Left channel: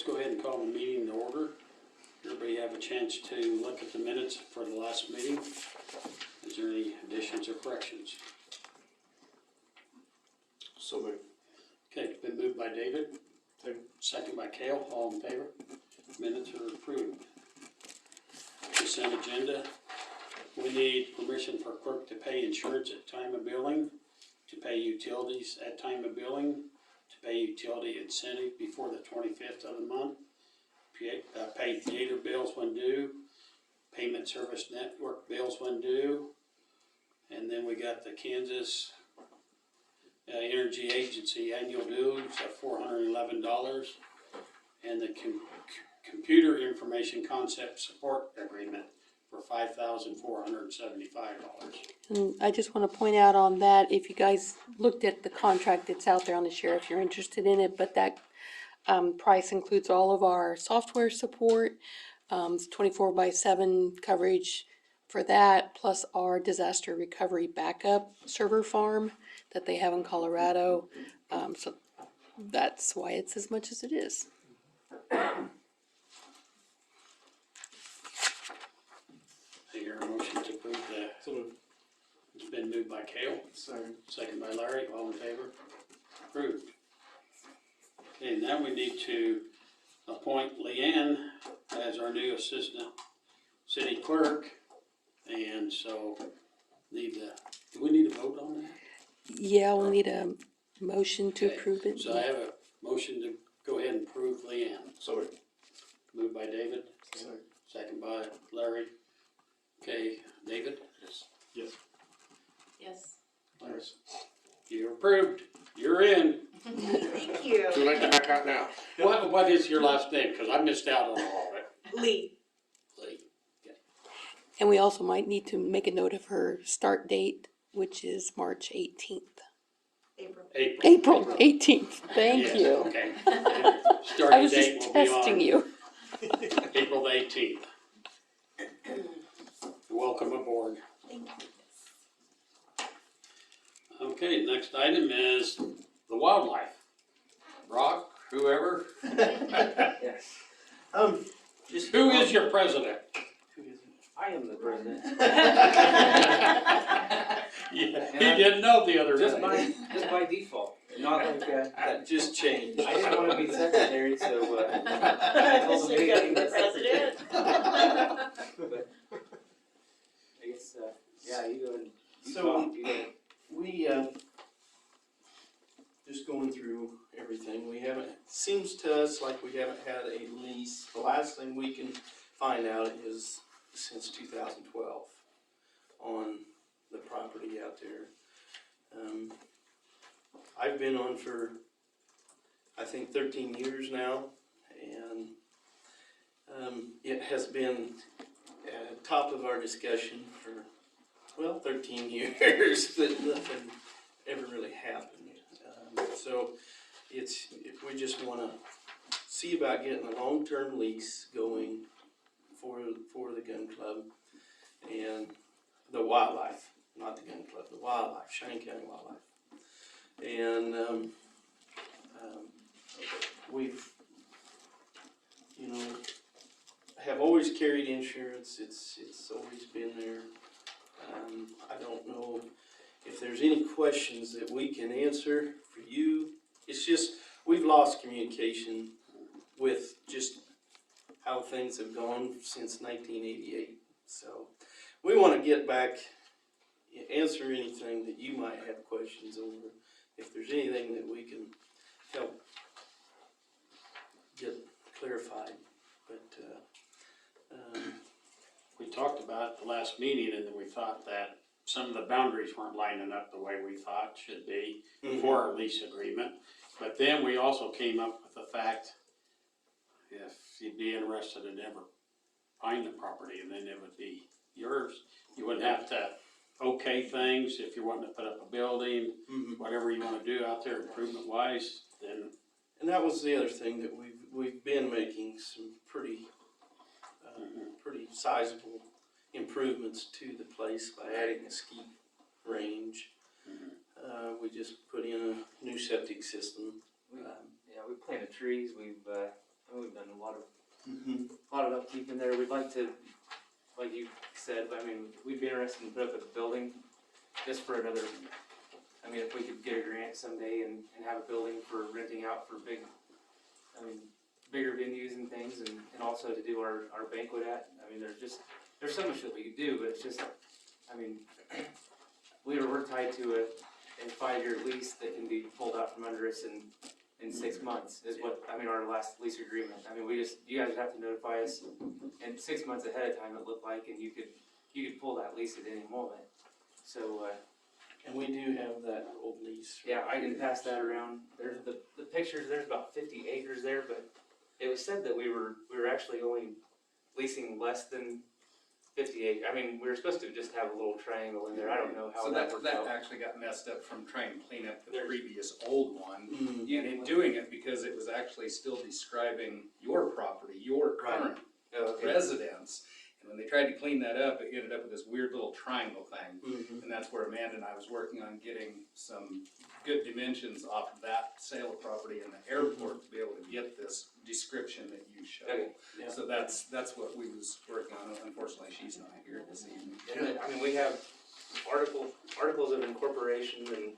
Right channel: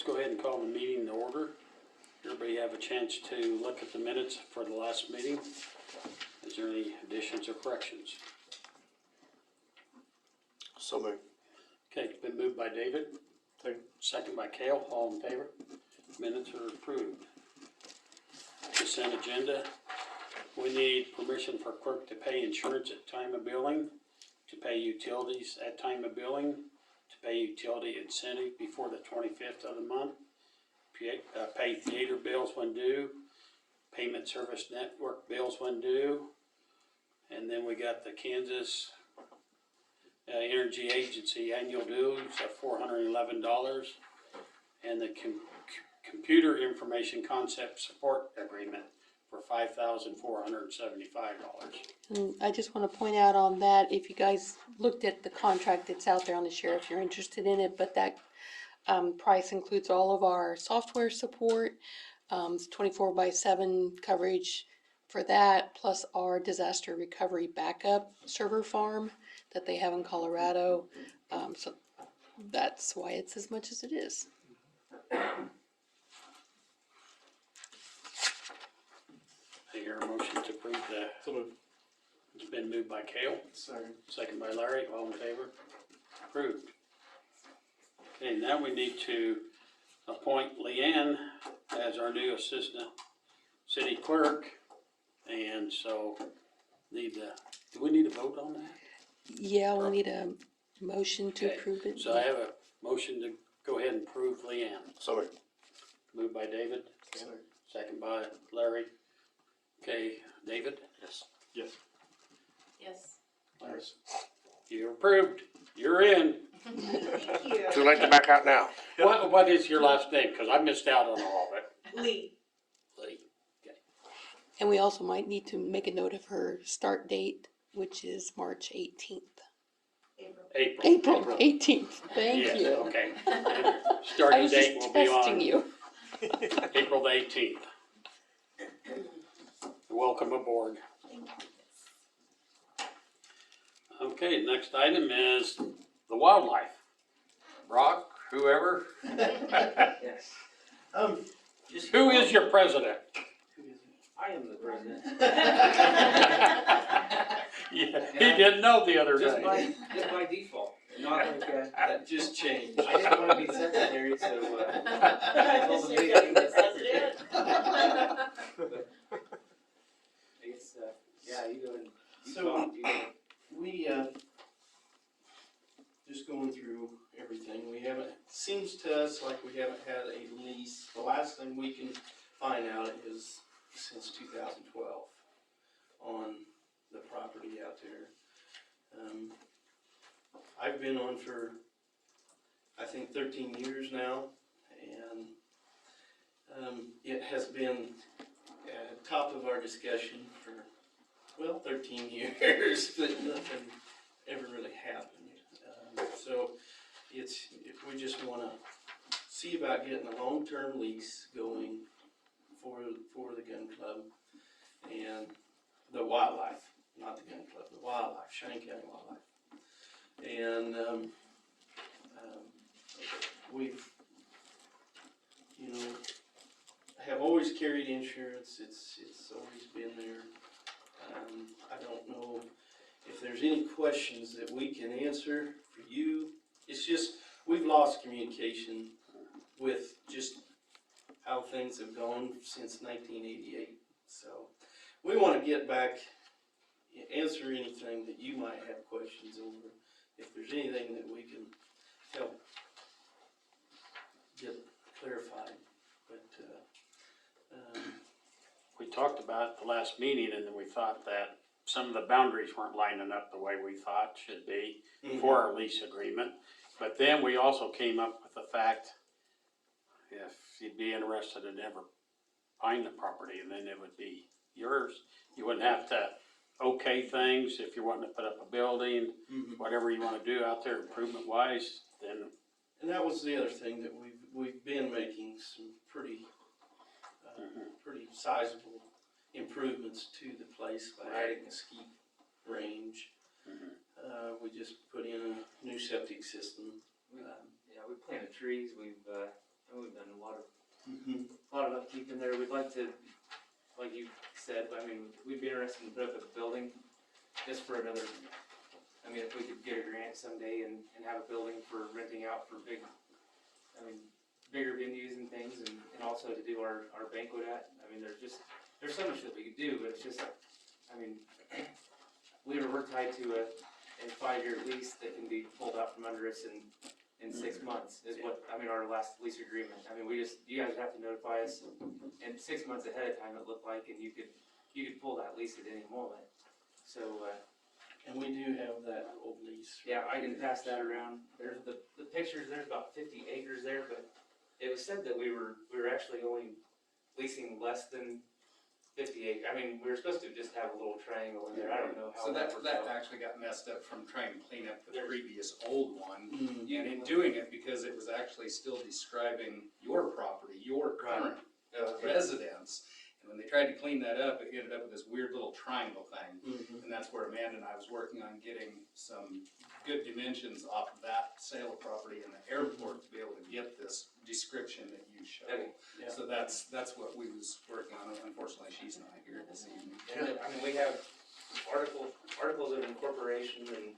let's go ahead and call the meeting to order. Everybody have a chance to look at the minutes for the last meeting. Is there any additions or corrections? So moved. Okay, it's been moved by David. Second by Cale, all in favor? Minutes are approved. Consent agenda. We need permission for clerk to pay insurance at time of billing, to pay utilities at time of billing, to pay utility incentive before the 25th of the month, pay theater bills when due, payment service network bills when due, and then we got the Kansas Energy Agency annual dues of $411, and the computer information concept support agreement for $5,475. And I just want to point out on that, if you guys looked at the contract that's out there on the sheriff, you're interested in it, but that price includes all of our software support, 24/7 coverage for that, plus our disaster recovery backup server farm that they have in Colorado. So that's why it's as much as it is. I hear a motion to approve the, So moved. it's been moved by Cale, second by Larry, all in favor? Approved. Okay, now we need to appoint Leanne as our new assistant city clerk. And so do we need a vote on that? Yeah, we'll need a motion to Okay, approve it. So I have a motion to go ahead and approve Leanne. So moved. Moved by David, second by Larry. Okay, David? Yes. Yes. Yes. Larry? You're approved. You're in. Thank you. Too late to back out now. What is your last name? Because I missed out on all of it. Lee. Lee. And we also might need to make a note of her start date, which is March 18th. April. April 18th, thank Yes, you. okay. I Starting was date just will be testing on you. April the 18th. Welcome aboard. Thank you. Okay, next item is the wildlife. Brock, whoever. Who is your president? I am the president. Yeah, he didn't know the other Just day. by default. Not like That just changed. I didn't want to be secretary, so I told the Just meeting the president. But it's yeah, you go and you So, talk, you go. We, just going through everything, seems to us like we haven't had a lease. The last thing we can find out is since 2012 on the property out there. I've been on for, I think, 13 years now, and it has been at the top of our discussion for, 13 years, but nothing ever really happened. So we just want to see about getting a long-term lease going for the gun club and the wildlife, not the gun club, the wildlife, Cheyenne County Wildlife. And we've, have always carried insurance. It's always been there. I don't know if there's any questions that we can answer for you. It's just, we've lost communication with just how things have gone since 1988. So we want to get back, answer anything that you might have questions over. If there's anything that we can help get clarified. But We talked about it the last meeting, and then we thought that some of the boundaries weren't lining up the way we thought should be for our lease agreement. But then we also came up with the fact, if you'd be interested in ever buying the property, and then it would be yours. You wouldn't have to okay things if you're wanting to put up a building, whatever you want to do out there improvement wise, then. And that was the other thing that we've been making some pretty sizable improvements to the place by adding a ski range. We just put in a new septic system. We planted trees. We've done a lot of upkeep in there. We'd like to, like you said, I mean, we'd be interested in put up a building just for another, I mean, if we could get a grant someday and have a building for renting out for bigger venues and things, and also to do our banquet at. I mean, there's so much that we could do, but it's just, I mean, we're tied to a 5-year lease that can be pulled out from under us in 6 months is what, I mean, our last lease agreement. I mean, you guys have to notify us, and 6 months ahead of time it looked like, and you could pull that lease at any moment. So, And we do have that old lease. yeah, I can pass that around. There's the pictures, there's about 50 acres there, but it was said that we were actually only leasing less than 50 acres. I mean, we were supposed to just have a little triangle in there. I don't know how So that that worked out. actually got messed up from trying to clean up the previous old one. Mhm. And in doing it, because it was actually still describing your property, your current Oh, okay. residence. And when they tried to clean that up, it ended up with this weird little triangle thing. Mhm. And that's where Amanda and I was working on getting some good dimensions off of that sale of property in the airport to be able to get this description that you showed. Okay. Yeah. So that's what we was working on. Unfortunately, she's not here this evening. Yeah, I mean, we have articles of incorporation and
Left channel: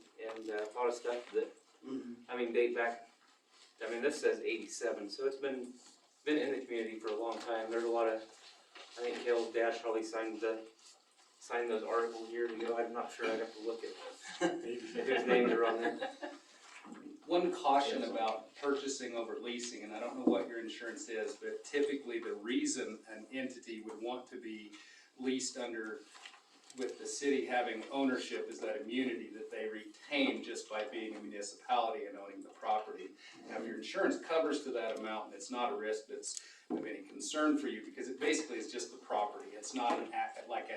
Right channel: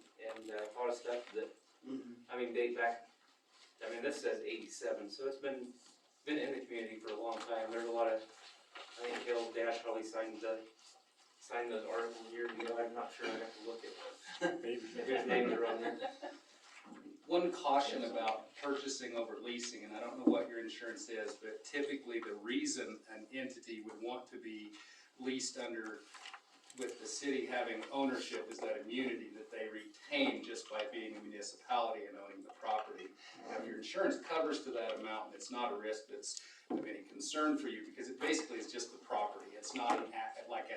a lot of stuff that, Mhm. I mean, date back, I mean, this says 87, so it's been in the community for a long time. There's a lot of, I think Kale's dad probably signed those articles years ago. I'm not sure, I'd have to look at whose names are on there. One caution about purchasing over leasing, and I don't know what your insurance is, but typically the reason an entity would want to be leased under, with the city having ownership, is that immunity that they retain just by being a municipality and owning the property. Now, if your insurance covers to that amount, and it's not a risk that's of any concern for you, because it basically is just the property. It's not like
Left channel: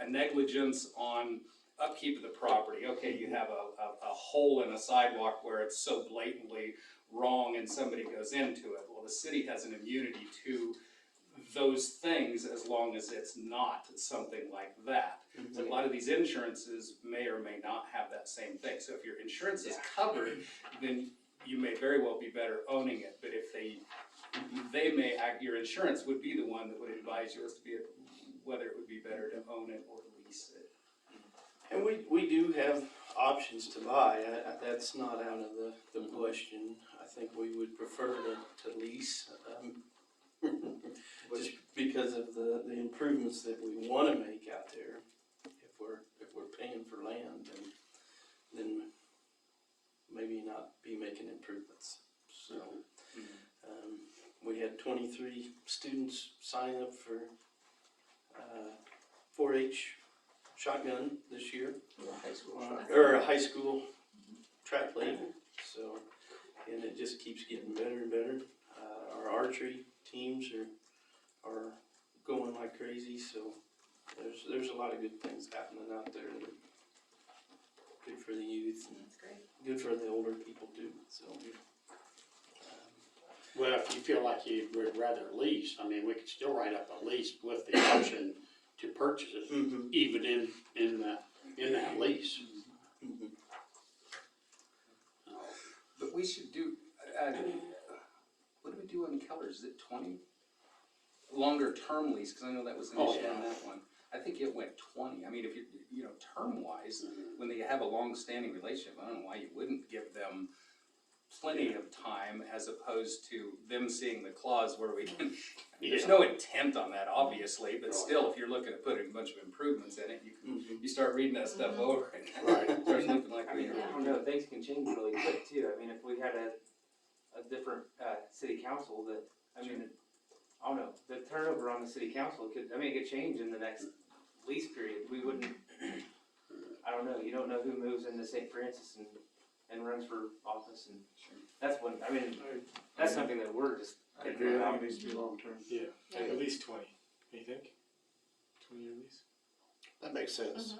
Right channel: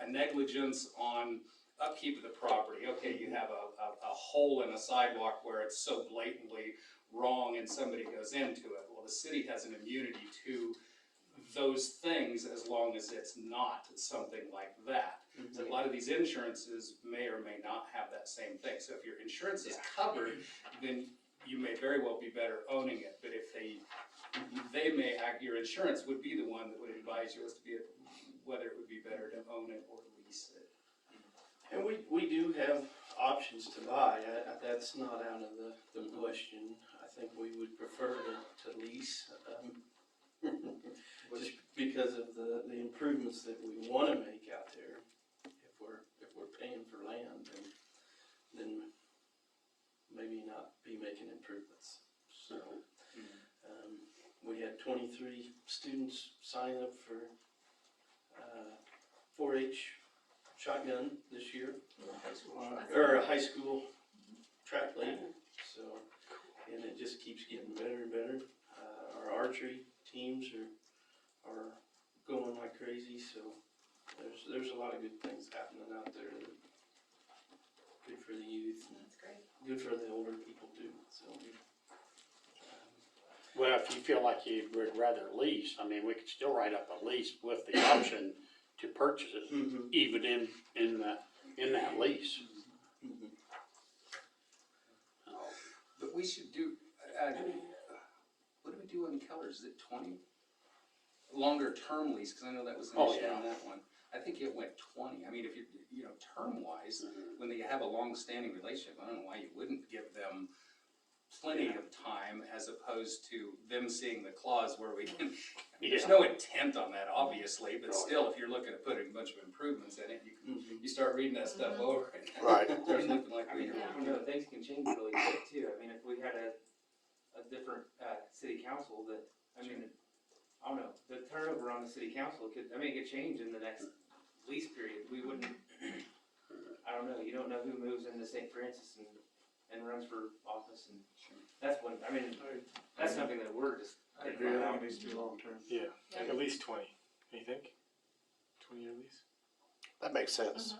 a negligence on upkeep of the property. Okay, you have a hole in a sidewalk where it's so blatantly wrong and somebody goes into it. Well, the city has an immunity to those things as long as it's not something like that. So a lot of these insurances may or may not have that same thing. So if your insurance is covered, then you may very well be better owning it. But if your insurance would be the one that would advise you as to whether it would be better to own it or lease it. And we do have options to buy. That's not out of the question. I think we would prefer to lease, just because of the improvements that we want to make out there. If we're paying for land, then maybe not be making improvements. So, we had 23 students sign up for 4-H shotgun this year, or a high school track league. So, and it just keeps getting better and better. Our archery teams are going like crazy. So there's a lot of good things happening out there. That are good for the youth and That's great. good for the older people too. So. Well, if you feel like you would rather lease, I mean, we could still write up a lease with the option to purchase it, Mhm. even in that lease. Mhm. But we should do, what do we do on Keller's? Is it 20? Longer term lease, because I know that was an Oh, issue yeah. on that one. I think it went 20. I mean, if you know, term-wise, when they have a long-standing relationship, I don't know why you wouldn't give them plenty of time as opposed to them seeing the clause where we can, I mean, there's no intent on that, obviously, but still, if you're looking at putting a bunch of improvements in it, you start reading that stuff over and Right. it starts looking like I mean, we I don't know, things can change really quick too. I mean, if we had a different, city council that, I mean, I don't know, the turnover on the city council it could change in the next lease period. We wouldn't, I don't know, you don't know who moves into St. Francis and runs for office, and that's one, I mean, that's something that we're just. I agree, I think it needs to be long-term. Yeah, at least 20, you think? 20-year lease? That makes sense.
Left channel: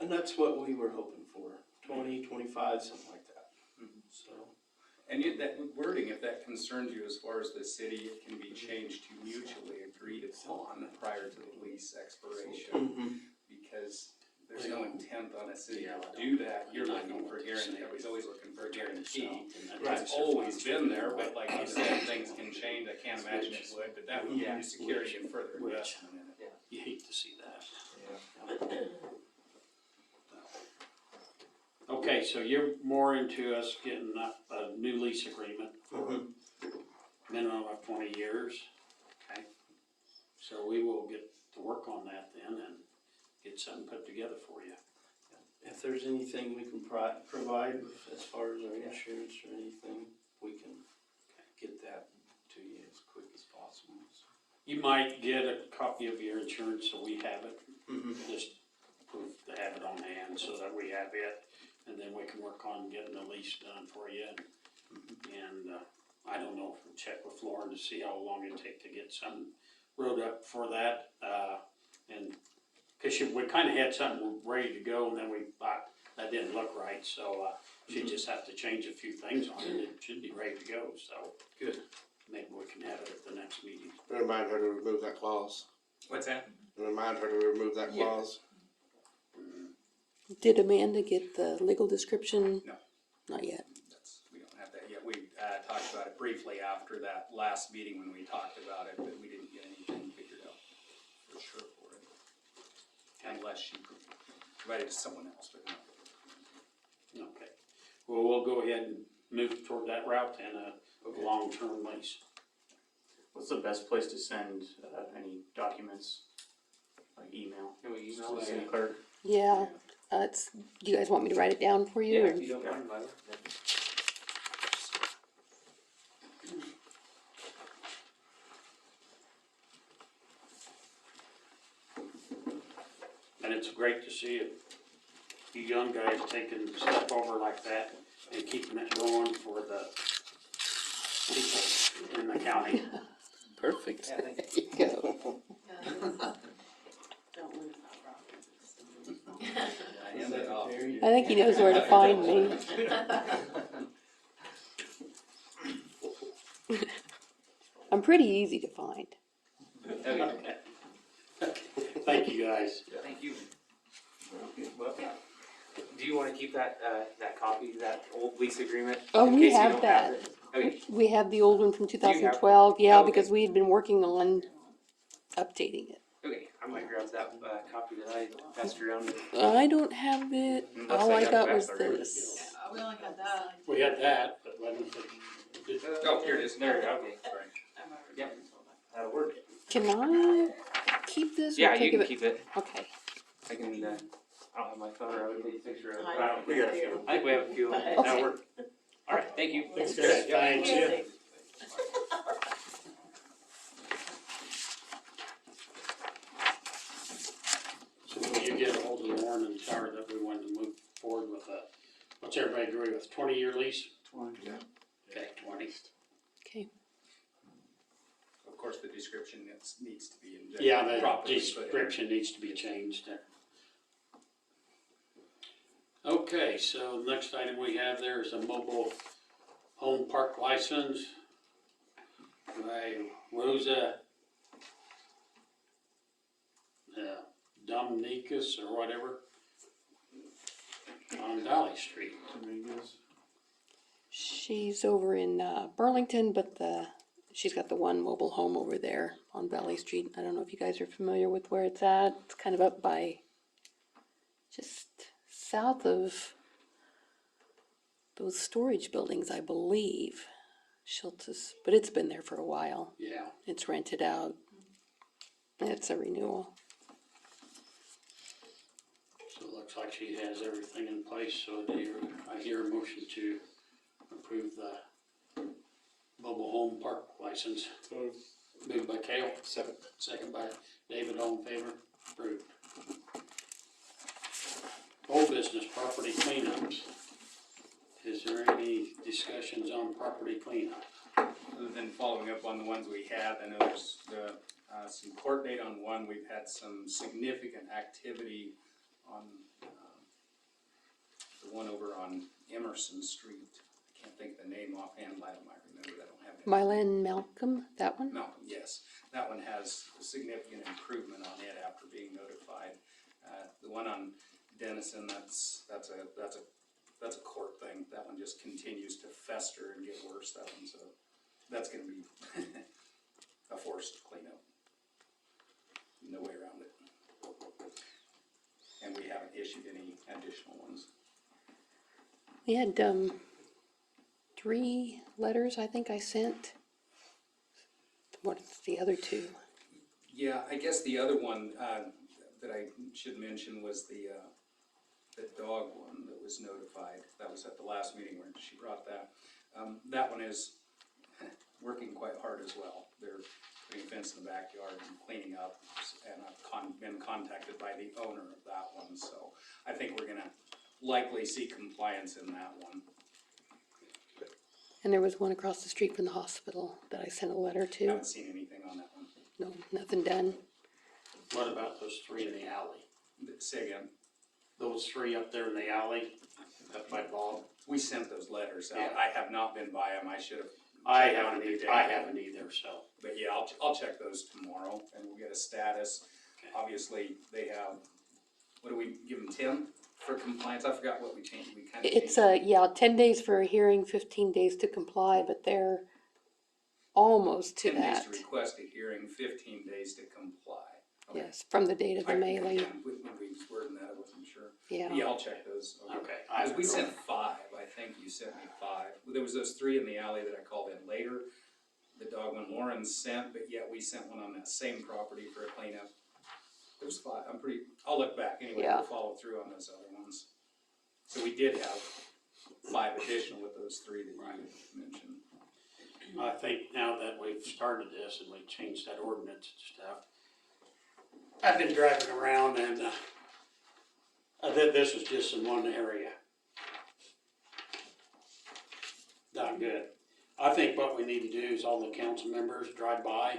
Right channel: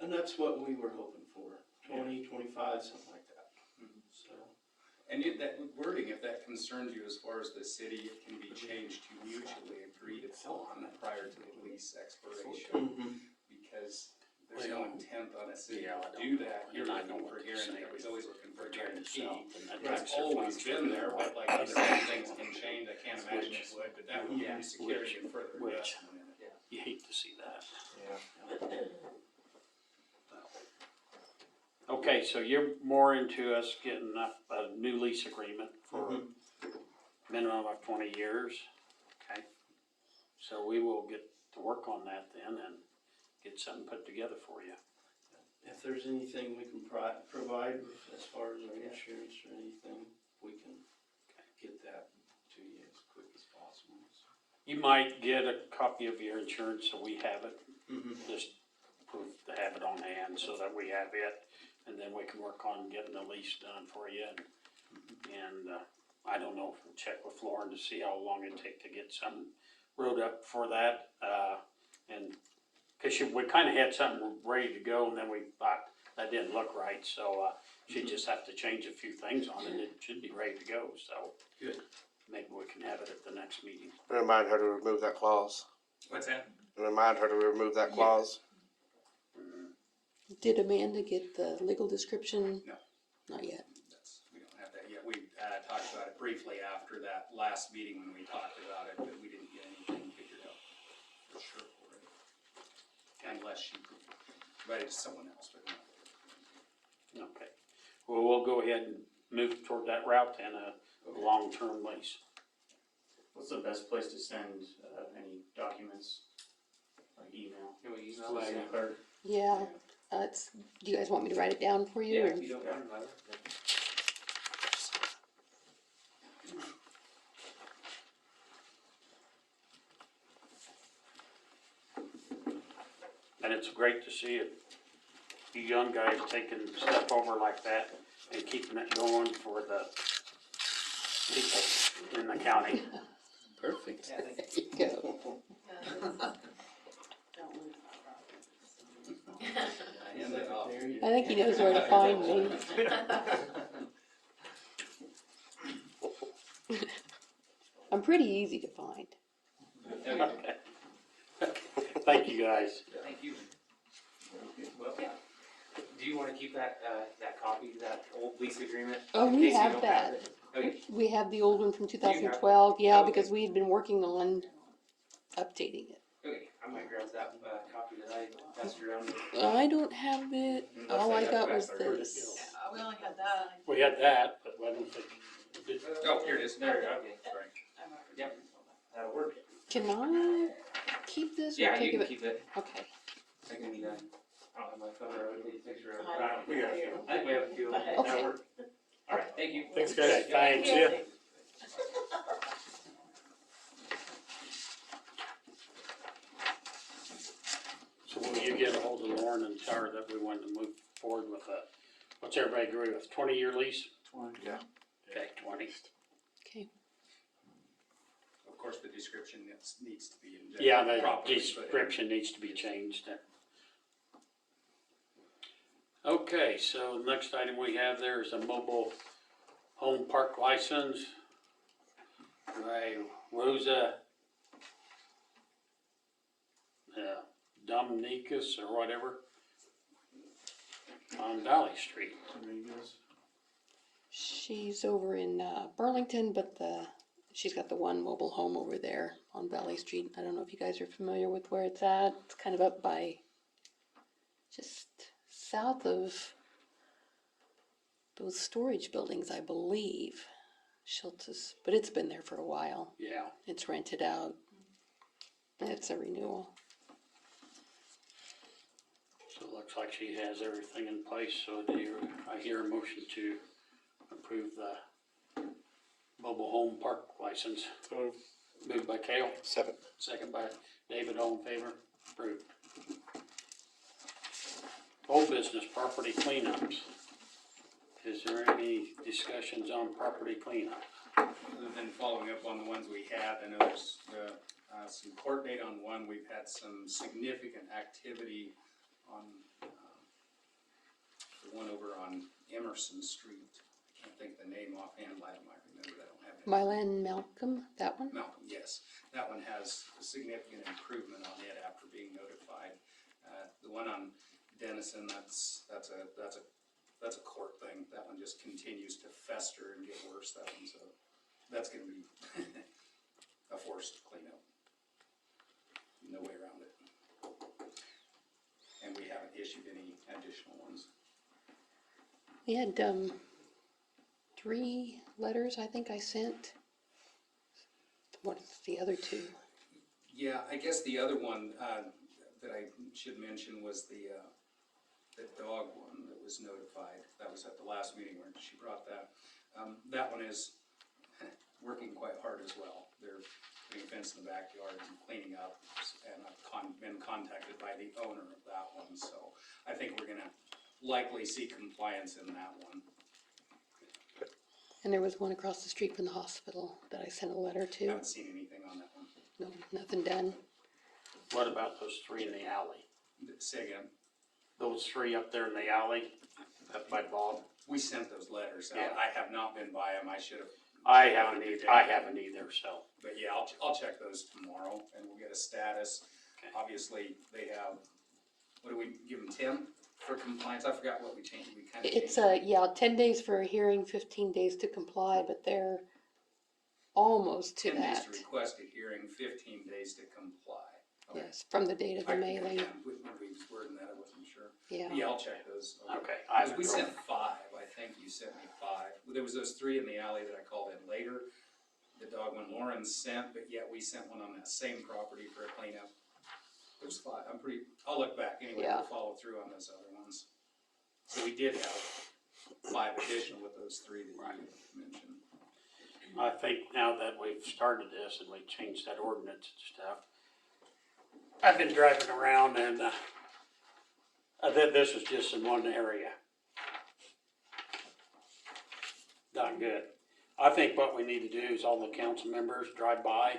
And that's what we were hoping for, 20, 25, something like that. So, And yet that wording, if that concerns you as far as the city, it can be changed to mutually agreed upon prior to the lease expiration. Because there's no intent on a city to do that. You're not looking for guarantee, everybody's always looking for a guarantee. Right. It's always been there, but like you said, things can change imagine it would, but that would give you security and further Which- investment in it. You hate to see that. Yeah. Okay, so you're more into us getting a new lease agreement for minimum of 20 years, okay? So we will get to work on that then and get something put together for you. If there's anything we can provide with as far as our insurance or anything, we can get that to you as quick as possible. You might get a copy of your insurance so we have it, just proof to have it on hand so that we have it. And then we can work on getting the lease done for you. And I don't know, check with Lauren to see how long it'd take to get something wrote up for that. And, cause we kinda had something ready to go and then we thought that didn't look right, so, she'd just have to change a few things on it. It should be ready to go, so. Good. Maybe we can have it at the next meeting. Remind her to remove that clause. What's that? Remind her to remove that Yeah. clause. Did Amanda get the legal description? No. Not yet. We don't have that yet. We talked about it briefly after that last meeting when we talked about it, but we didn't get anything figured out for sure for it. Unless she provided to someone else, but no. Okay. Well, we'll go ahead and move toward that route and a long-term lease. What's the best place to send any documents, like email? Can we To email the it? city clerk? Yeah, do you guys want me to write it down for you? Yeah, or- if you don't mind, Myla. And it's great to see it, you young guys taking stuff over like that and keeping it going for the people in the county. Perfect. Yeah, thank you. There you go. Hand that off. I think he knows where to find me. I'm pretty easy to find. Okay, Thank you, guys. thank you. Well, do you wanna keep that, that copy, that old lease agreement? Oh, in we case you have don't that. it? Okay, We have the old one from you have it? 2012, yeah, Okay. because we had been working on updating it. okay, I might grab that, copy that I passed around. I don't have it, Looks all like I I got got was that already. this. We only had that. We had that, but I don't think. Oh, here it is. There we go, okay, Sorry. yep, that'll work. Can I keep this or Yeah, take you it? can keep it, Okay. I can, I don't have my phone, or I would take a picture of it, I but I don't, We got a few. I think we have a few, Okay. that'll work. Alright, thank you. Thanks, guys. Thanks. Yeah. So will you get ahold of Lauren and tell her that we wanted to move forward with what's everybody agree with, 20-year lease? 20. Yeah. Okay, 20. Okay. Of course, the description needs to be injected. Yeah, the properly, but- description needs to be changed. Okay, so the next item we have there is a mobile home park license by Rosa Dominikas or whatever on Valley Street. She's over in Burlington, but she's got the one mobile home over there on Valley Street. I don't know if you guys are familiar with where it's at. It's kind of up by just south of those storage buildings, I believe. Schultz's, but it's been there for a while. Yeah. It's rented out. It's a renewal. So it looks like she has everything in place, so I hear a motion to approve the mobile home park license. So, Moved by Cale, second. second by David, all in favor, approved. Old business, property cleanups. Is there any discussions on property cleanup? Other than following up on the ones we had, I know there's some court date on one. We've had some significant activity on the one over on Emerson Street. I can't think of the name offhand, I might remember, I don't have it. Mylan Malcolm, that one? Malcolm, yes. That one has a significant improvement on it after being notified. The one on Denison, that's a court thing. That one just continues to fester and get worse, that one, so that's gonna be a forced cleanup. No way around it. And we haven't issued any additional ones. We had, 3 letters I think I sent. What's the other 2? Yeah, I guess the other one, that I should mention was the dog one that was notified. That was at the last meeting where she brought that. That one is working quite hard as well. They're putting a fence in the backyard and cleaning up, and I've been contacted by the owner of that one, so I think we're gonna likely see compliance in that one. And there was one across the street from the hospital that I sent a letter to. Haven't seen anything on that one. No, nothing done. What about those 3 in the alley? Say again, Those 3 up there in the alley, up by Bob? we sent those letters out. Yeah. I have not been by them, I should have. I haven't either, so. But yeah, I'll check those tomorrow and we'll get a status. Okay. Obviously, they have, what do we give them, 10 for compliance? I forgot what we changed, we kinda It's, changed. 10 days for a hearing, 15 days to comply, but they're almost to 10 days that. to request a hearing, 15 days to comply. Okay. Yes, from the date of the mailing, When we was wording that, I wasn't sure. yeah. Yeah, I'll check those. Okay. Because we sent 5, I think you sent me 5. There was those 3 in the alley that I called in later. The dog one Lauren sent, but yet we sent one on that same property for a cleanup. There was 5, I'll look back anyway, Yeah. we'll follow through on those other ones. So we did have 5 additional with those 3 that you mentioned. I think now that we've started this and we changed that ordinance and stuff, I've been driving around and, this is just in one area. Not good. I think what we need to do is all the council members drive by,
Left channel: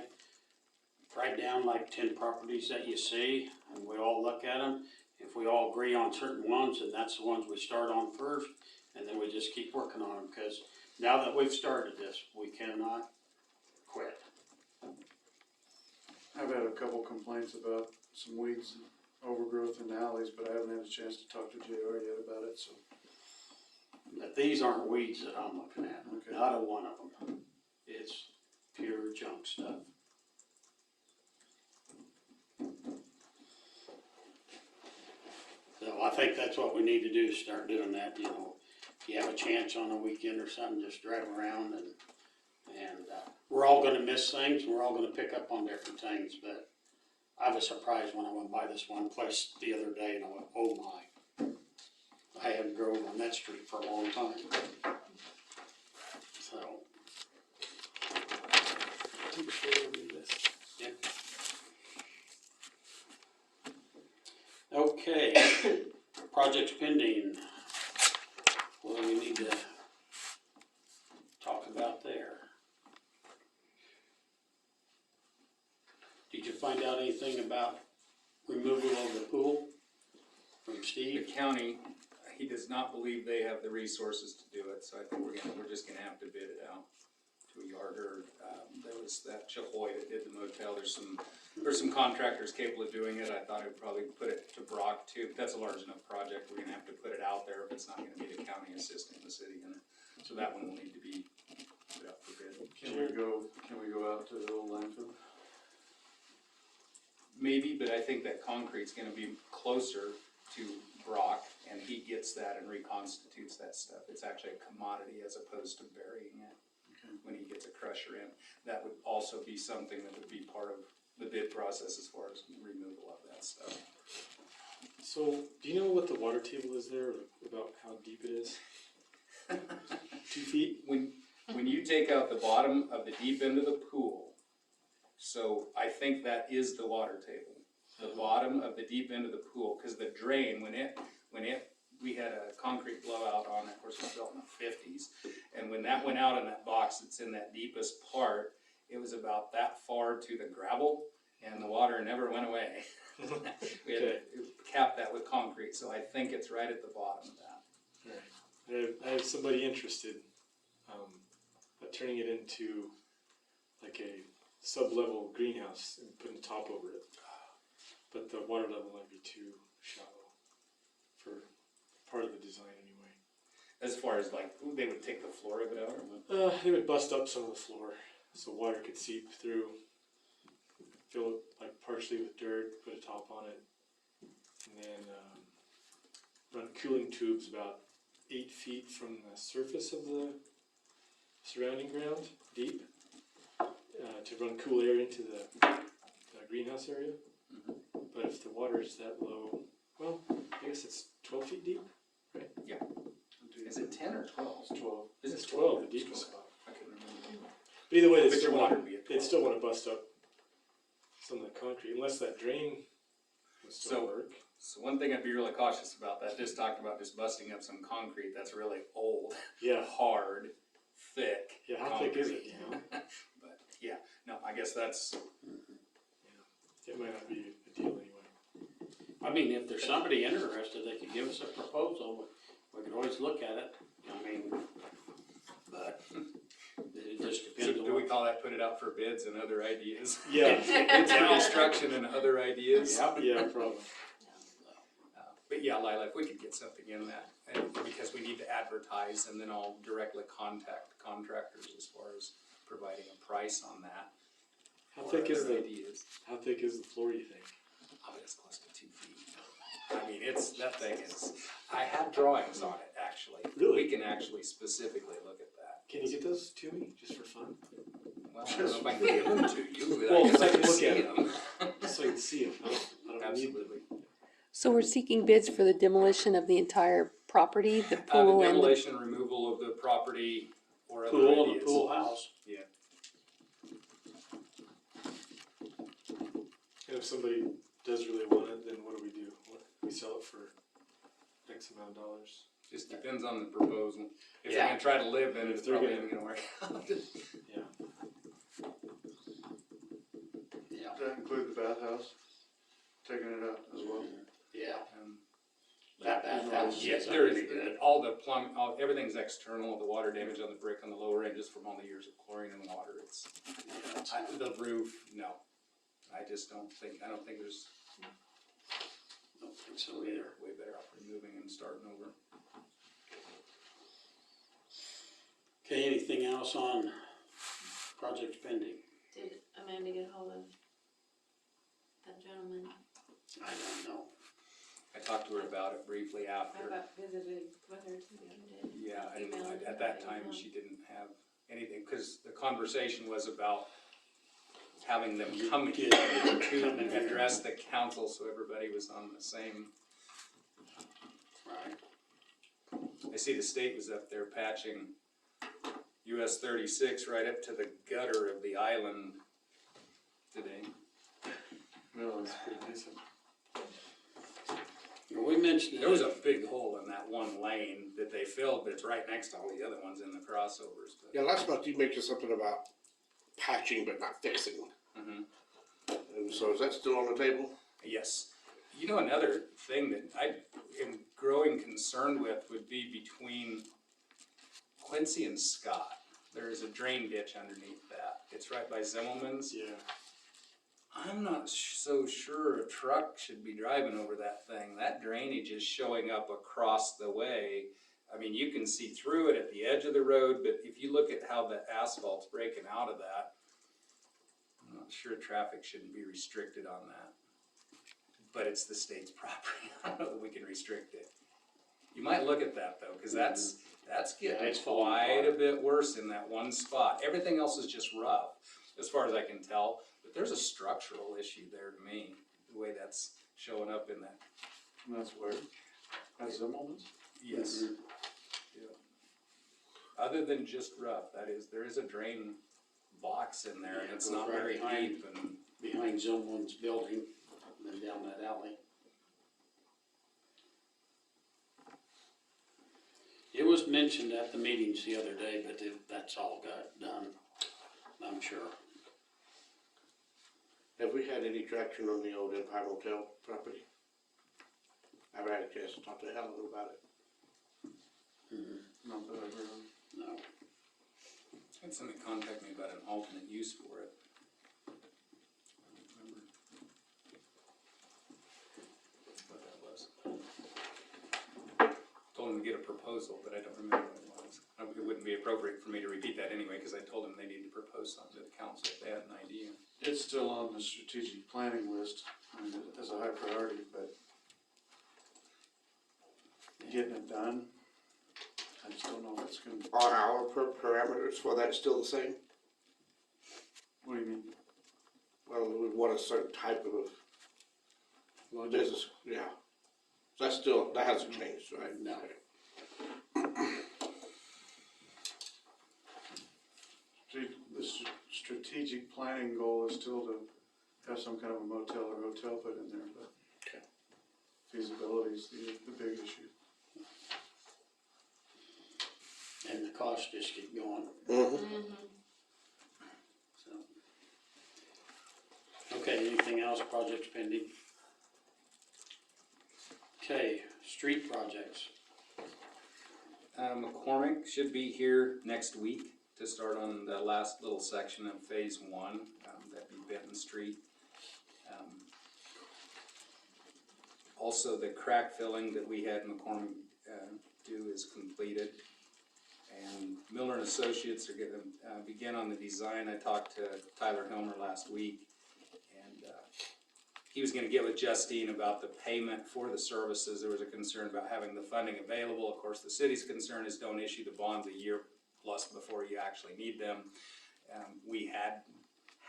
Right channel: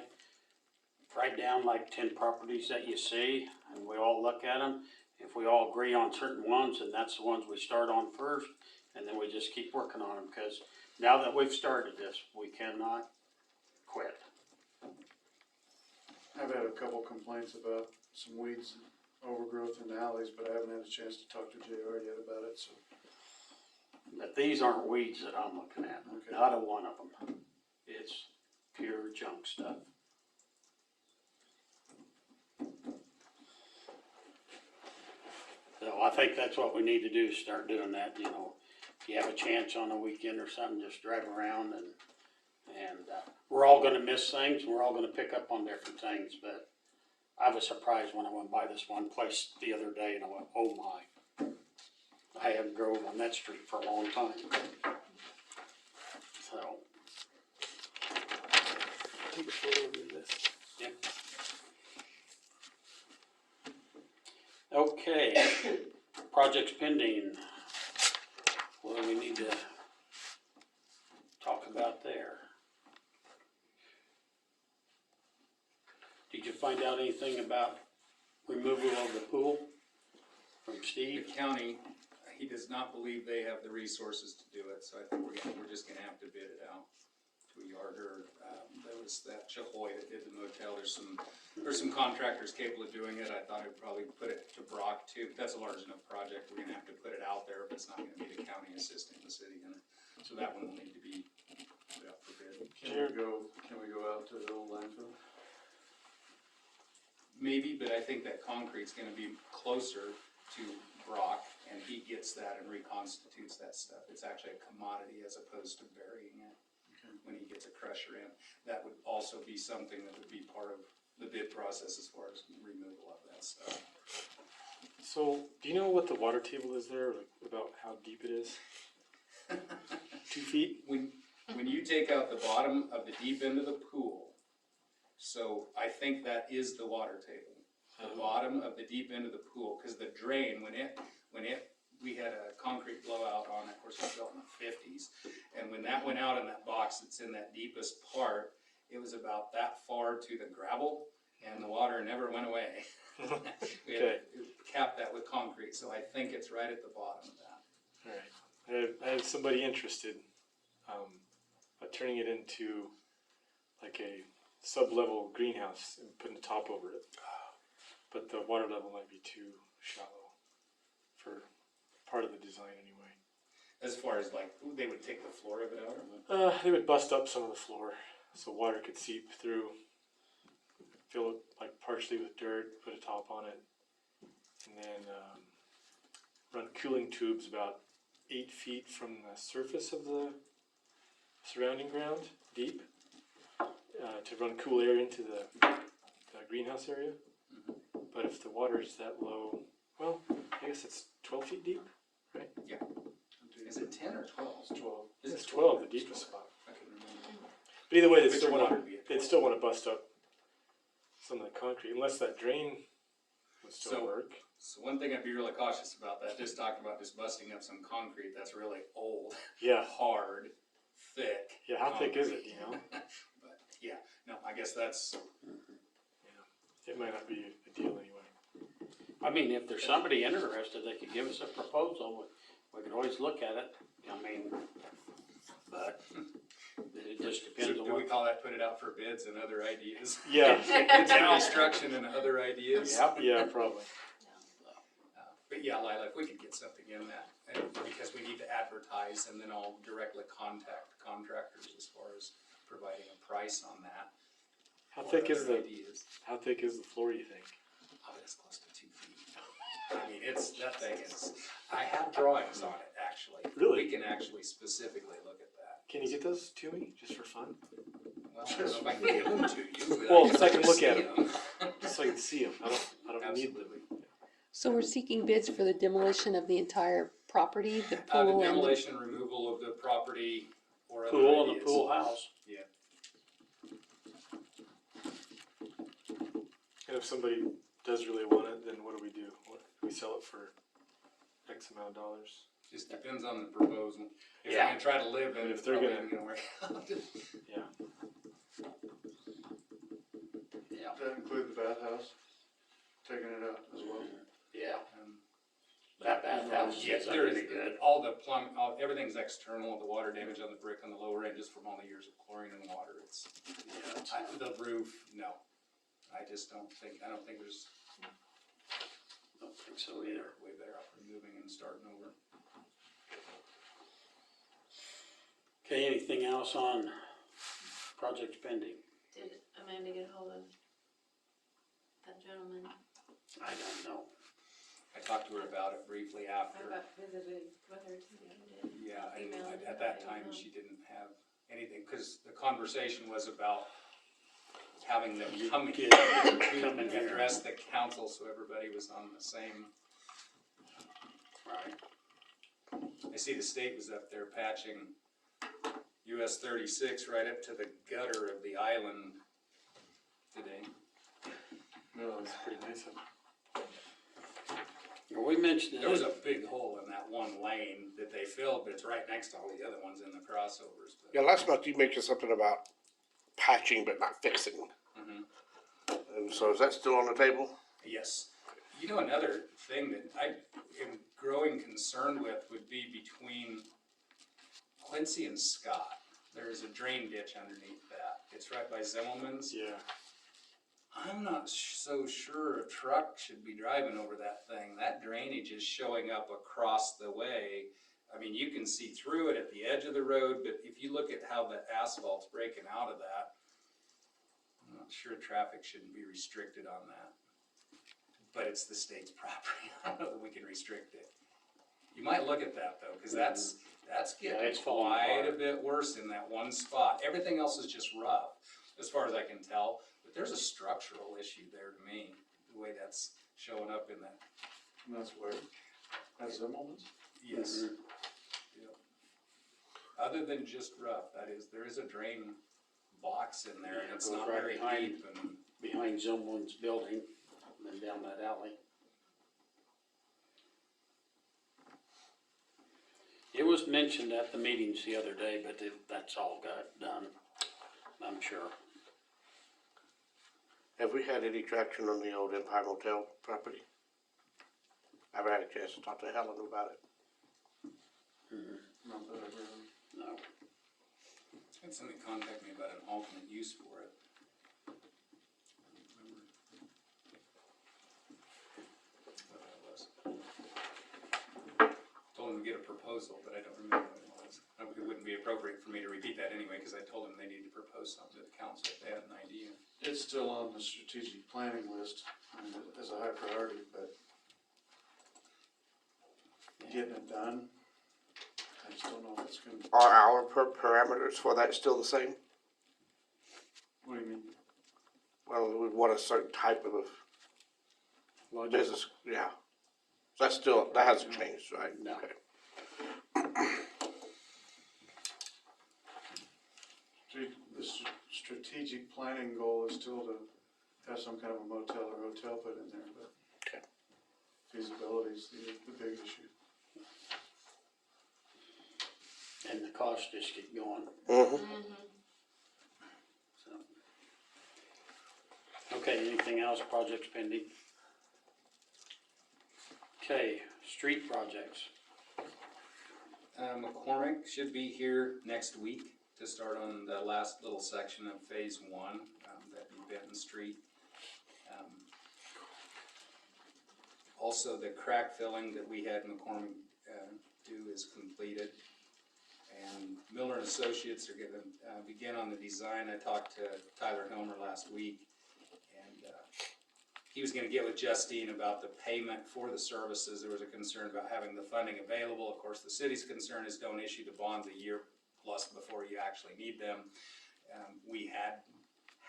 write down like 10 properties that you see, and we all look at them. If we all agree on certain ones, then that's the ones we start on first, and then we just keep working on them, because now that we've started this, we cannot quit. I've had a couple complaints about some weeds and overgrowth in the alleys, but I haven't had a chance to talk to JR yet about it, so. But these aren't weeds that I'm looking at, Okay. not a one of them. It's pure junk stuff. So I think that's what we need to do, is start doing that, you know. If you have a chance on a weekend or something, just drive around and we're all gonna miss things, and we're all gonna pick up on different things, but I was surprised when I went by this one place the other day and I went, oh my. I haven't drove on that street for a long time. So, Take a photo of this. okay, projects pending. What do we need to talk about there? Did you find out anything about removal of the pool from The Steve? county, he does not believe they have the resources to do it, so I think we're just gonna have to bid it out to a yarder. There was that Chahoy that did the motel, there's some contractors capable of doing it. I thought I'd probably put it to Brock too, but that's a large enough project, we're gonna have to put it out there, but it's not gonna be the county assisting the city in it. So that one will need to be put out for bid. Can we go out to the old landfill? Maybe, but I think that concrete's gonna be closer to Brock, and he gets that and reconstitutes that stuff. It's actually a commodity as opposed to burying it when he gets a crusher in. That would also be something that would be part of the bid process as far as removal of that stuff. So, do you know what the water table is there, like, about how deep it is? 2 feet? When you take out the bottom of the deep end of the pool, so I think that is the water table. The bottom of the deep end of the pool, because the drain, we had a concrete blowout on it, of course, it was built in the 50s. And when that went out in that box that's in that deepest part, it was about that far to the gravel, and the water never went away. We had to cap that with concrete, so I think it's right at the bottom of that. Alright, I had somebody interested, at turning it into like a sub-level greenhouse and putting a top over it. But the water level might be too shallow for part of the design anyway. As far as like, they would take the floor of it out or what? They would bust up some of the floor so water could seep through. fill it like partially with dirt, put a top on it, and then run cooling tubes about 8 feet from the surface of the surrounding ground, deep, to run cool air into the greenhouse area. But if the water is that low, well, I guess it's 12 feet deep, right? Is it 10 or 12? It's 12. It's 12, the deepest spot. I couldn't remember. But either way, But your water would be at 12. they'd still want to bust up some of the concrete, unless that drain would still So- work. So one thing I'd be really cautious about, that just talked about just busting up some concrete that's really old, Yeah, hard, thick. yeah, how thick is it, concrete. you know? But, yeah, no, I guess that's, It might not be a deal anyway. I mean, if there's somebody interested, they could give us a proposal, we could always look at it, I mean, but it just so depends on do we what. call that put it out for bids and other ideas? Yeah, Bids for construction and other ideas? Yep. yeah, probably. But yeah, Lila, if we could get something in that, and because we need to advertise, and then I'll directly contact contractors as far as providing a price on that. How or thick is other the ideas. How thick is the floor, you think? Oh, it's close to 2 feet. I mean, that thing is, I have drawings on it, actually. Really? We can actually specifically look at that. Can you get those to me just for fun? Well, I don't know if I can give them to you, but Well, I guess so I can look see at 'em. them. Just so I can see them. I don't need them. Absolutely. So we're seeking bids for the demolition of the entire property, the The pool and the, demolition, removal of the property, or other Pool and the ideas. pool house. Yeah. And if somebody does really want it, then what do? We sell it for X amount of dollars? Just depends on the proposal. If Yeah. they're gonna try to live in it, If it's they're probably gonna- not gonna work out. Yeah. Yeah. Does that include the bathhouse? Taking it out as well? Yeah. Um, That house Yes, is there really is, good. all the everything's external, the water damage on the brick on the lower end, just from all the years of chlorine and water, it's, Yeah, the roof, no. I don't think there's, don't think so either. way better off removing and starting over. Okay, anything else on project pending? Did Amanda get hold of that gentleman? I don't know. I talked to her about it briefly I after. about visited with her too the other day. Yeah, and Emailed her, at that but I time, didn't know. she didn't have anything, because the conversation was about having them come here Come in and here. address the council, so everybody was on the same. Right. I see the state was up there patching US 36 right up to the gutter of the island today. No, it's pretty nice. Well, we mentioned There was it. a big hole in that one lane that they filled, but it's right next to all the other ones in the crossovers. But, Yeah, last month you mentioned something about patching but not fixing. Mhm. And so is that still on the table? Yes. You know, another thing that I am growing concerned with would be between Quincy and Scott. There's a drain ditch underneath that. It's right by Zimmelman's. Yeah. I'm not so sure a truck should be driving over that thing. That drainage is showing up across the way. I mean, you can see through it at the edge of the road, but if you look at how the asphalt's breaking out of that, I'm not sure traffic shouldn't be restricted on that. But it's the state's property. I don't know that we can restrict it. You might look at that though, because that's Yeah, getting it's falling quite a apart. bit worse in that one spot. Everything else is just rough, as far as I can tell. But there's a structural issue there to me, the way that's showing up in that. And that's where, that's Zimmelman's? Yes. Yeah. Other than just rough, there is a drain box in there and Yeah, it's goes not right very behind. deep and. Behind someone's building, and then down that alley. It was mentioned at the meetings the other day, but that's all got done, I'm sure. Have we had any traction on the old Empire Motel property? I haven't had a chance to talk to Helen about it. Not that I've heard of. No. Had somebody contact me about an alternate use for it. I don't remember what that was. Told them to get a proposal, but I don't remember what it was. It wouldn't be appropriate for me to repeat that anyway, because I told them they needed to propose something to the council if they had an idea. It's still on the strategic planning list, I mean, as a high priority, but getting it done, I just don't know if it's gonna, Are our parameters for that still the same? what do you mean? Well, we want a certain type of Logic. business, yeah. That's still, that hasn't changed, right? No. Okay. The strategic planning goal is still to have some kind of a motel or hotel put in there, but Okay. feasibility is the big issue. And the costs just keep going, Mm-hmm. Mm-hmm. so. Okay, anything else, projects pending? Okay, street projects. McCormick should be here next week to start on the last little section of phase one, that'd be Benton Street. Also, the crack filling that we had McCormick do is completed. And Miller and Associates are gonna begin on the design. I talked to Tyler Helmer last week, and he was gonna get with Justine about the payment for the services. There was a concern about having the funding available. Of course, the city's concern is don't issue the bonds a year plus before you actually need them. We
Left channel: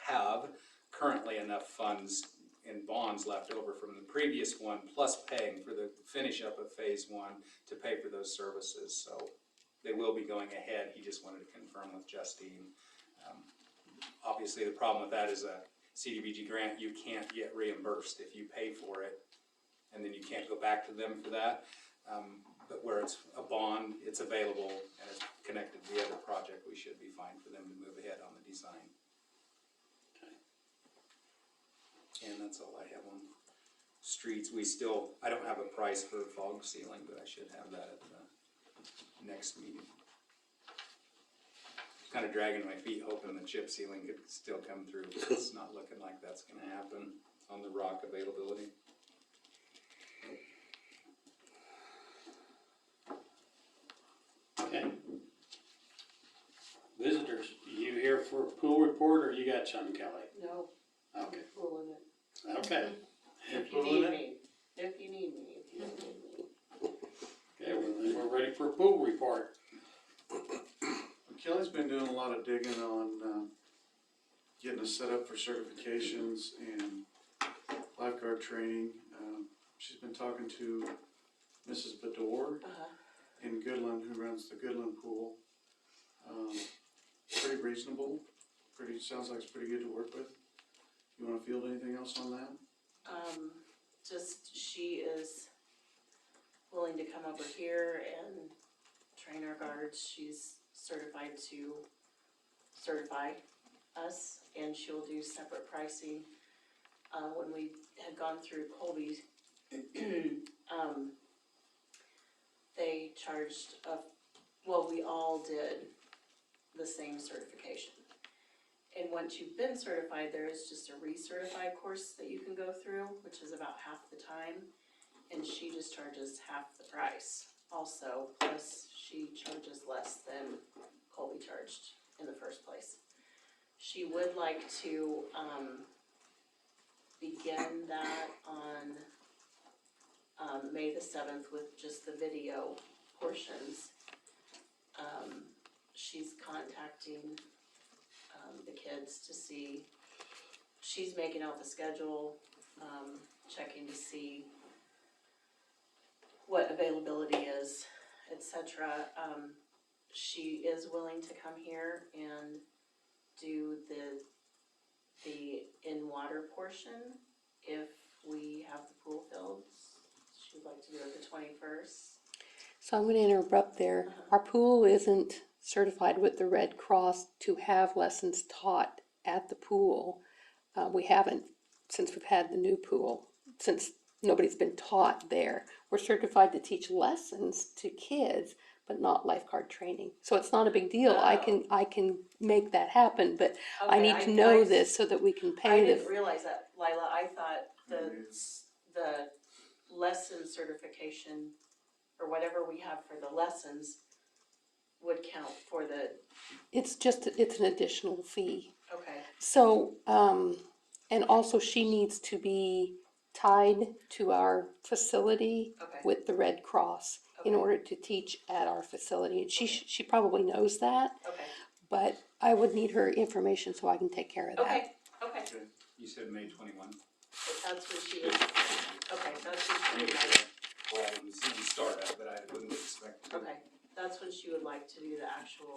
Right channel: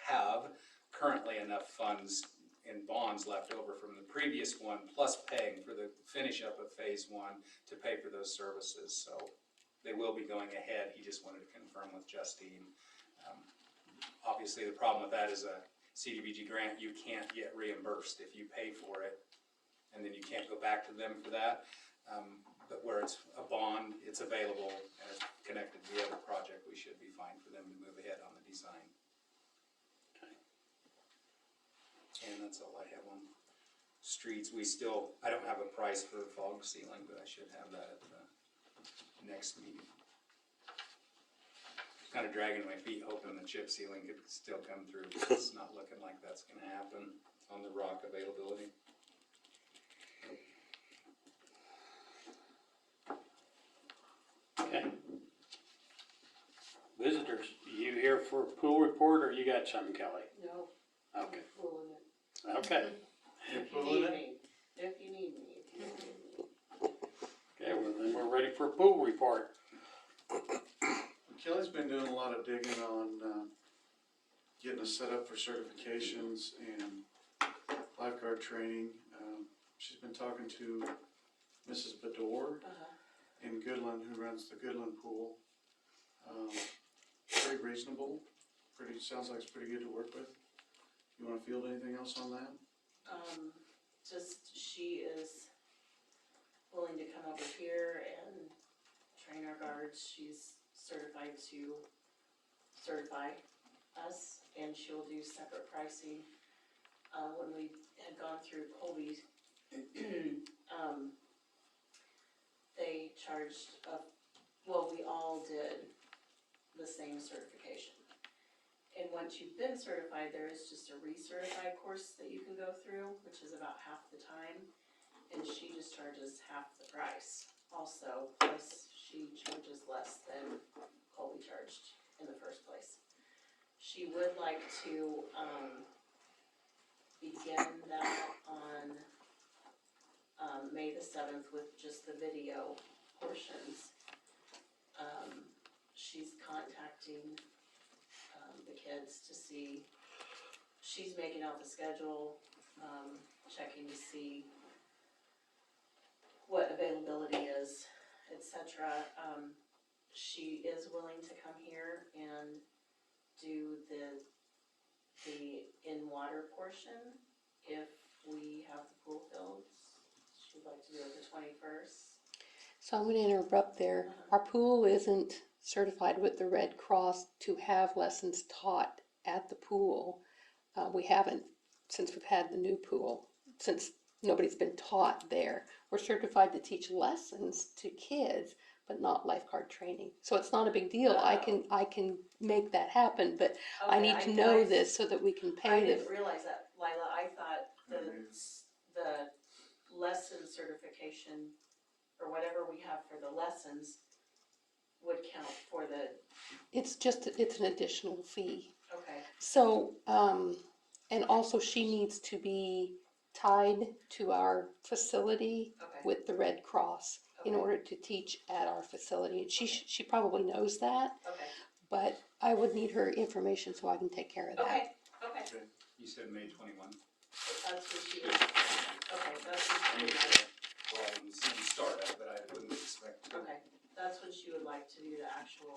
have currently enough funds in bonds left over from the previous one, plus paying for the finish up of phase one to pay for those services. So they will be going ahead. He just wanted to confirm with Justine. Obviously, the problem with that is a CDBG grant, you can't get reimbursed if you pay for it, and then you can't go back to them for that. But where it's a bond, it's available and it's connected to the other project, we should be fine for them to move ahead on the design. Okay. And that's all I have on streets. I don't have a price for fog sealing, but I should have that at the next meeting. Kind of dragging my feet, hoping the chip sealing could still come through, but it's not looking like that's gonna happen on the rock availability. Okay. Visitors, you here for a pool report or you got something, Kelly? No, Okay, I'm fooling it. okay, If you need me, if you need me, if you need me. okay, well then we're ready for a pool report. Kelly's been doing a lot of digging on, getting us set up for certifications and lifeguard training. She's been talking to Mrs. Bador in Goodland, who runs the Goodland pool. Pretty reasonable, sounds like it's pretty good to work with. You wanna field anything else on that? Just, she is willing to come over here and train our guards. She's certified to certify us, and she'll do separate pricing. When we had gone through Colby's, they charged we all did the same certification. And once you've been certified, there is just a recertified course that you can go through, which is about half the time. And she just charges half the price also, plus she charges less than Colby charged in the first place. She would like to, begin that on, May the 7th with just the video portions. She's contacting, the kids to see, she's making out the schedule, checking to see what availability is, etc. She is willing to come here and do the in-water portion if we have the pool filled. She'd like to do it the 21st. So I'm going to interrupt there. Our pool isn't certified with the Red Cross to have lessons taught at the pool. We haven't since we've had the new pool, since nobody's been taught there. We're certified to teach lessons to kids, but not lifeguard training. So it's not a big deal. I can make that happen, but I need to know this so that we can I pay the. didn't realize that, Lila. I thought the lesson certification or whatever we have for the lessons would count for the, It's an additional fee. okay. So, and also she needs to be tied to our facility Okay. with the Red Cross in Okay. order to teach at our facility. And she probably knows that, Okay, but I would need her information so I can take care of that. okay, okay, You said May 21. that's what she was, okay, that's what she would like, Well, I wouldn't see you start at, but I wouldn't expect to. okay, that's when she would like to do the actual,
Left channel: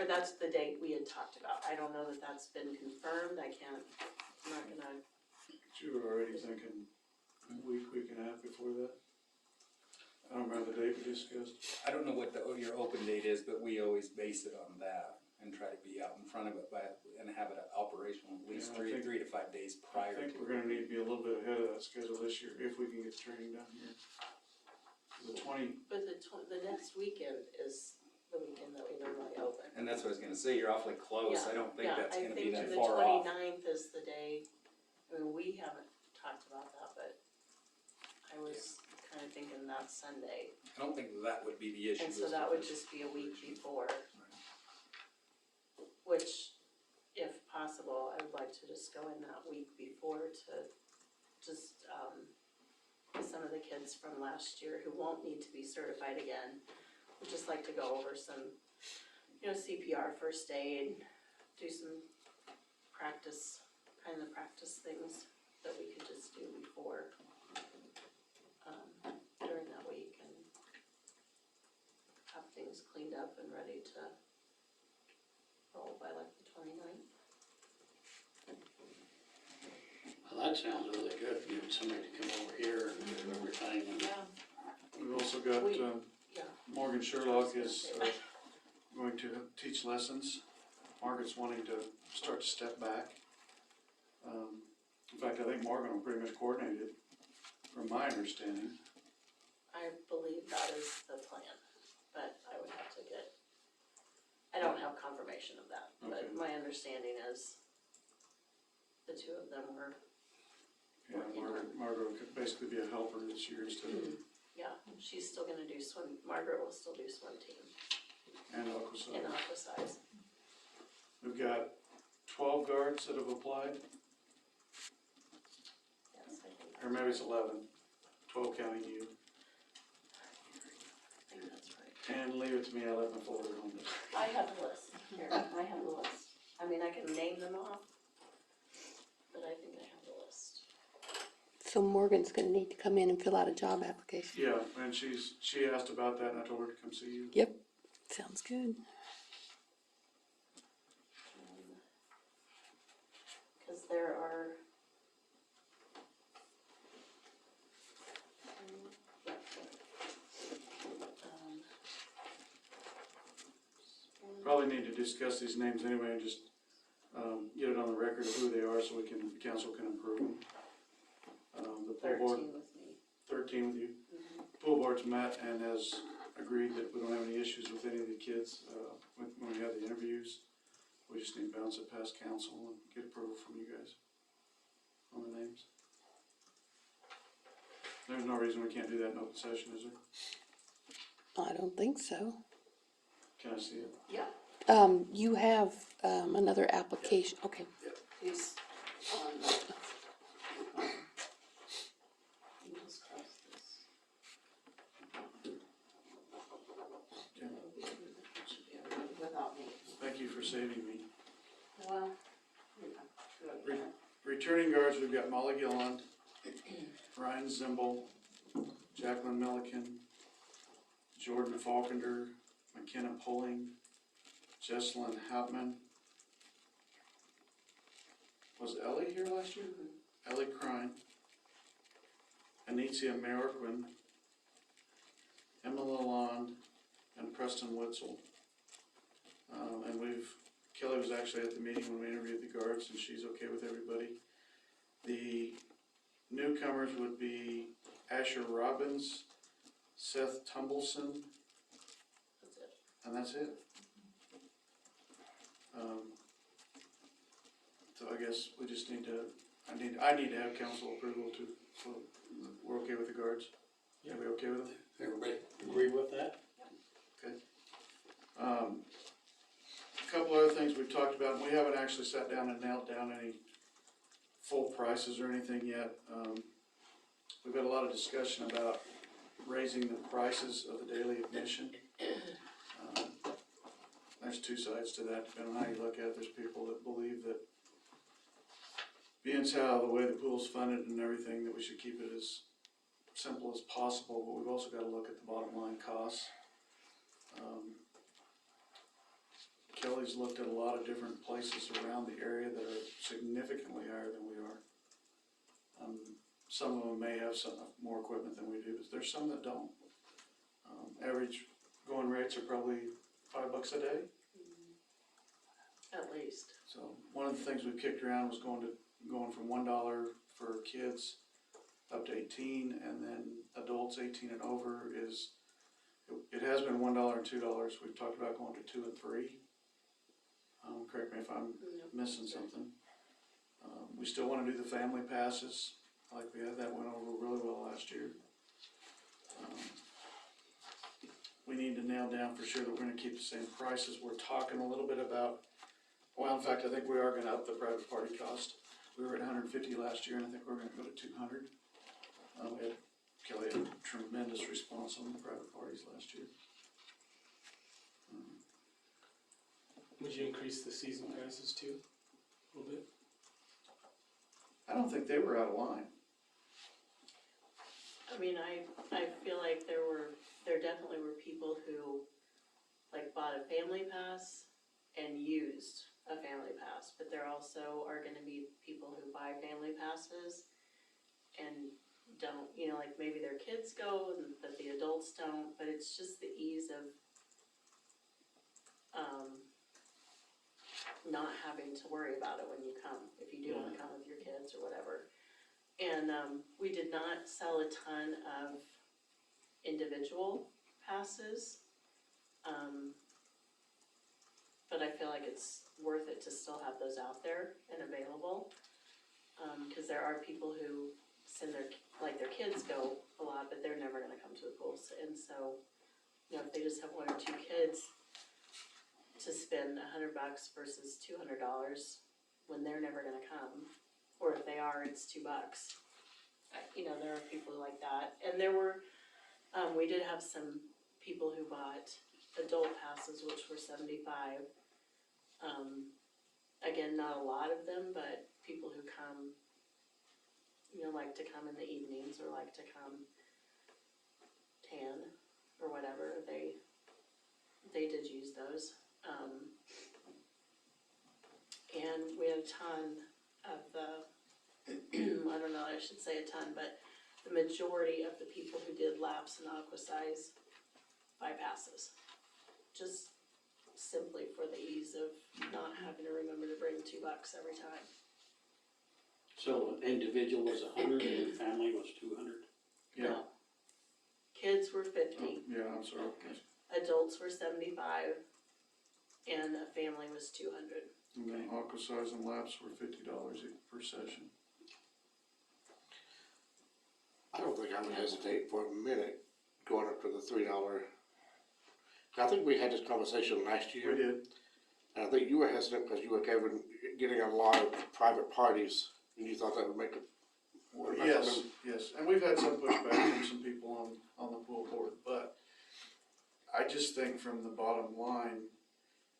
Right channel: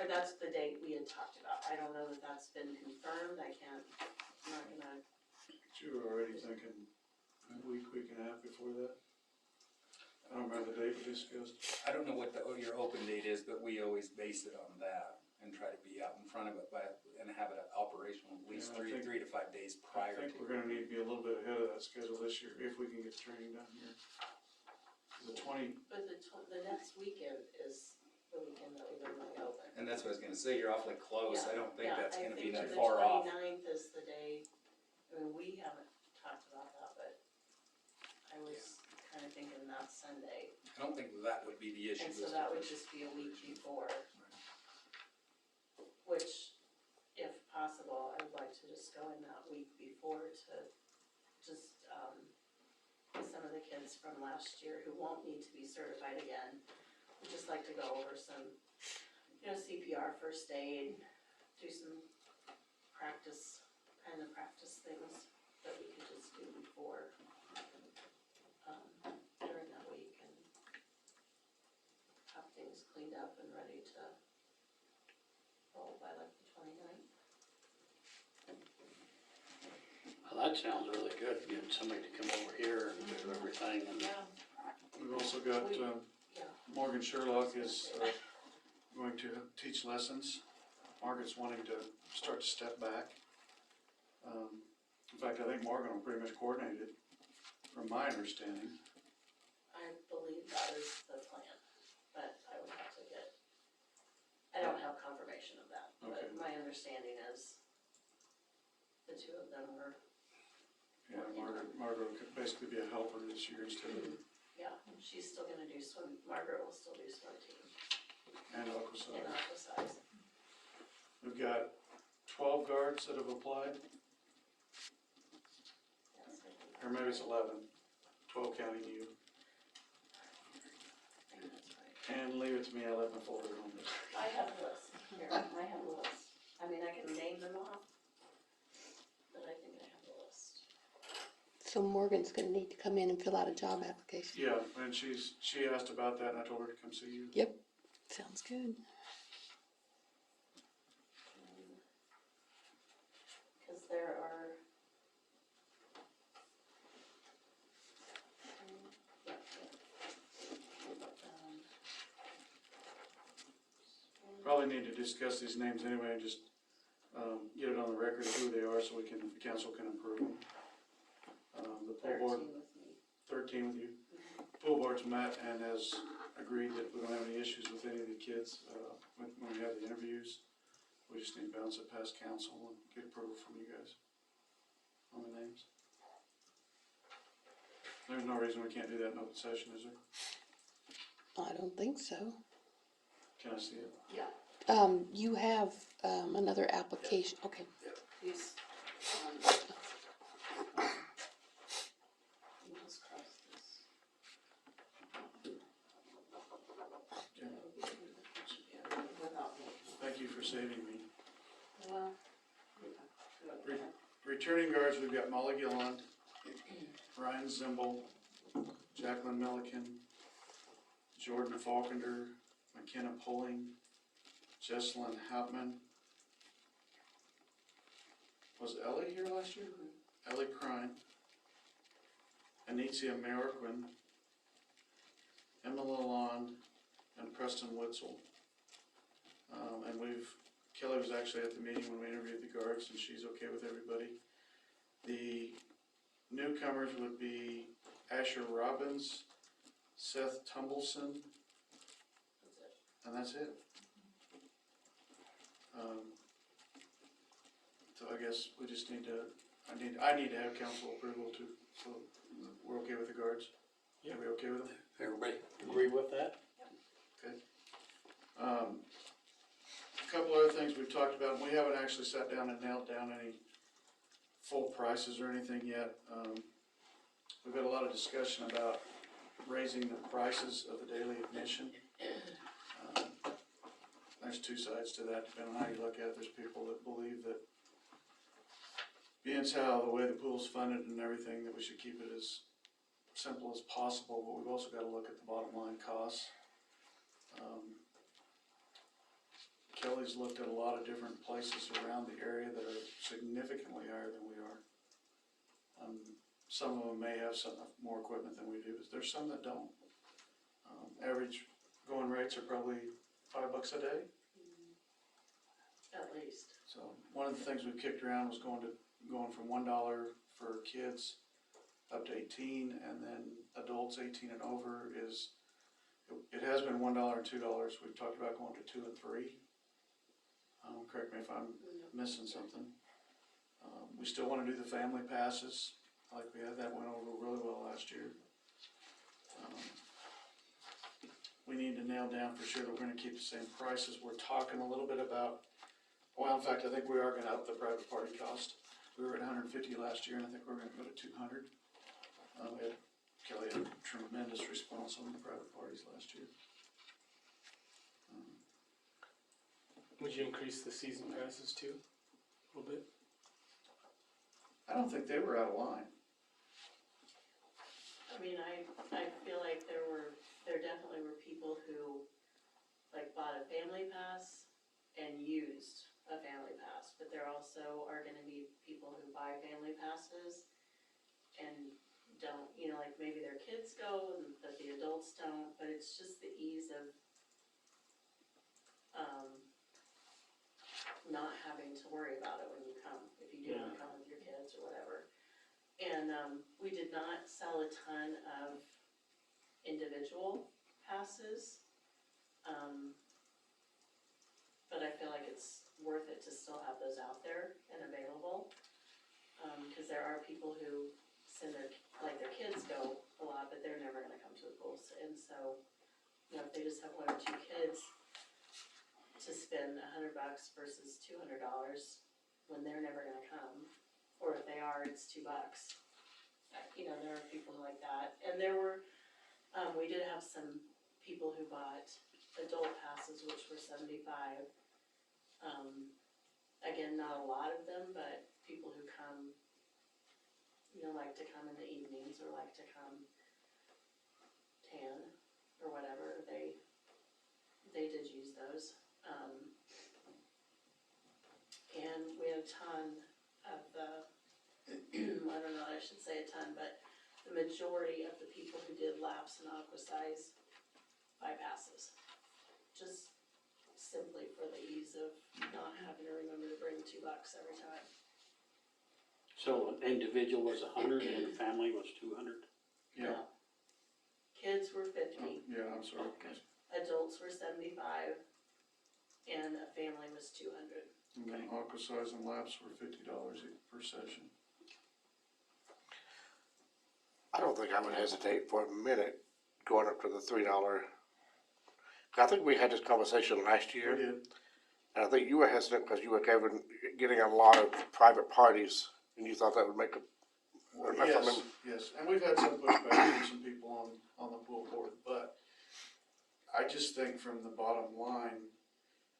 or that's the date we had talked about. I don't know that that's been confirmed, I'm not gonna, You were already thinking a week and a half before that? I don't remember the date we discussed. I don't know what your open date is, but we always base it on that and try to be out in front of it and have it operational at least Yeah, I think- 3 to 5 days I prior to. think we're gonna need to be a little bit ahead of that schedule this year, if we can get the training done here. The 20, but the next weekend is the weekend that we normally open. And that's what I was gonna say, you're awfully close, I don't think that's gonna be that I far think off. the 29th is the day, I mean, we haven't talked about that, but I was kinda thinking that's Sunday. I don't think that would be the issue. And so that would just be a week before, which, if possible, I'd like to just go in that week before to just, some of the kids from last year who won't need to be certified again, would just like to go over some, CPR, first aid, do some practice things that we could just do before, during that week and have things cleaned up and ready to roll by like the 29th. Well, that sounds really good, getting somebody to come over here and do everything and. Yeah. we've also got, Yeah. Morgan Sherlock is, going to teach lessons. Margaret's wanting to start to step back. In fact, I think Morgan will pretty much coordinate it, from my understanding. I believe that is the plan, but I would have to I don't have confirmation of that, but Okay. my understanding is the two of them were, Yeah, Margaret could basically be a helper this year instead of, yeah, she's still gonna do Margaret will still do swim team and in Aquaside. aqua size. We've got 12 guards that have applied, Yes, I think or maybe it's 11, 12 counting you. that's right. And leave it to me, I left my folder home. I have a list, here, I have a list. I mean, I can name them off, but I think I have the list. So Morgan's gonna need to come in and fill out a job application. Yeah, and she asked about that, and I told her to come see you. Yep, sounds good. Cause there are. Probably need to discuss these names anyway and just, get it on the record of who they are so the council can approve them. The pool board, 13 with me. 13 with you. Mhm. Pool board's met and has agreed that we don't have any issues with any of the kids, when we have the interviews. We just need to bounce it past council and get approval from you guys on the names. There's no reason we can't do that in open session, is there? I don't think so. Can I see it? Yeah, You have, another application, okay. please. You just cross this. Should be everything without me. Thank you for saving me. Well, yeah. Returning guards, we've got Molly Gilland, Ryan Zimble, Jacqueline Milliken, Jordan Falkender, McKenna Pulling, Jesselyn Hauptman. Was Ellie here last year? Ellie Crine, Anicia Marquin, Emma Lalonde, and Preston Witzel. And Kelly was actually at the meeting when we interviewed the guards, and she's okay with everybody. The newcomers would be Asher Robbins, Seth Tumbleson, That's it. and that's it. So I guess we just need to, I need to have council approval to, so we're okay with the guards? Are we okay with them? Everybody agree with that? Okay. A couple other things we've talked about, and we haven't actually sat down and nailed down any full prices or anything yet. We've had a lot of discussion about raising the prices of the daily admission. There's two sides to that, depending on how you look at it. There's people that believe that being how the way the pool's funded and everything, that we should keep it as simple as possible, but we've also got to look at the bottom line costs. Kelly's looked at a lot of different places around the area that are significantly higher than we are. Some of them may have some more equipment than we do, but there's some that don't. Average going rates are probably $5 a day. At least. So one of the things we kicked around was going from $1 for kids up to 18, and then adults 18 and over is, it has been $1 and $2. We've talked about going to 2 and 3. Correct me if I'm missing something. We still want to do the family passes like we had. That went over really well last year. We need to nail down for sure that we're going to keep the same prices. We're talking a little bit about, well, in fact, I think we are going to up the private party cost. We were at 150 last year, and I think we're going to go to 200. Kelly had a tremendous response on the private parties last year. Would you increase the season passes too, a little bit? I don't think they were out of line. I mean, I feel like there definitely were people who like bought a family pass and used a family pass, but there also are gonna be people who buy family passes and don't, you know, like maybe their kids go, but the adults don't, but it's just the ease of, not having to worry about it when you come, if you do wanna come with your kids or whatever. And, we did not sell a ton of individual passes. But I feel like it's worth it to still have those out there and available. Cause there are people who send their kids go a lot, but they're never gonna come to the pools. And so, you know, if they just have 1 or 2 kids, to spend $100 versus $200 when they're never gonna come, or if they are, it's $2. You know, there are people like that, and there were, we did have some people who bought adult passes, which were $75. Again, not a lot of them, but people who come, you know, like to come in the evenings or like to come tan or whatever, they did use those. And we had a ton of I don't know, I should say a ton, but the majority of the people who did laps and aquasize buy passes. Just simply for the ease of not having to remember to bring $2 every time. So individual was 100 and family was 200? Yeah. No. Kids were 50, Yeah, I'm sorry. adults were 75, and a family was 200. And then aquasize and laps were $50 per session. I don't think I would hesitate for a minute going up to the $3. I think we had this conversation last year. We did. And I think you were hesitant because you were getting a lot of private parties, and you thought that would make a. Yes, and we've had some pushback from some people on the pool board, but I just think from the bottom line,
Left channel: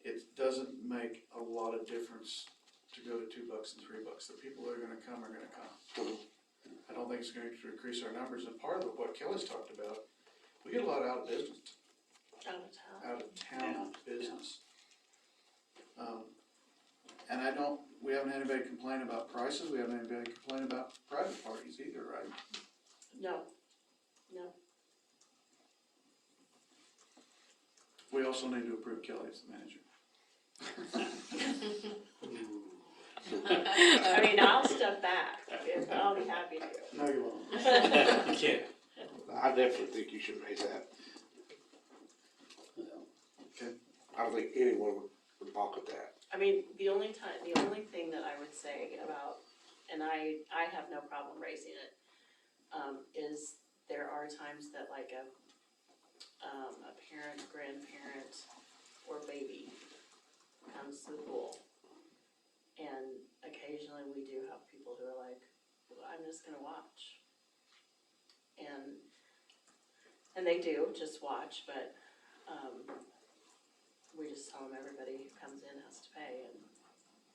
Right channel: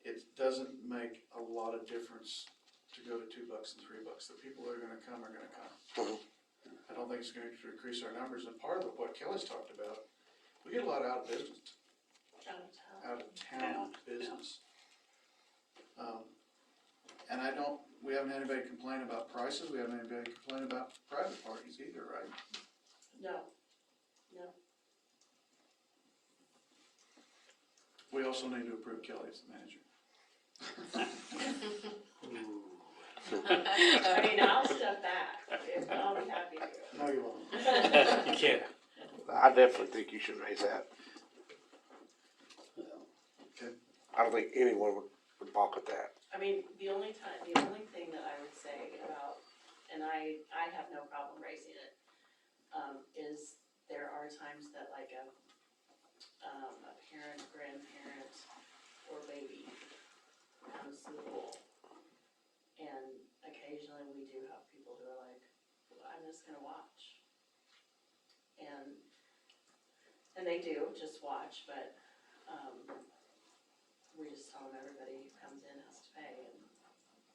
it doesn't make a lot of difference to go to $2 and $3. The people that are gonna come are gonna come. Mhm. I don't think it's going to increase our numbers, and part of what Kelly's talked about, we get a lot out of business. Out of town business. And we haven't had anybody complain about prices, we haven't had anybody complain about private parties either, right? No. We also need to approve Kelly as the manager. I mean, I'll step back, I'll be happy to. No, you won't. You can't. I definitely think you should raise that. Okay. I don't think anyone would balk at that. I mean, the only thing that I would say about, and I have no problem raising it, is there are times that like a parent, grandparent, or baby comes to the pool And they do, just watch, but, we just tell them everybody who comes in has to pay, and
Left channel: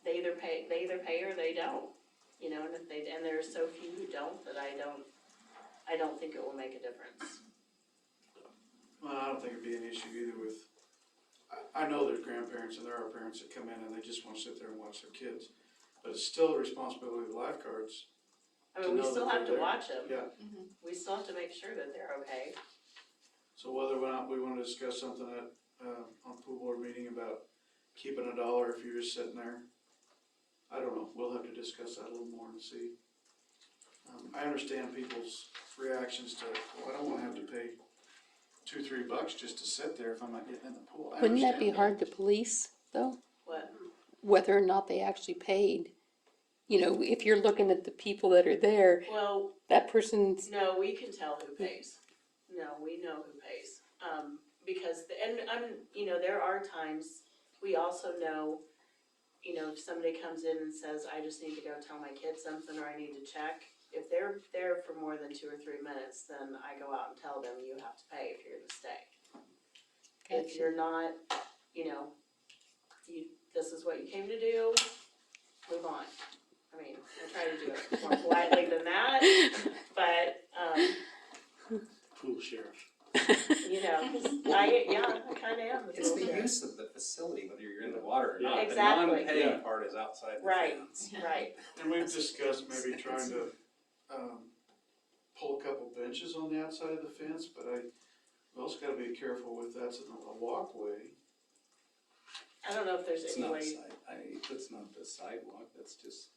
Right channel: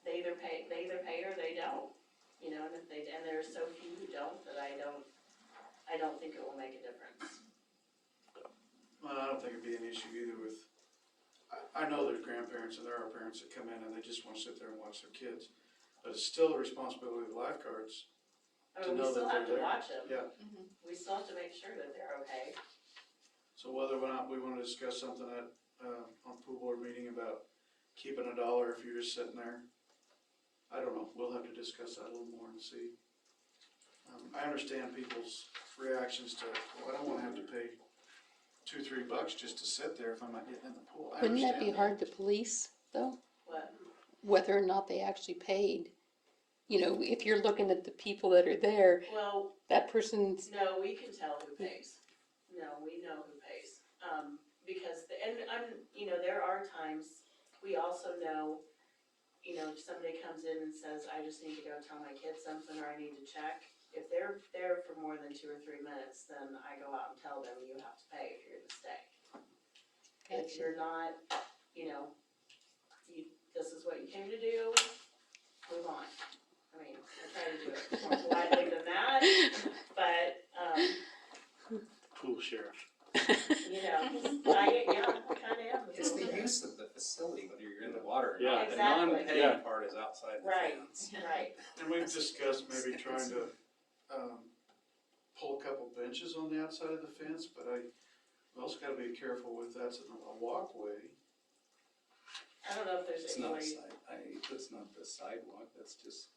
they either pay or they don't, you know, and if they, and there's so few who don't, that I don't think it will make a difference. Well, I don't think it'd be an issue either with, I know there's grandparents and there are parents that come in and they just wanna sit there and watch their kids. But it's still the responsibility of the lifeguards. I To mean, we know still that have to they're there. watch them. Yeah. We still have to make sure that they're okay. So whether or not we wanna discuss something at, on pool board meeting about keeping $1 if you're just sitting there, I don't know, we'll have to discuss that a little more and see. I understand people's reactions to, well, I don't wanna have to pay $2-3 just to sit there if I'm not getting in the pool. I Wouldn't that be understand hard to police, though? What? Whether or not they actually paid? You know, if you're looking at the people that are there, Well, that person's, no, we can tell who pays. No, we know who pays. Because, you know, there are times, we also know, you know, if somebody comes in and says, I just need to go tell my kids something, or I need to check. If they're there for more than 2 or 3 minutes, then I go out and tell them, you have to pay if you're gonna stay. If Gotcha. you're not, you know, this is what you came to do, move on. I mean, I try to do it more politely than that, but, Pool sheriff. you know, I kinda am. It's the use of the facility, whether you're in the water or Yeah. not. The Exactly. non-paying part is outside the Right, fence. right. And we've discussed maybe trying to, pull a couple benches on the outside of the fence, but we also gotta be careful with that's a walkway. I don't know if there's It's any not way, that's not the sidewalk, that's just,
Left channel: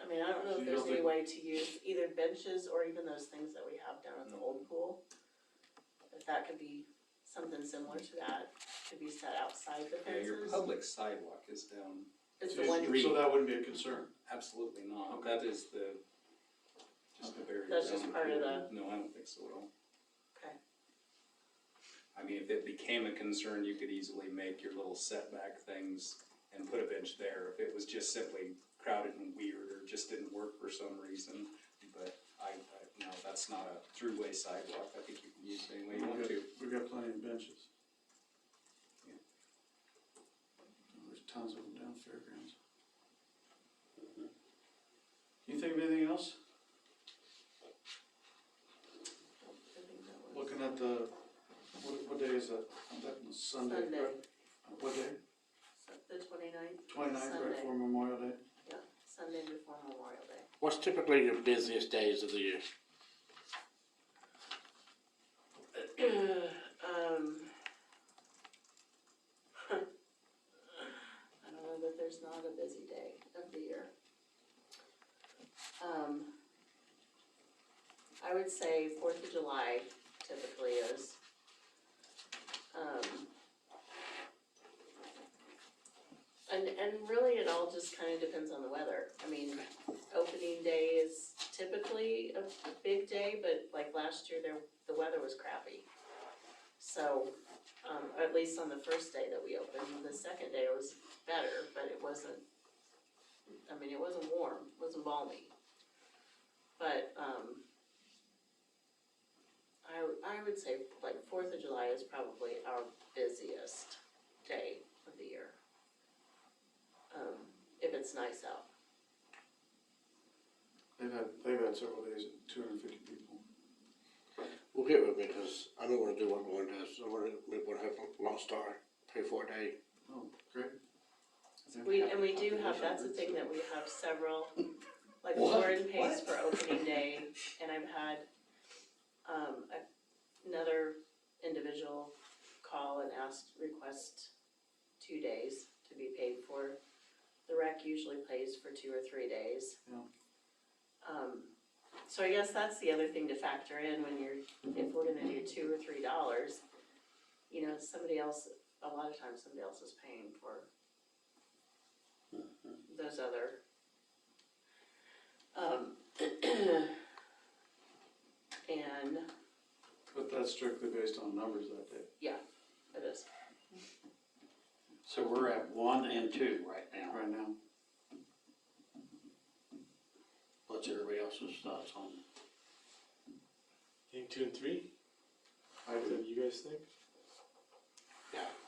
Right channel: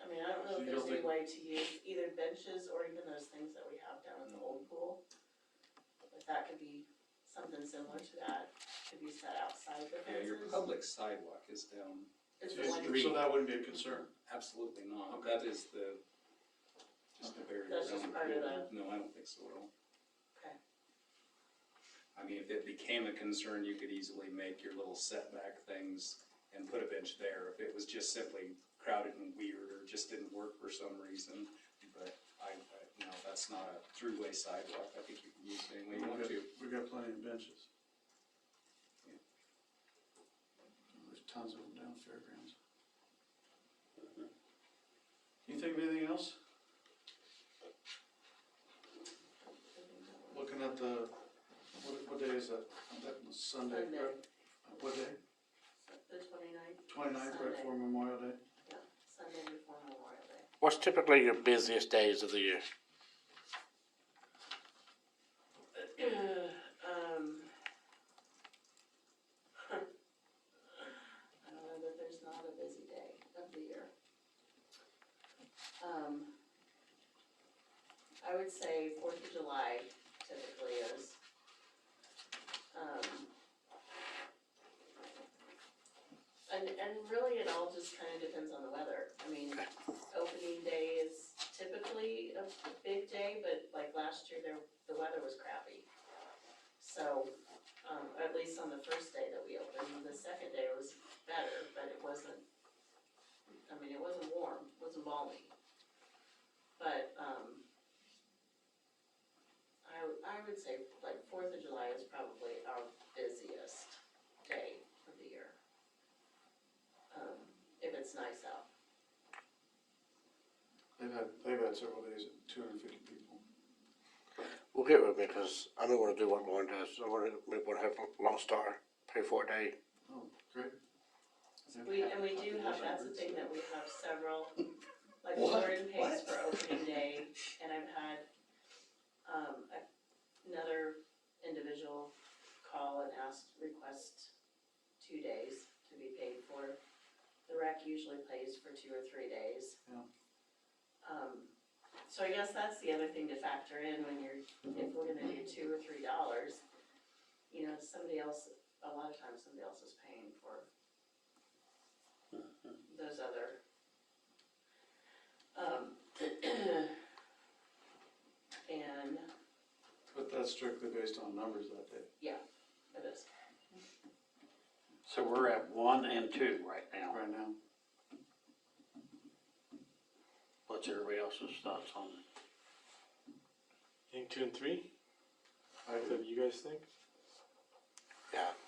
I mean, I don't know if You there's don't any think- way to use either benches or even those things that we have down at the old pool. If that could be something similar to that, could be set outside the you know, your fences. public sidewalk is down, Is the one, So that wouldn't be a concern. absolutely not. Okay. That is just the barrier. That's just around part of pool. No, I don't think so at all. okay, I mean, if it became a concern, you could easily make your little setback things and put a bench there. If it was just simply crowded and weird or just didn't work for some reason. But no, that's not a throughway sidewalk. I think you can use it any way you want to. We've got plenty of benches. There's tons of them down Fairgrounds. Can you think of anything else? Looking at the, what day is that? That was Sunday, Sunday. correct? What day? the 29th, 29th, right Sunday. before Memorial Day? yeah, Sunday before Memorial Day. What's typically your busiest days of the year? I don't know that there's not a busy day of the year. I would say 4th of July typically is. And really it all just kind of depends on the weather. I mean, opening day is typically a big day, but like last year the weather was crappy. So, at least on the first day that we opened, the second day was better, but it wasn't, I mean, it wasn't warm, it wasn't balmy. But, I would say like 4th of July is probably our busiest day of the year. If it's nice out. They've had several days at 250 people. Well, get with me, cause I don't wanna do what Lauren does, I wanna have Lost Star pay for a day. Oh, great. And we do have, that's the thing that we have several, like What? Lauren pays What? for opening day, and I've had, another individual call and request 2 days to be paid for. The rec usually pays for 2 or 3 days. Yeah. So I guess that's the other thing to factor in when if we're gonna do $2 or $3, you know, somebody else, a lot of times somebody else is paying for those other, and, But that's strictly based on numbers that day. yeah, it is. So we're at 1 and 2 right now. Right now. What's everybody else's thoughts on it? Think 2 and 3? What do you guys think?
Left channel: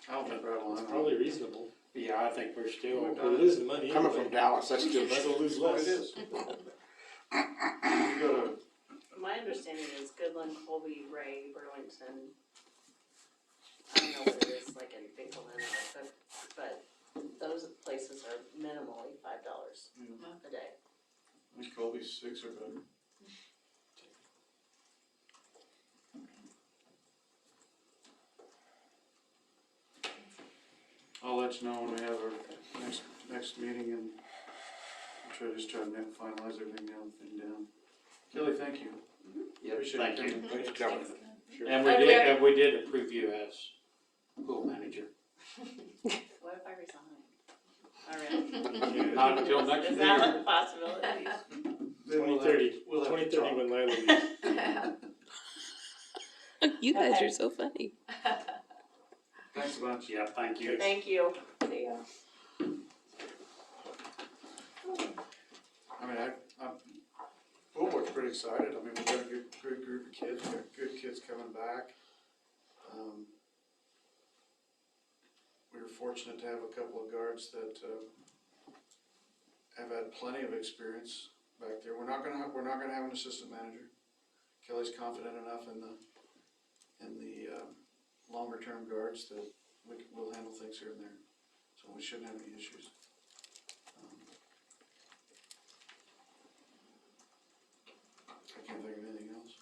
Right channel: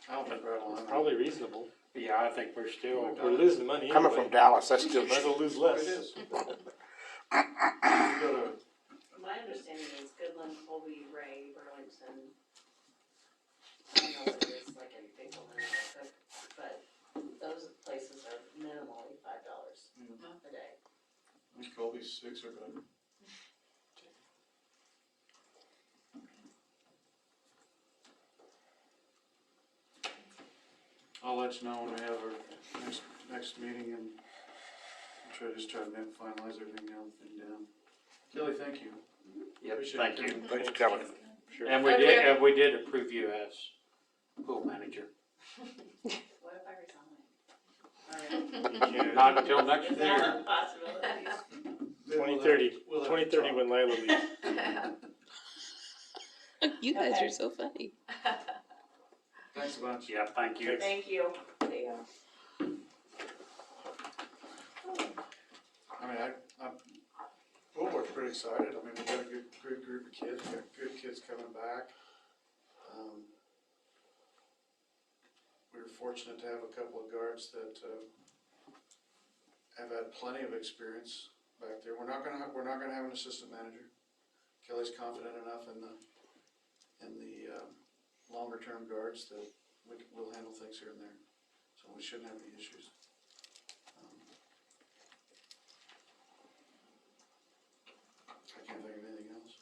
I don't think right along. It's probably reasonable. Yeah, I think we're still, We're losing money Coming anyway. from Dallas, that's still Might as well lose What less. it is. You go to, My understanding is Goodland, Colby, Ray, Burlington. I don't know what it is like in Bigelow, but those places are minimally $5 a day. I think Colby's 6 or better. I'll let you know when we have our next meeting and try to finalize everything down. Kelly, thank you. yep, Appreciate thank you you. coming. Thanks for coming. Sure. And we did approve you as pool manager. What if I resign? Yeah. Not until next Is year. that a possibility? Then we'll 2030, we'll have to 2030 talk. when Lila leaves. You guys Okay. are so funny. Thanks a bunch. Yeah, thank you. Thank you. See ya. I mean, Pool Board's pretty excited. I mean, we've got a good group of kids, we've got good kids coming back. We were fortunate to have a couple of guards that, have had plenty of experience back there. We're not gonna have an assistant manager. Kelly's confident enough in the longer term guards that we'll handle things here and there. So we shouldn't have any issues. I can't think of anything else.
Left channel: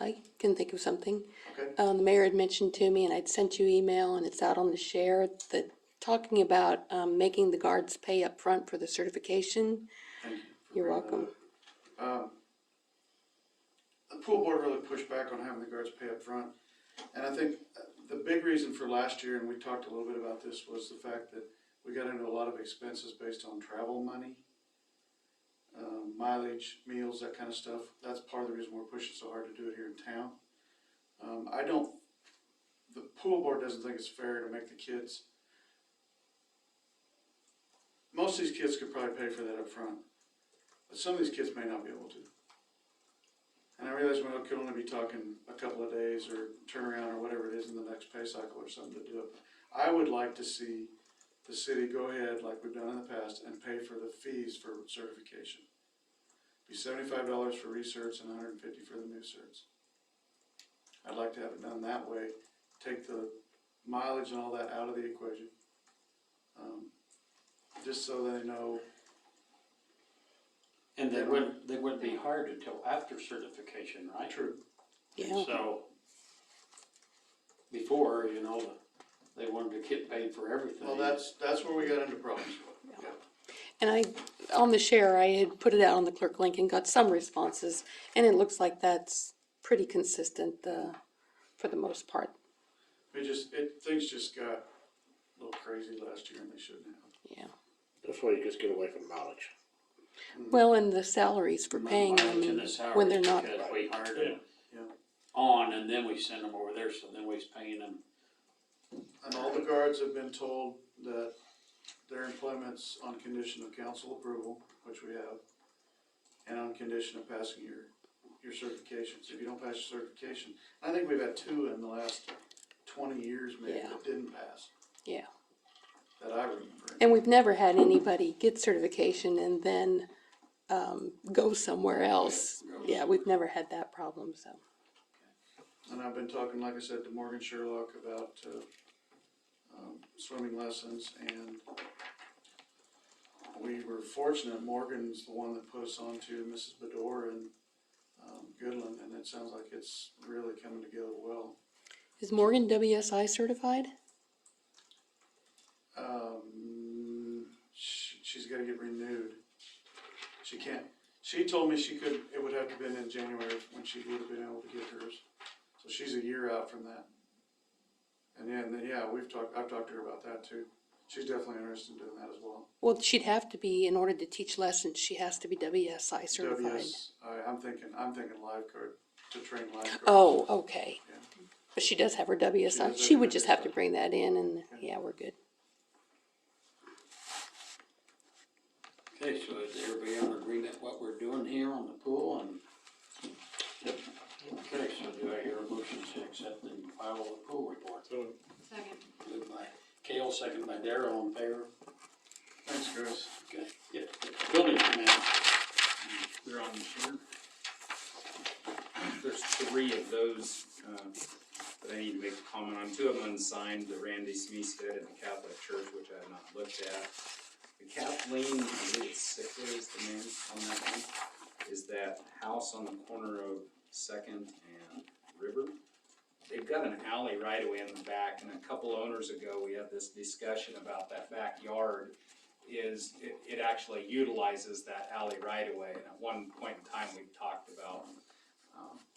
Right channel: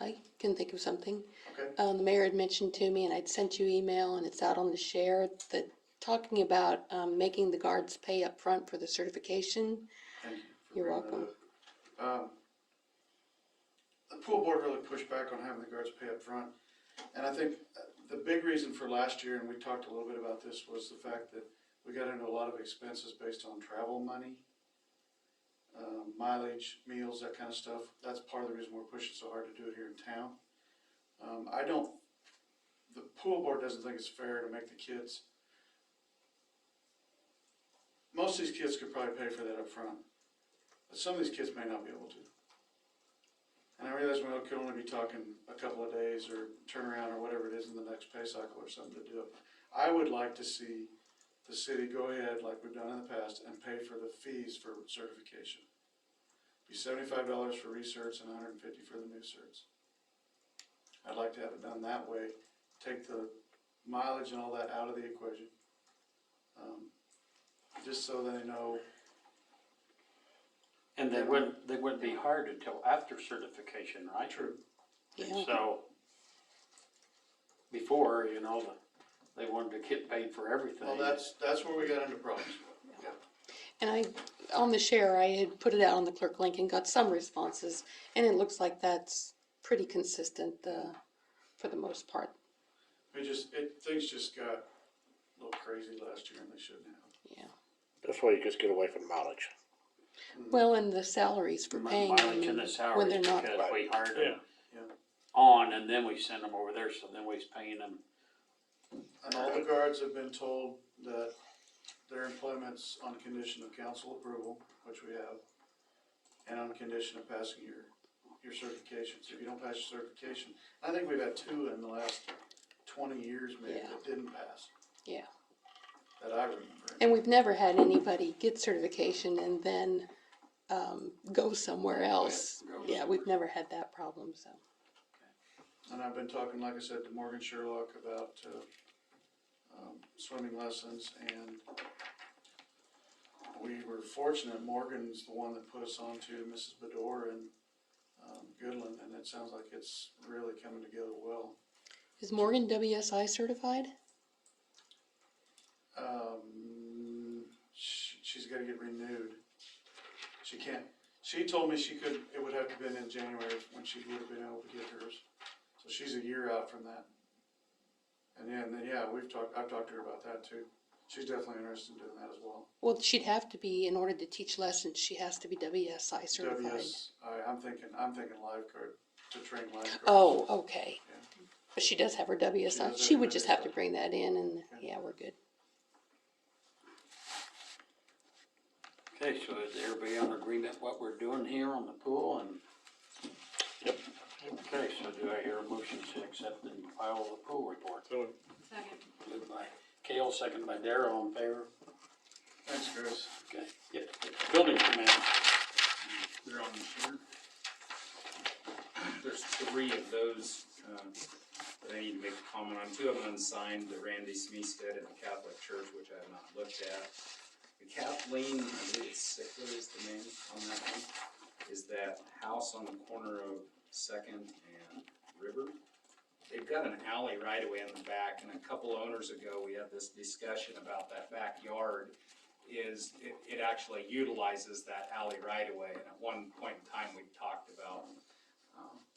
I can think of something. Okay. The mayor had mentioned to me, and I'd sent you email, and it's out on the share, that talking about, making the guards pay up front for the certification. Thank you. for You're bringing that welcome. up. The pool board really pushed back on having the guards pay up front. And I think the big reason for last year, and we talked a little bit about this, was the fact that we got into a lot of expenses based on travel money, mileage, meals, that kind of stuff. That's part of the reason we're pushing so hard to do it here in town. The pool board doesn't think it's fair to make the kids, most of these kids could probably pay for that up front, but some of these kids may not be able to. And I realize we could only be talking a couple of days or turnaround or whatever it is in the next pay cycle or something to do it. I would like to see the city go ahead, like we've done in the past, and pay for the fees for certification. Be $75 for recerts and $150 for the new certs. I'd like to have it done that way, take the mileage and all that out of the equation. Just so they know. And they wouldn't be hired until after certification, right? True. Yeah. So, before, they wanted to get paid for everything. Well, that's where we got into problems. And on the share, I had put it out on the clerk link and got some responses, and it looks like that's pretty consistent, for the most part. Things just got a little crazy last year and they shouldn't have. Yeah. That's why you just get away from mileage. Well, and the salaries for paying them Mileage and the when salaries, they're not. because we hired them Yeah. on, and then we send them over there, so then we's paying them. And all the guards have been told that their employment's on condition of council approval, which we have, and on condition of passing your certifications. If you don't pass your certification, I think we've had 2 in the last 20 years maybe Yeah. that didn't pass, Yeah. that I remember. And we've never had anybody get certification and then, go somewhere else. Yeah, we've never had that problem, so. And I've been talking, like I said, to Morgan Sherlock about swimming lessons, and we were fortunate, Morgan's the one that put us on to Mrs. Bedore and Goodland, and it sounds like it's really coming together well. Is Morgan WSI certified? She's gotta get renewed. She told me it would have to been in January when she would have been able to get hers. So she's a year out from that. And then, I've talked to her about that too. She's definitely interested in doing that as well. Well, she'd have to be, in order to teach lessons, she has to be WSI certified. I'm thinking lifeguard, to train lifeguards. Oh, okay. Yeah. But she does have her She WSI. does have She her would just have to WSI. bring that in and, Okay. yeah, we're good. Okay, so is everybody in agreement what we're doing here on the pool and? Yep. Okay, so do I hear a motion to accept and file the pool report? So, Second. Moved by Kale, second by Darrell, all in favor? Thanks, Chris. Okay, yeah. Building permit, They're on here. There's 3 of those, that I need to make a comment on. 2 of them unsigned, the Randy Smeested and the Catholic Church, which I have not looked at. The Kathleen, I believe it's Sickler is the name on that one, is that house on the corner of Second and River. They've got an alley right away in the back, and a couple owners ago, we had this discussion about that backyard. It actually utilizes that alley right away, and at one point in time, we talked about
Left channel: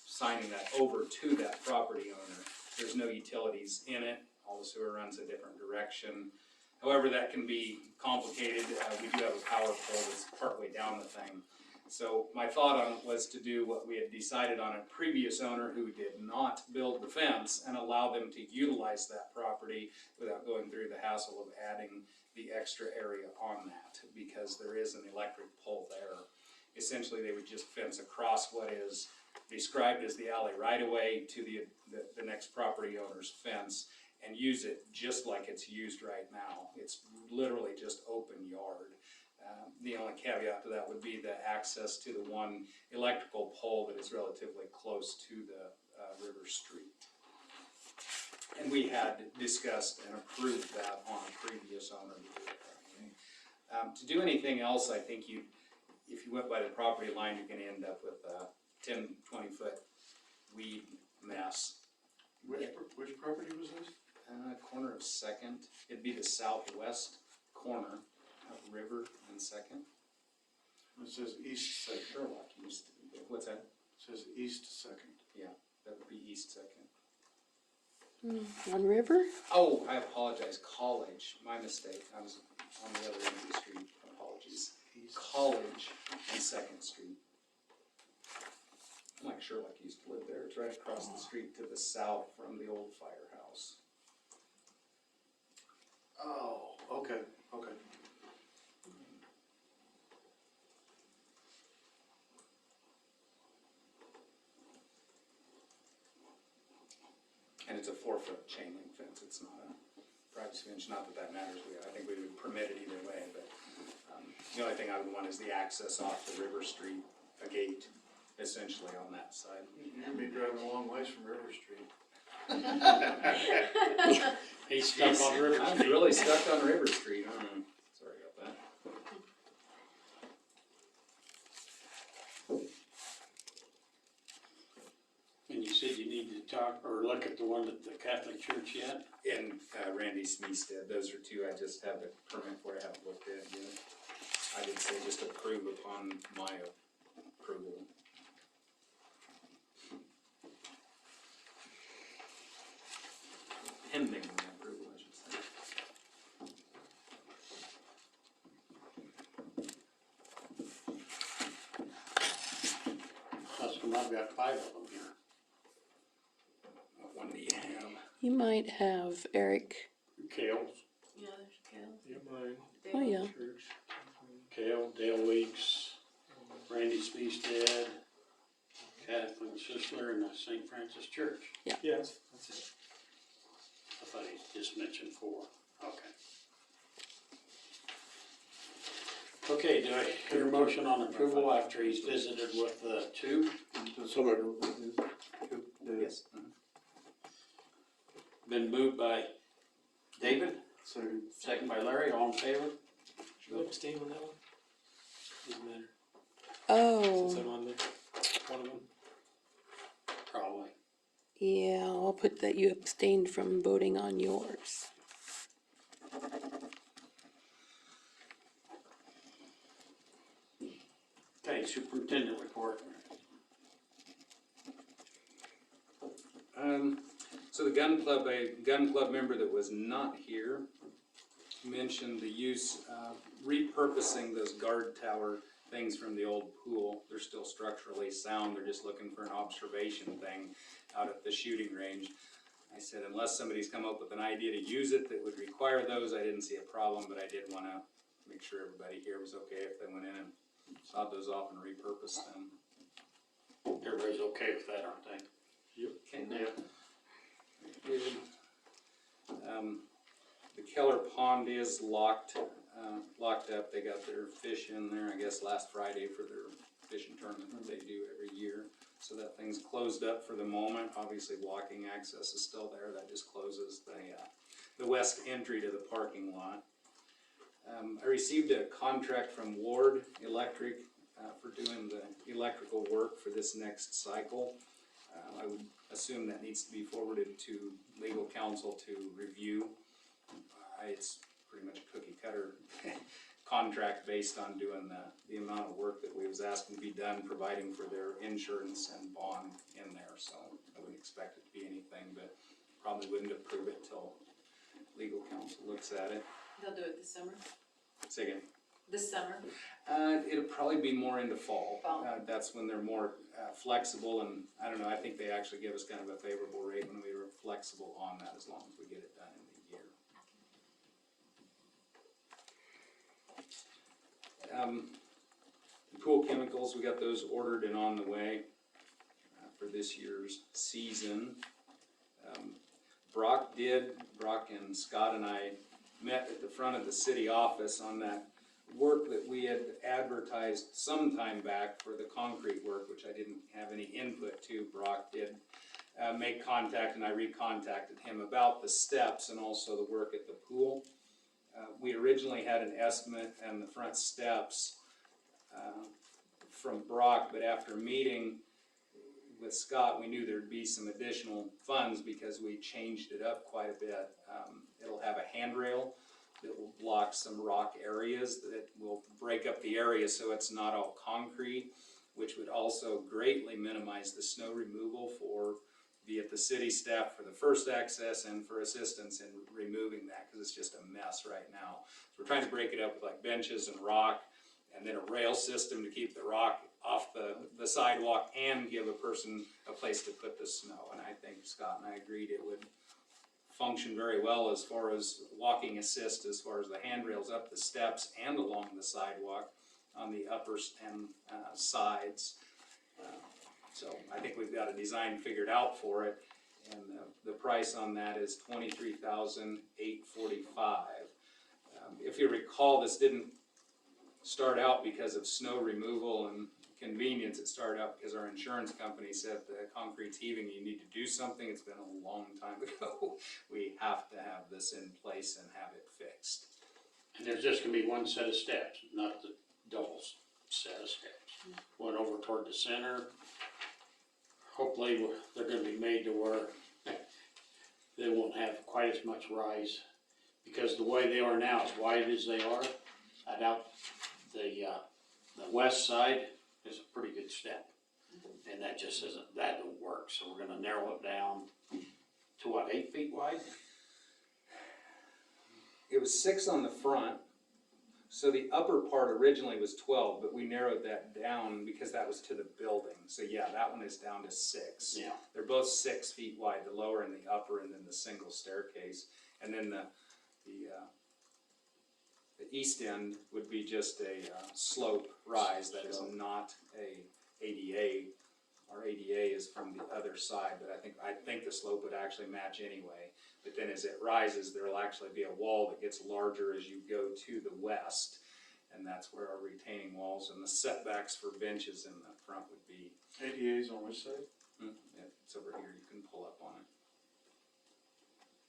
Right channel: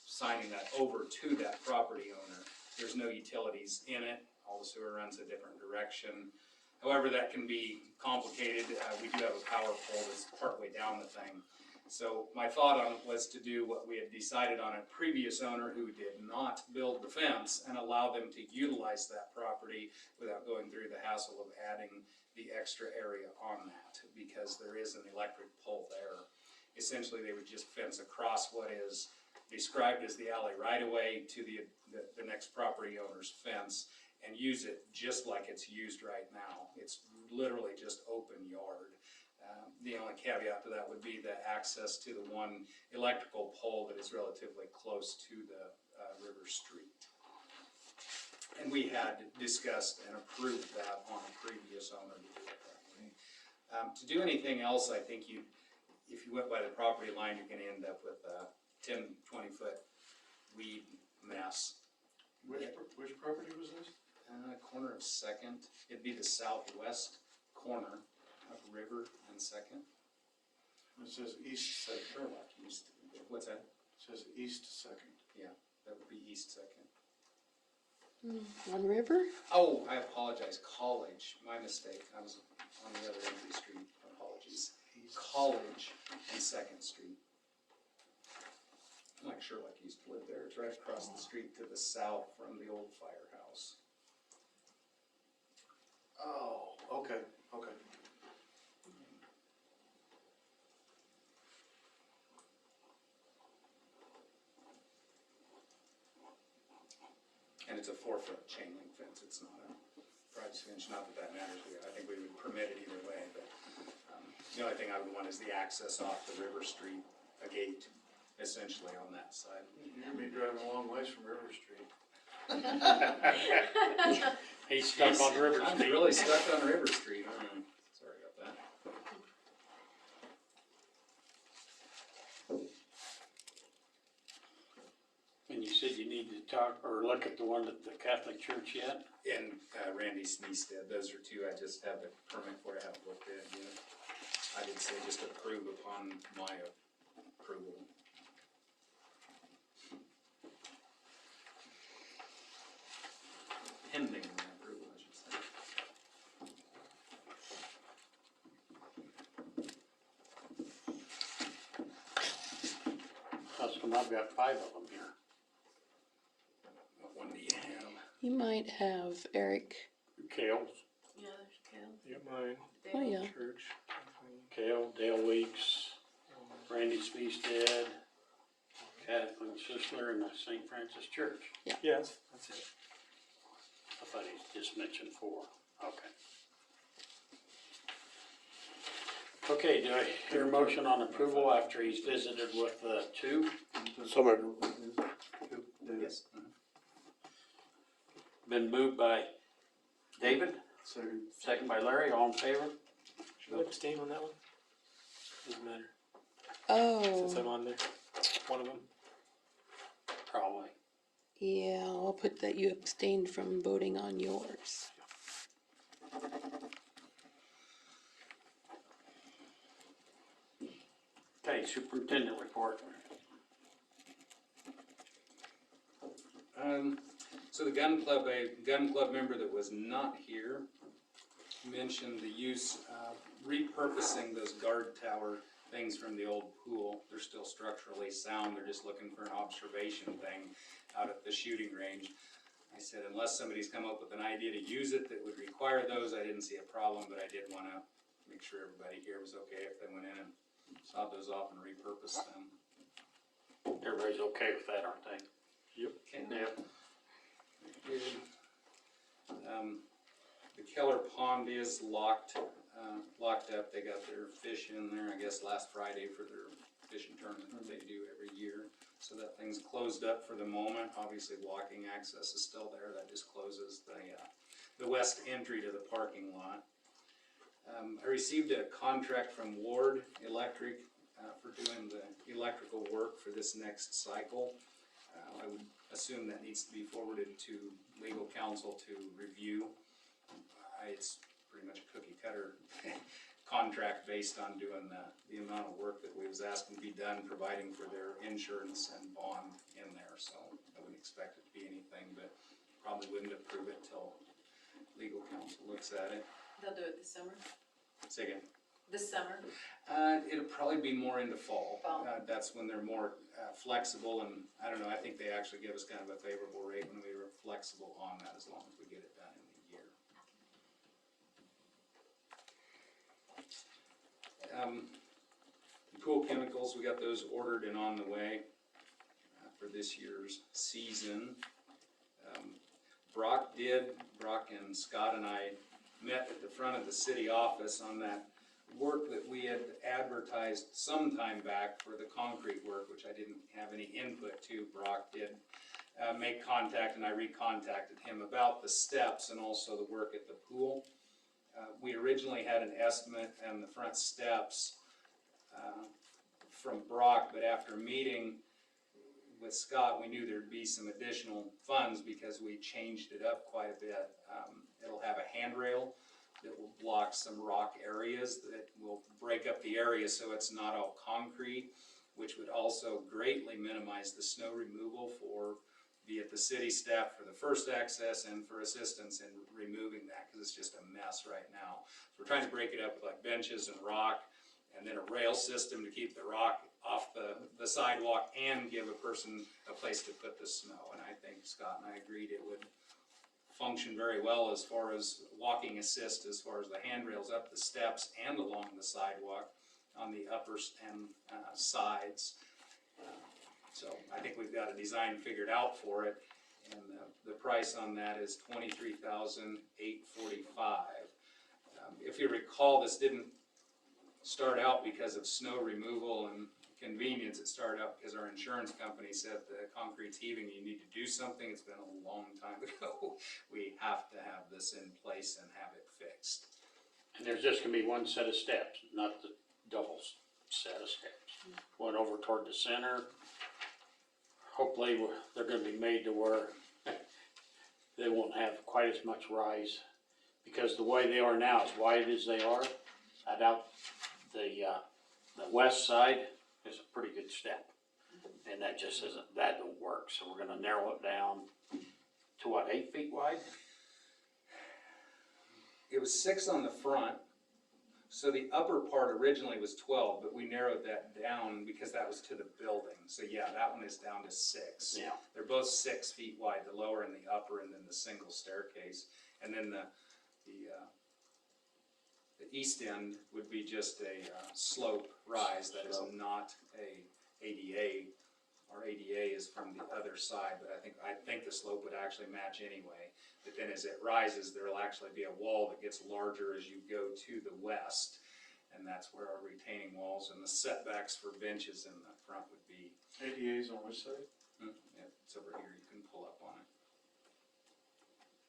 signing that over to that property owner. There's no utilities in it, all the sewer runs a different direction. However, that can be complicated. We do have a power pole that's partway down the thing. So my thought on it was to do what we had decided on a previous owner who did not build the fence and allow them to utilize that property without going through the hassle of adding the extra area on that, because there is an electric pole there. Essentially, they would just fence across what is described as the alley right away to the next property owner's fence and use it just like it's used right now. It's literally just open yard. The only caveat to that would be the access to the one electrical pole that is relatively close to the River Street. And we had discussed and approved that on a previous owner to do it that way. To do anything else, I think if you went by the property line, you're gonna end up with a 10, 20-foot weed mess. Which property was this? Corner of Second, it'd be the southwest corner of River and Second. It says east second. Sherlock used to be, what's that? It says east second. That would be East Second. On River? Oh, I apologize, College, my mistake, I was on the other end of the street, apologies. College and Second Street. Mike Sherlock used to live there, it's right across the street to the south from the old firehouse. Oh, okay. And it's a 4-foot chain link fence, it's not a privacy fence, not that that matters, I think we would permit it either way, but the only thing I would want is the access off to River Street, a gate, essentially on that side. You're gonna be driving a long ways from River Street. he's stuck on River I'm Street. really stuck on River Street, sorry about that. And you said you need to talk, or look at the one at the Catholic Church yet? And Randy Smeested, those are 2 I just have the permit for, I haven't looked at it yet. I did say just approve upon my approval. Pending my approval, I should say. That's come, I've got 5 of them here. What one do you have? You might have Eric. Kale, Yeah, there's Cal. yeah, mine, Oh, yeah. church. Kale, Dale Weeks, Randy Speested, Kathleen Sisler, and the St. Francis Church. Yes, that's it. I thought he just mentioned 4. Okay. Okay, do I hear a motion on approval after he's visited with the 2? Somewhere, Yes. Been moved by David, Second. second by Larry, all in favor? Should I abstain on that one? Doesn't matter, Oh, since I'm on there, one of them. Probably. yeah, I'll put that you abstained from voting on yours. Okay, superintendent report. So the gun club, a gun club member that was not here mentioned the use of repurposing those guard tower things from the old pool. They're still structurally sound, they're just looking for an observation thing out at the shooting range. I said, unless somebody's come up with an idea to use it that would require those, I didn't see a problem, but I did wanna make sure everybody here was okay if they went in and sawed those off and repurposed them. Everybody's okay with that, aren't they? Yep. Ken? Yep. Good. The Keller Pond is locked up. They got their fish in there, I guess, last Friday for their fishing tournament that they do every year. So that thing's closed up for the moment. Obviously, walking access is still there. That just closes the west entry to the parking lot. I received a contract from Ward Electric for doing the electrical work for this next cycle. I would assume that needs to be forwarded to legal counsel to review. It's pretty much a cookie cutter contract based on doing the amount of work that we was asking to be done, providing for their insurance and bond in there. So I wouldn't expect it to be anything, but probably wouldn't approve it till legal counsel looks at it. They'll do it this summer? Say again. This summer? It'll probably be more into fall. Fall. That's when they're more flexible, and I don't know, I think they actually give us kind of a favorable rate when we were flexible on that, as long as we get it done in the year. Pool chemicals, we got those ordered and on the way for this year's season. Brock and Scott and I met at the front of the city office on that work that we had advertised some time back for the concrete work, which I didn't have any input to. Brock did make contact, and I recontacted him about the steps and also the work at the pool. We originally had an estimate on the front steps from Brock, but after meeting with Scott, we knew there'd be some additional funds because we changed it up quite a bit. It'll have a handrail that will block some rock areas that will break up the area so it's not all concrete, which would also greatly minimize the snow removal for be it the city staff for the first access and for assistance in removing that, because it's just a mess right now. So we're trying to break it up with like benches and rock, and then a rail system to keep the rock off the sidewalk and give a person a place to put the snow. And I think Scott and I agreed it would function very well as far as walking assist, as far as the handrails up the steps and along the sidewalk on the upper and sides. So I think we've got a design figured out for it, and the price on that is $23,845. If you recall, this didn't start out because of snow removal and convenience. It started out because our insurance company said the concrete's heaving, you need to do something. It's been a long time ago. We have to have this in place and have it fixed. And there's just gonna be one set of steps, not the double set of steps. One over toward the center. Hopefully, they're gonna be made to where they won't have quite as much rise. Because the way they are now, as wide as they are, I doubt the west side is a pretty good step. And that just isn't, that don't work, so we're gonna narrow it down to what, 8 feet wide? It was 6 on the front, so the upper part originally was 12, but we narrowed that down because that was to the building. So yeah, that one is down to 6. Yeah. They're both 6 feet wide, the lower and the upper, and then the single staircase. And then the east end would be just a slope rise that is not a ADA. Our ADA is from the other side, but I think the slope would actually match anyway. But then as it rises, there will actually be a wall that gets larger as you go to the west. And that's where our retaining walls and the setbacks for benches in the front would be. ADA's on which side? It's over here, you can pull up on it.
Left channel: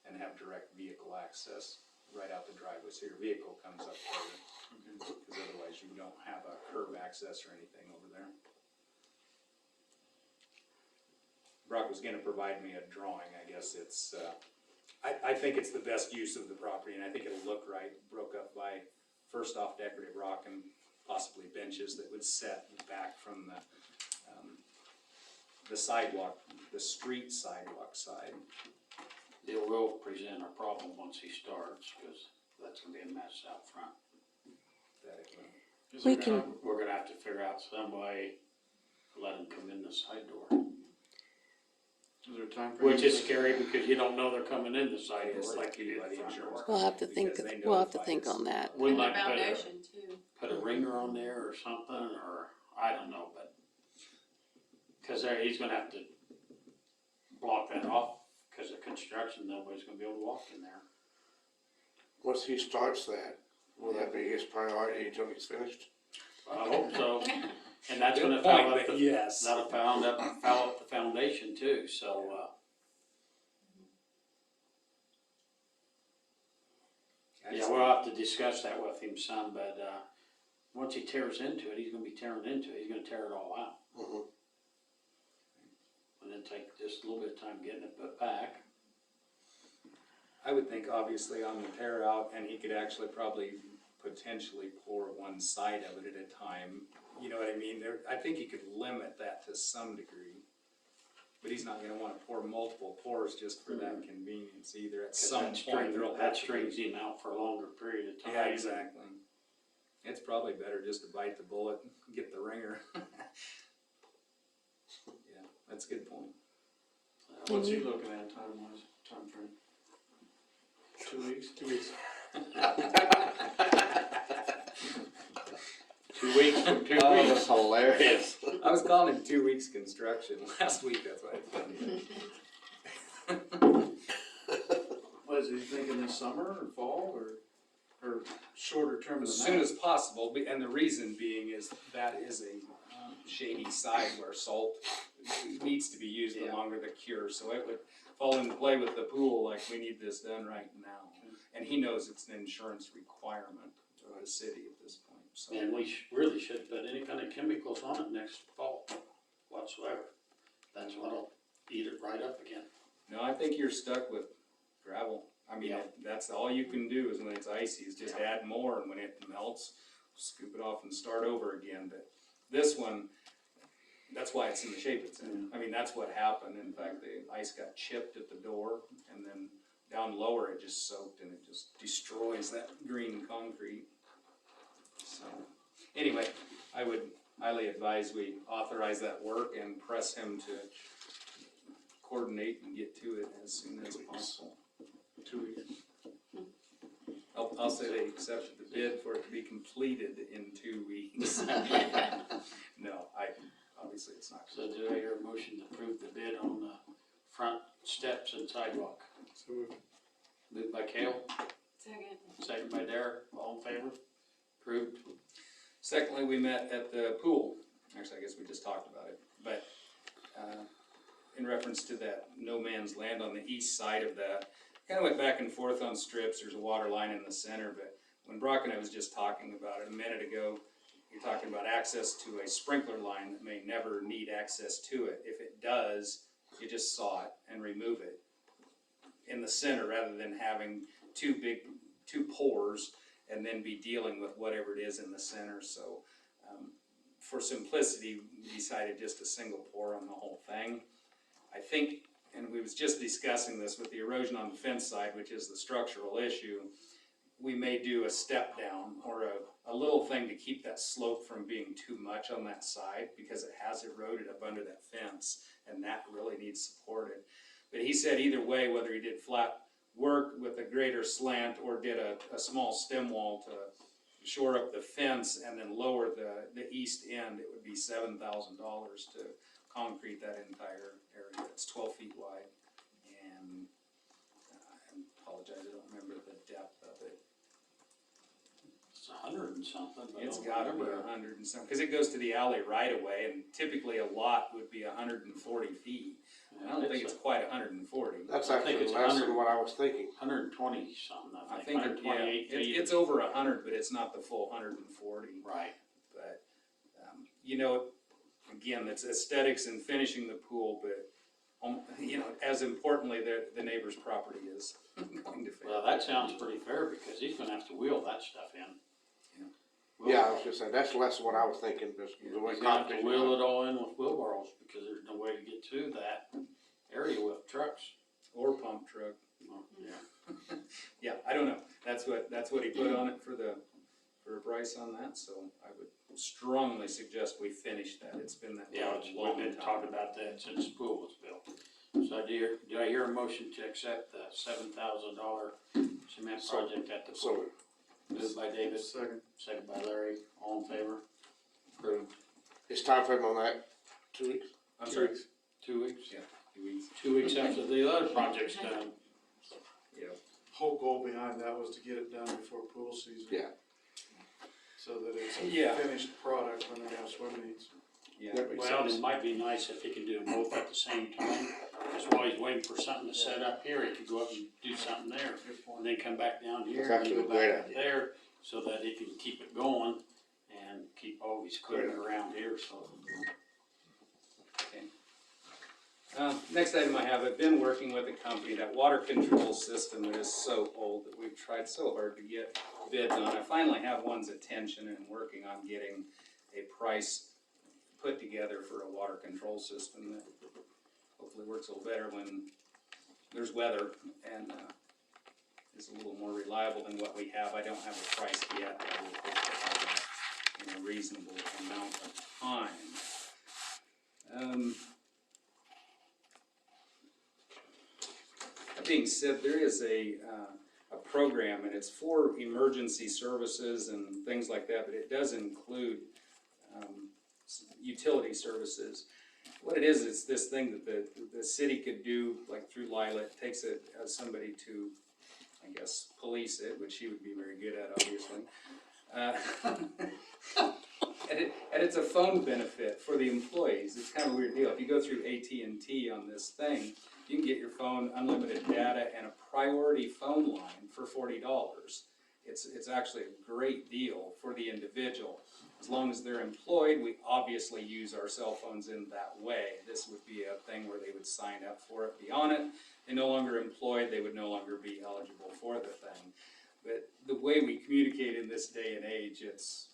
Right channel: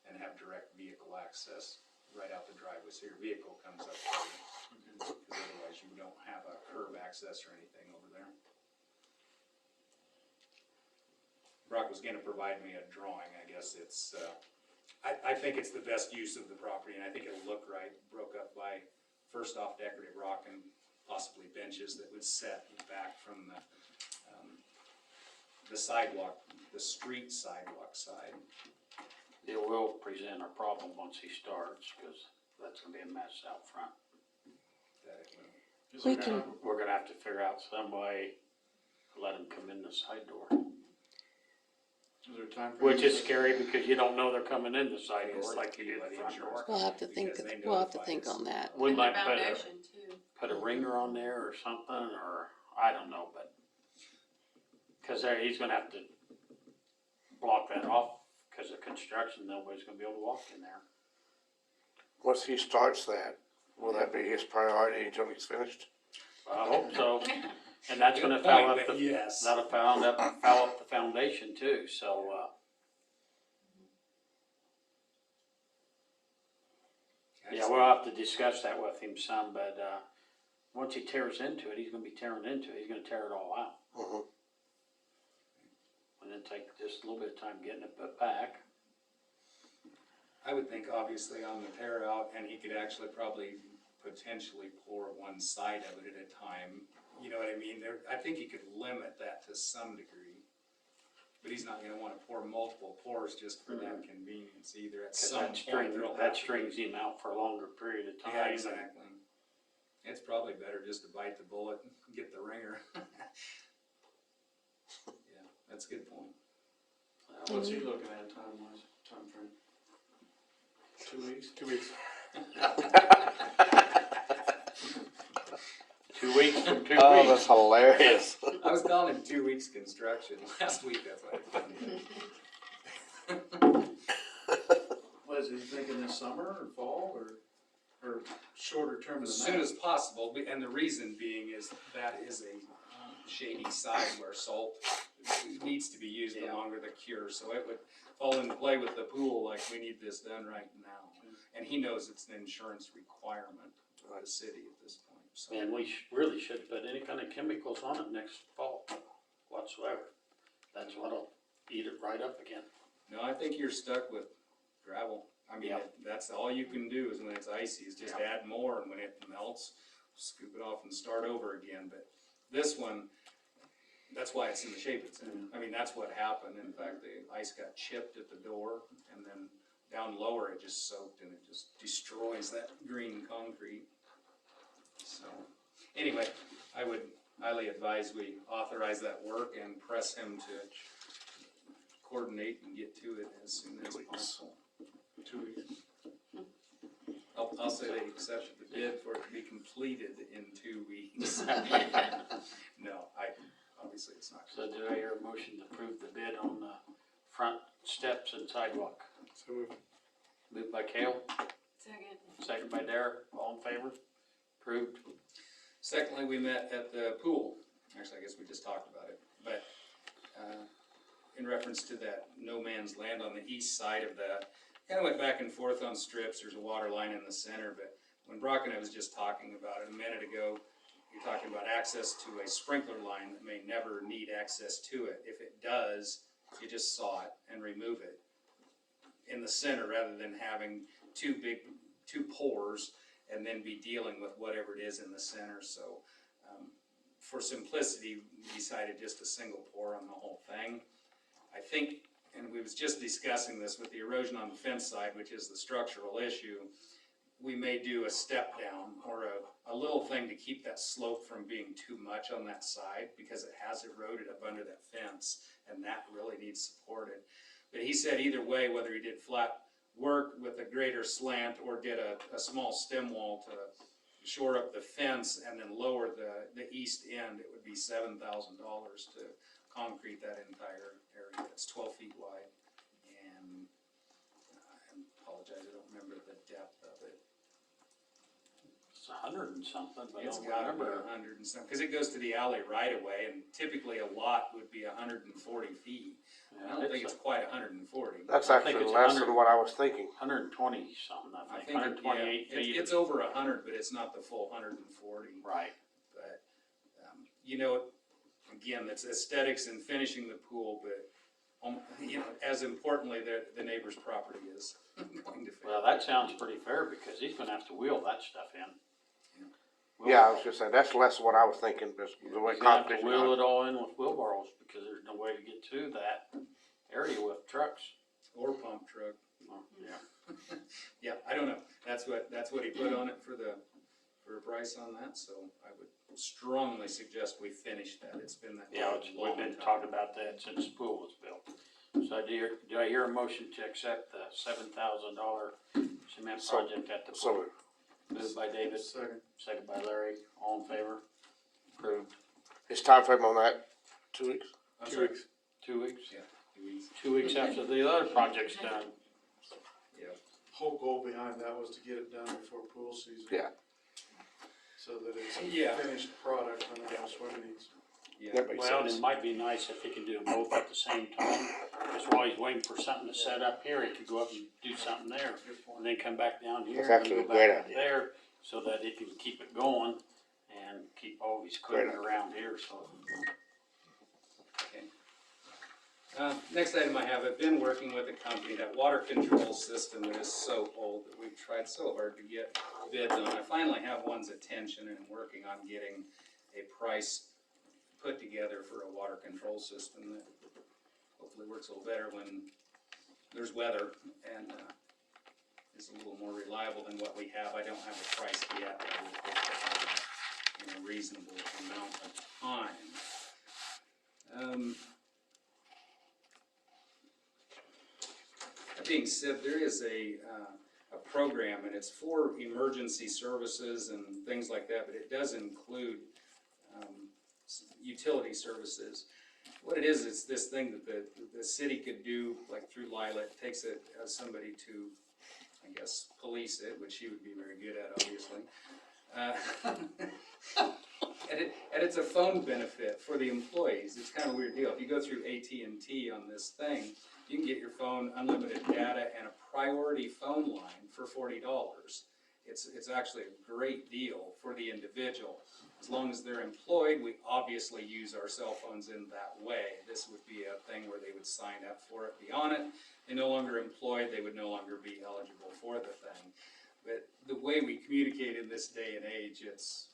And have direct vehicle access right out the driveway, so your vehicle comes up there. Because otherwise you don't have a curb access or anything over there. Brock was gonna provide me a drawing, I guess it's, I think it's the best use of the property, and I think it'll look right, broke up by, first off, decorative rock and possibly benches that would set back from the sidewalk, the street sidewalk side. It will present a problem once he starts, because that's gonna be a mess out front. That it will. Is We there- can- We're gonna have to figure out some way to let him come in the side door. Is there a time frame? Which is scary because you don't know they're coming in the side door like you do the front door. We'll have to think, Because they we'll have to notify think us. on that. We And the might foundation too. put a ringer on there or something, or I don't know, but, cause he's gonna have to block that off, cause of construction, nobody's gonna be able to walk in there. Once he starts that, will that be his priority until he's finished? I hope so, and that's gonna Good foul point, up but the, yes. that'll foul up the foundation too, so, yeah, we'll have to discuss that with him some, but, once he tears into it, he's gonna be tearing into it, he's gonna tear it all out. Mhm. And then take just a little bit of time getting it put back. I would think obviously on the tear out, and he could actually probably potentially pour one side of it at a time. You know what I mean? I think he could limit that to some degree. But he's not gonna wanna pour multiple pours just for that convenience either. At 'Cause some that point, string, there'll have that to be- strings him out for a longer period of time. Yeah, exactly. It's probably better just to bite the bullet and get the ringer. Yeah, that's a good point. What's he looking at time-wise, timeframe? 2 weeks? 2 weeks. 2 weeks from 2 Oh, weeks. that's hilarious. I was calling him 2 weeks construction last week, that's what I did. What is he thinking, this summer or fall or shorter term As than soon that? as possible, and the reason being is that is a shady side where salt needs to be used Yeah. longer the cure, so it would fall into play with the pool, like, we need this done right now. And he knows it's an insurance requirement of the city at this point, so. And we really should put any kind of chemicals on it next fall whatsoever. That's what'll eat it right up again. No, I think you're stuck with gravel. I mean, Yeah. that's all you can do is when it's icy, is just add more, and when it melts, scoop it off and start over again. But this one, that's why it's in the shape it's in. I mean, that's what happened. In fact, the ice got chipped at the door, and then down lower, it just soaked, and it just destroys that green concrete. So, anyway, I would highly advise we authorize that work and press him to coordinate and get to it as soon as possible. 2 weeks. I'll say they accepted the bid for it to be completed in 2 weeks. No, obviously it's not. So do I hear a motion to approve the bid on the front steps and sidewalk? So moved. Moved by Kale, Second. second by Derek, all in favor? Approved. Secondly, we met at the pool. Actually, I guess we just talked about it, but, in reference to that no man's land on the east side of that, kinda went back and forth on strips. There's a water line in the center, but when Brock and I was just talking about it a minute ago, you're talking about access to a sprinkler line that may never need access to it. If it does, you just saw it and remove it in the center rather than having two pores and then be dealing with whatever it is in the center. So, for simplicity, we decided just a single pour on the whole thing. I think, and we was just discussing this with the erosion on the fence side, which is the structural issue, we may do a step down or a little thing to keep that slope from being too much on that side because it has eroded up under that fence and that really needs supported. But he said either way, whether he did flat work with a greater slant or did a small stem wall to shore up the fence and then lower the east end, it would be $7,000 to concrete that entire area. It's 12 feet wide, and I apologize, I don't remember the depth of it. It's 100 and something, but I It's don't gotta be remember. 100 and something, because it goes to the alley right away, and typically a lot would be 140 feet. I don't think it's quite 140. That's I think actually it's less 100. than what I was thinking. 120 something, I I think, think, 128 yeah, feet. it's over 100, but it's not the full 140. Right. But, again, it's aesthetics and finishing the pool, but, as importantly, the neighbor's property is going to fail. Well, that sounds pretty fair because he's gonna have to wheel that stuff in. Yeah, I was just saying, that's less than what I was thinking, but the way He's gonna have to competition. wheel it all in with wheelbarrows because there's no way to get to that area with trucks. Or pump truck. Well, yeah. Yeah, I don't know. That's what he put on it for a price on that, so I would strongly suggest we finish that. It's been that. Yeah, long we've been time. talking about that since the pool was built. So do I hear a motion to accept the $7,000 cement project at the pool? So, Moved by David, Second. second by Larry, all in favor? Approved. his time frame on that, 2 weeks? I'm sorry. 2 weeks? Yeah. 2 weeks. 2 weeks after the other project's done. Yeah. Whole goal behind that was to get it done before pool season. Yeah. So that it's a Yeah. finished product when they have swim meets. Yeah. That makes Well, sense. it might be nice if he could do them both at the same time, because while he's waiting for something to set up here, he could go up and do something there, and then come back down here That's and then actually go a great back up idea. there, so that he can keep it going and keep all his equipment Great. around here, so. Next item I have, I've been working with a company, that water control system that is so old that we've tried so hard to get bids on. I finally have one's attention and I'm working on getting a price put together for a water control system that hopefully works a little better when there's weather and is a little more reliable than what we have. I don't have a price yet, but I will hopefully have that in a reasonable amount of time. That being said, there is a program, and it's for emergency services and things like that, but it does include utility services. What it is, it's this thing that the city could do, like through Lila. It takes somebody to, I guess, police it, which she would be very good at, obviously. And it's a phone benefit for the employees. It's kind of a weird deal. If you go through AT&T on this thing, you can get your phone, unlimited data, and a priority phone line for $40. It's actually a great deal for the individual. As long as they're employed, we obviously use our cell phones in that way. This would be a thing where they would sign up for it, be on it. They're no longer employed, they would no longer be eligible for the thing. But the way we communicate in this day and age, it's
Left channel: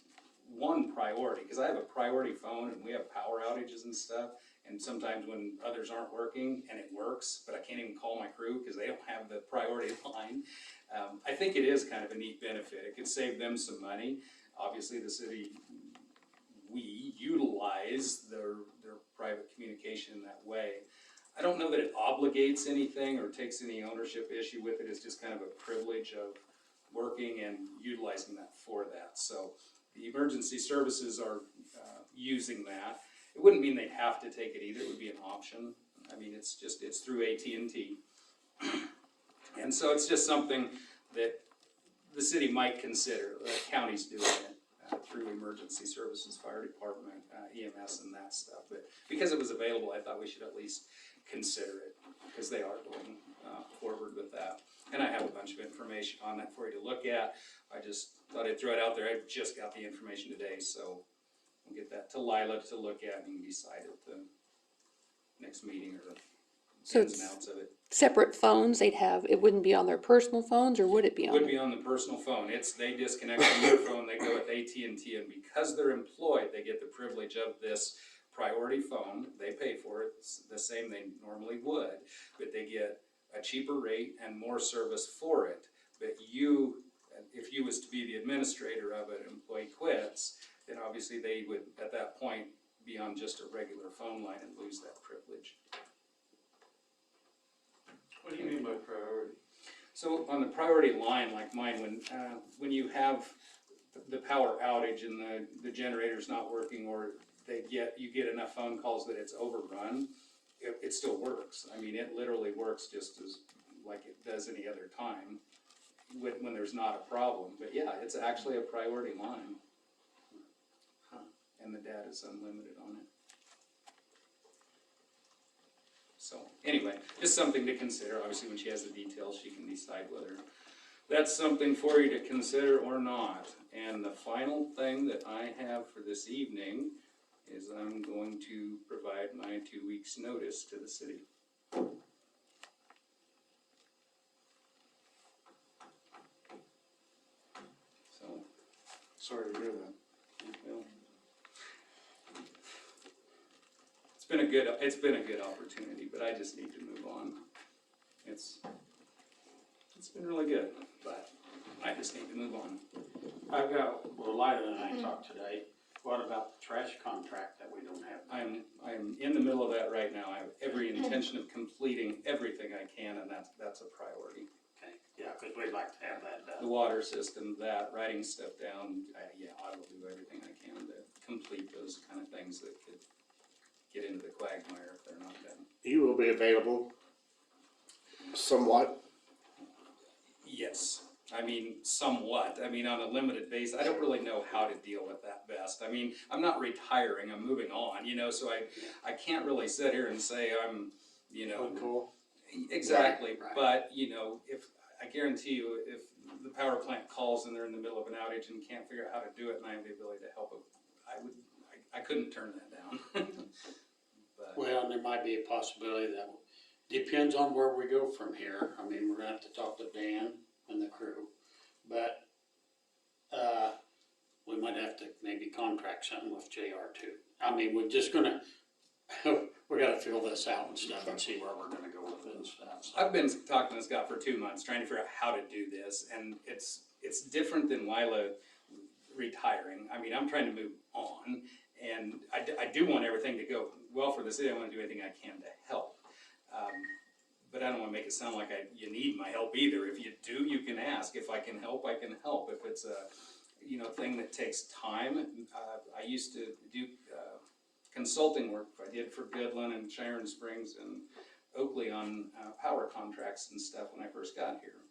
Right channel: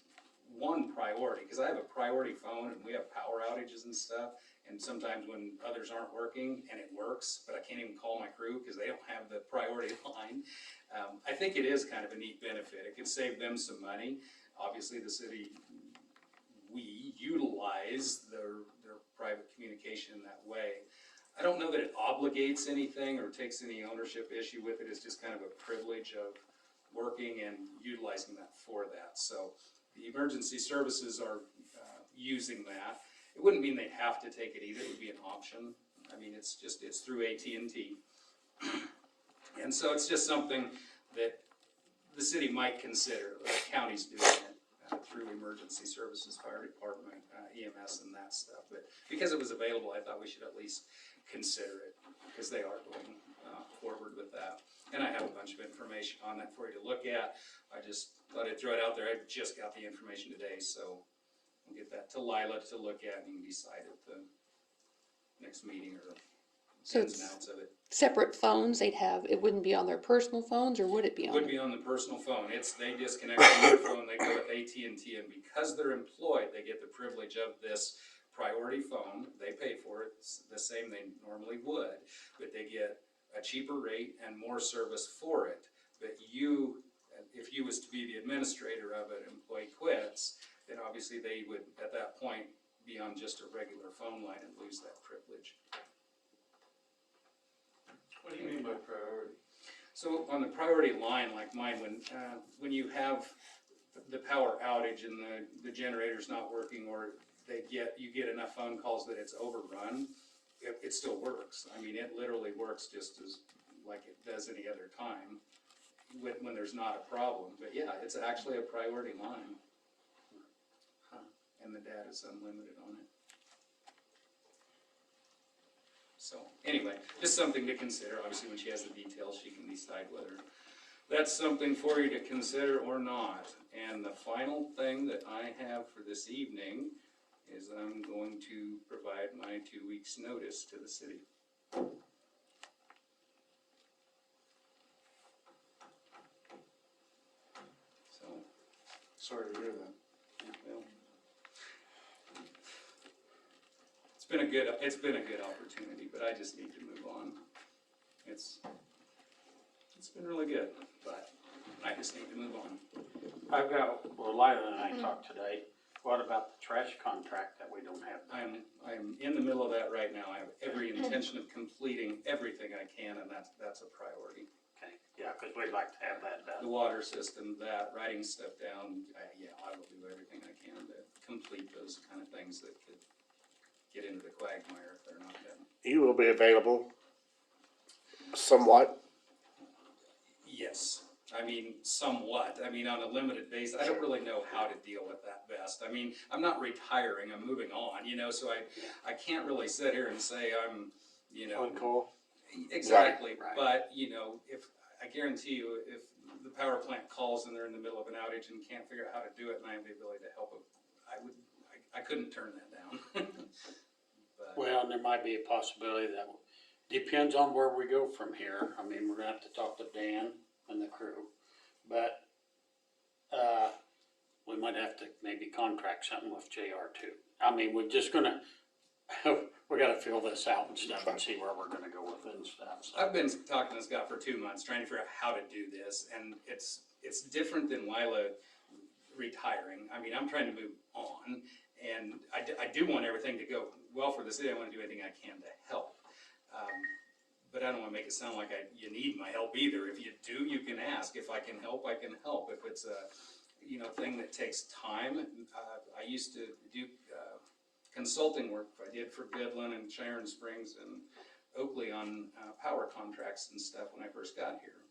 one priority, because I have a priority phone and we have power outages and stuff, and sometimes when others aren't working and it works, but I can't even call my crew because they don't have the priority line. I think it is kind of a neat benefit. It could save them some money. Obviously the city, we utilize their private communication in that way. I don't know that it obligates anything or takes any ownership issue with it. It's just kind of a privilege of working and utilizing that for that. So the emergency services are using that. It wouldn't mean they'd have to take it either. It would be an option. I mean, it's through AT&T. And so it's just something that the city might consider. The county's doing it through emergency services, fire department, EMS and that stuff. But because it was available, I thought we should at least consider it, because they are going forward with that. And I have a bunch of information on that for you to look at. I just thought I'd throw it out there. I just got the information today, so we'll get that to Lila to look at and decide at the next meeting or So ins it's and outs of it. separate phones they'd have, it wouldn't be on their personal phones, or would it be on? Would be on the personal phone. They disconnect from their phone, they go with AT&T, and because they're employed, they get the privilege of this priority phone. They pay for it, it's the same they normally would, but they get a cheaper rate and more service for it. But if you was to be the administrator of it, employee quits, then obviously they would, at that point, be on just a regular phone line and lose that privilege. What do you mean by priority? So on the priority line, like mine, when you have the power outage and the generator's not working, or you get enough phone calls that it's overrun, it still works. I mean, it literally works just as like it does any other time when there's not a problem. But yeah, it's actually a priority line. And the data's unlimited on it. So anyway, just something to consider. Obviously, when she has the details, she can decide whether that's something for you to consider or not. And the final thing that I have for this evening is I'm going to provide my 2 weeks' notice to the city. So, Sorry to hear that. well, it's been a good opportunity, but I just need to move on. It's been really good, but I just need to move on. I've got, well, Lila and I talked today, what about the trash contract that we don't have? I'm in the middle of that right now. I have every intention of completing everything I can, and that's a priority. Okay, yeah, because we'd like to have that The done. water system, writing stuff down, I will do everything I can to complete those kind of things that could get into the quagmire if they're not done. you will be available somewhat. Yes, I mean, somewhat, I mean, on a limited basis, I don't really know how to deal with that best. I mean, I'm not retiring, I'm moving on, you know, so I can't really sit here and say I'm, you know. On call. Exactly, Right, right. but, you know, if, I guarantee you, if the power plant calls and they're in the middle of an outage and can't figure out how to do it, and I have the ability to help them, I couldn't turn that down. But, Well, and there might be a possibility that, depends on where we go from here. I mean, we're gonna have to talk to Dan and the crew, but, we might have to maybe contract something with JR too. I mean, we're just gonna, we gotta fill this out and stuff and see where we're gonna go with it and stuff, so. I've been talking to Scott for 2 months, trying to figure out how to do this, and it's different than Lila retiring. I mean, I'm trying to move on, and I do want everything to go well for the city. I wanna do anything I can to help. But I don't wanna make it sound like you need my help either. If you do, you can ask. If I can help, I can help. If it's a, you know, thing that takes time, I used to do, consulting work I did for Goodland and Sharon Springs and Oakley on, power contracts and stuff when I first got here.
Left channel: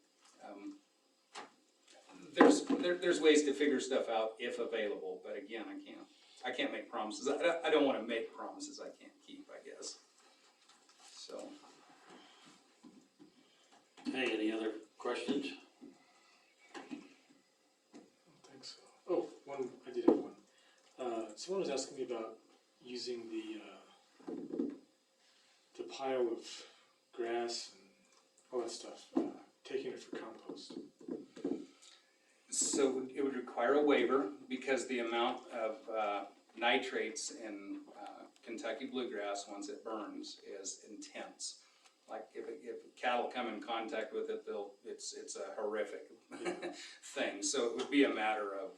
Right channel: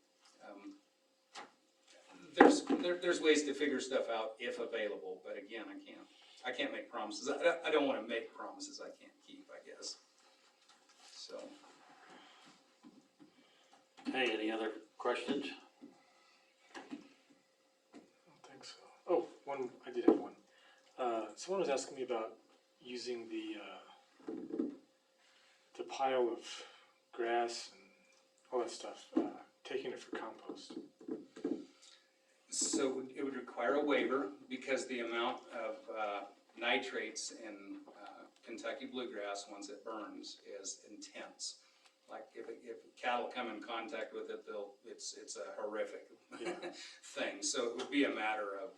There's ways to figure stuff out if available, but again, I can't make promises. I don't wanna make promises I can't keep, I guess. So. Hey, any other questions? I don't think so. Oh, I did have one. Someone was asking me about using the pile of grass and all that stuff, taking it for compost. So it would require a waiver because the amount of nitrates in Kentucky bluegrass, once it burns, is intense. Like if cattle come in contact with it, it's a horrific thing. So it would be a matter of,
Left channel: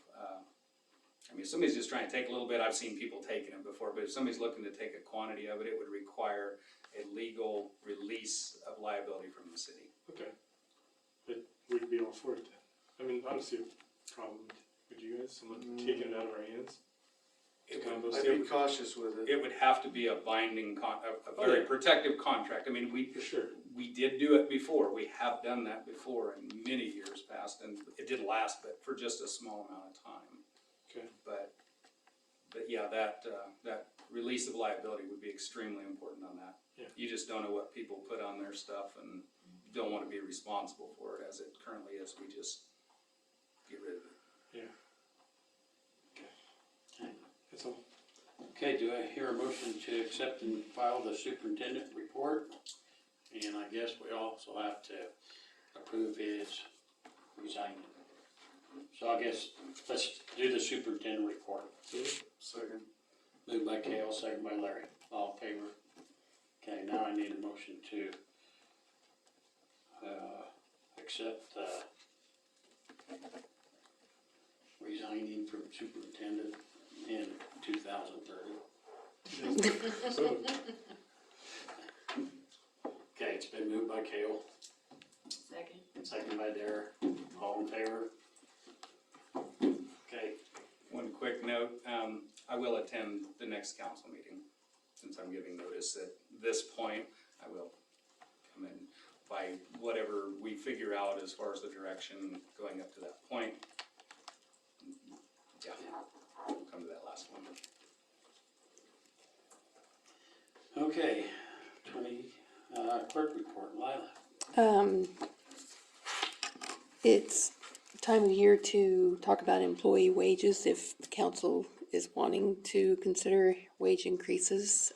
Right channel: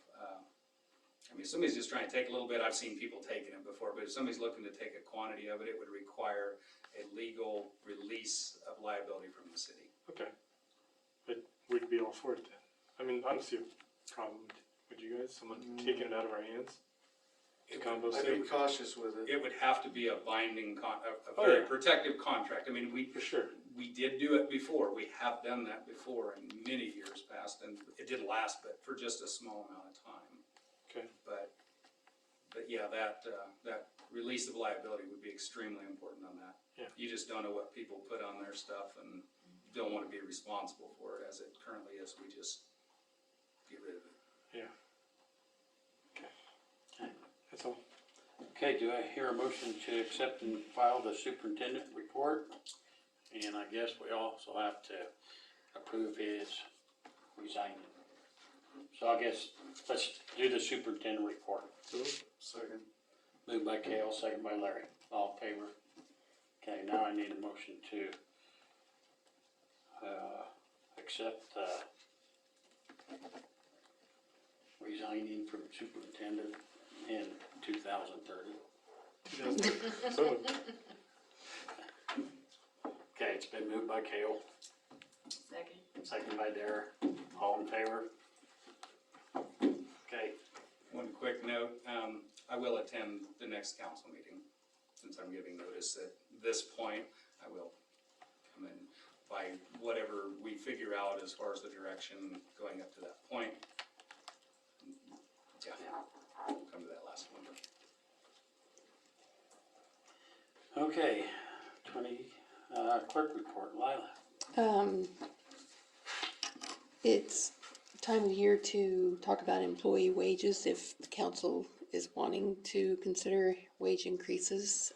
I mean, if somebody's just trying to take a little bit, I've seen people taking it before, but if somebody's looking to take a quantity of it, it would require a legal release of liability from the city. Okay. But we'd be all for it then. I mean, I don't see a problem. Would you guys? Someone taking it out of our hands? To compost I'd be it? cautious with it. It would have to be a binding, a very protective contract. I mean, For sure. we did do it before. We have done that before in many years past, and it did last, but for just a small amount of time. Okay. But yeah, that release of liability would be extremely important on that. Yeah. You just don't know what people put on their stuff and you don't want to be responsible for it as it currently is. We just get rid of it. Yeah. Okay. Okay. That's all. Okay, do I hear a motion to accept and file the superintendent report? And I guess we also have to approve his resigning. So I guess let's do the superintendent report. Second. Moved by Cale, second by Larry. All in favor? Okay, now I need a motion to accept resigning from superintendent in 2030. Okay, it's been moved by Cale, Second. second by Dare. All in favor? Okay, One quick note, I will attend the next council meeting. Since I'm giving notice at this point, I will come in by whatever we figure out as far as the direction going up to that point. Yeah, we'll come to that last one. okay, clerk report, Lila. It's time of year to talk about employee wages if the council is wanting to consider wage increases.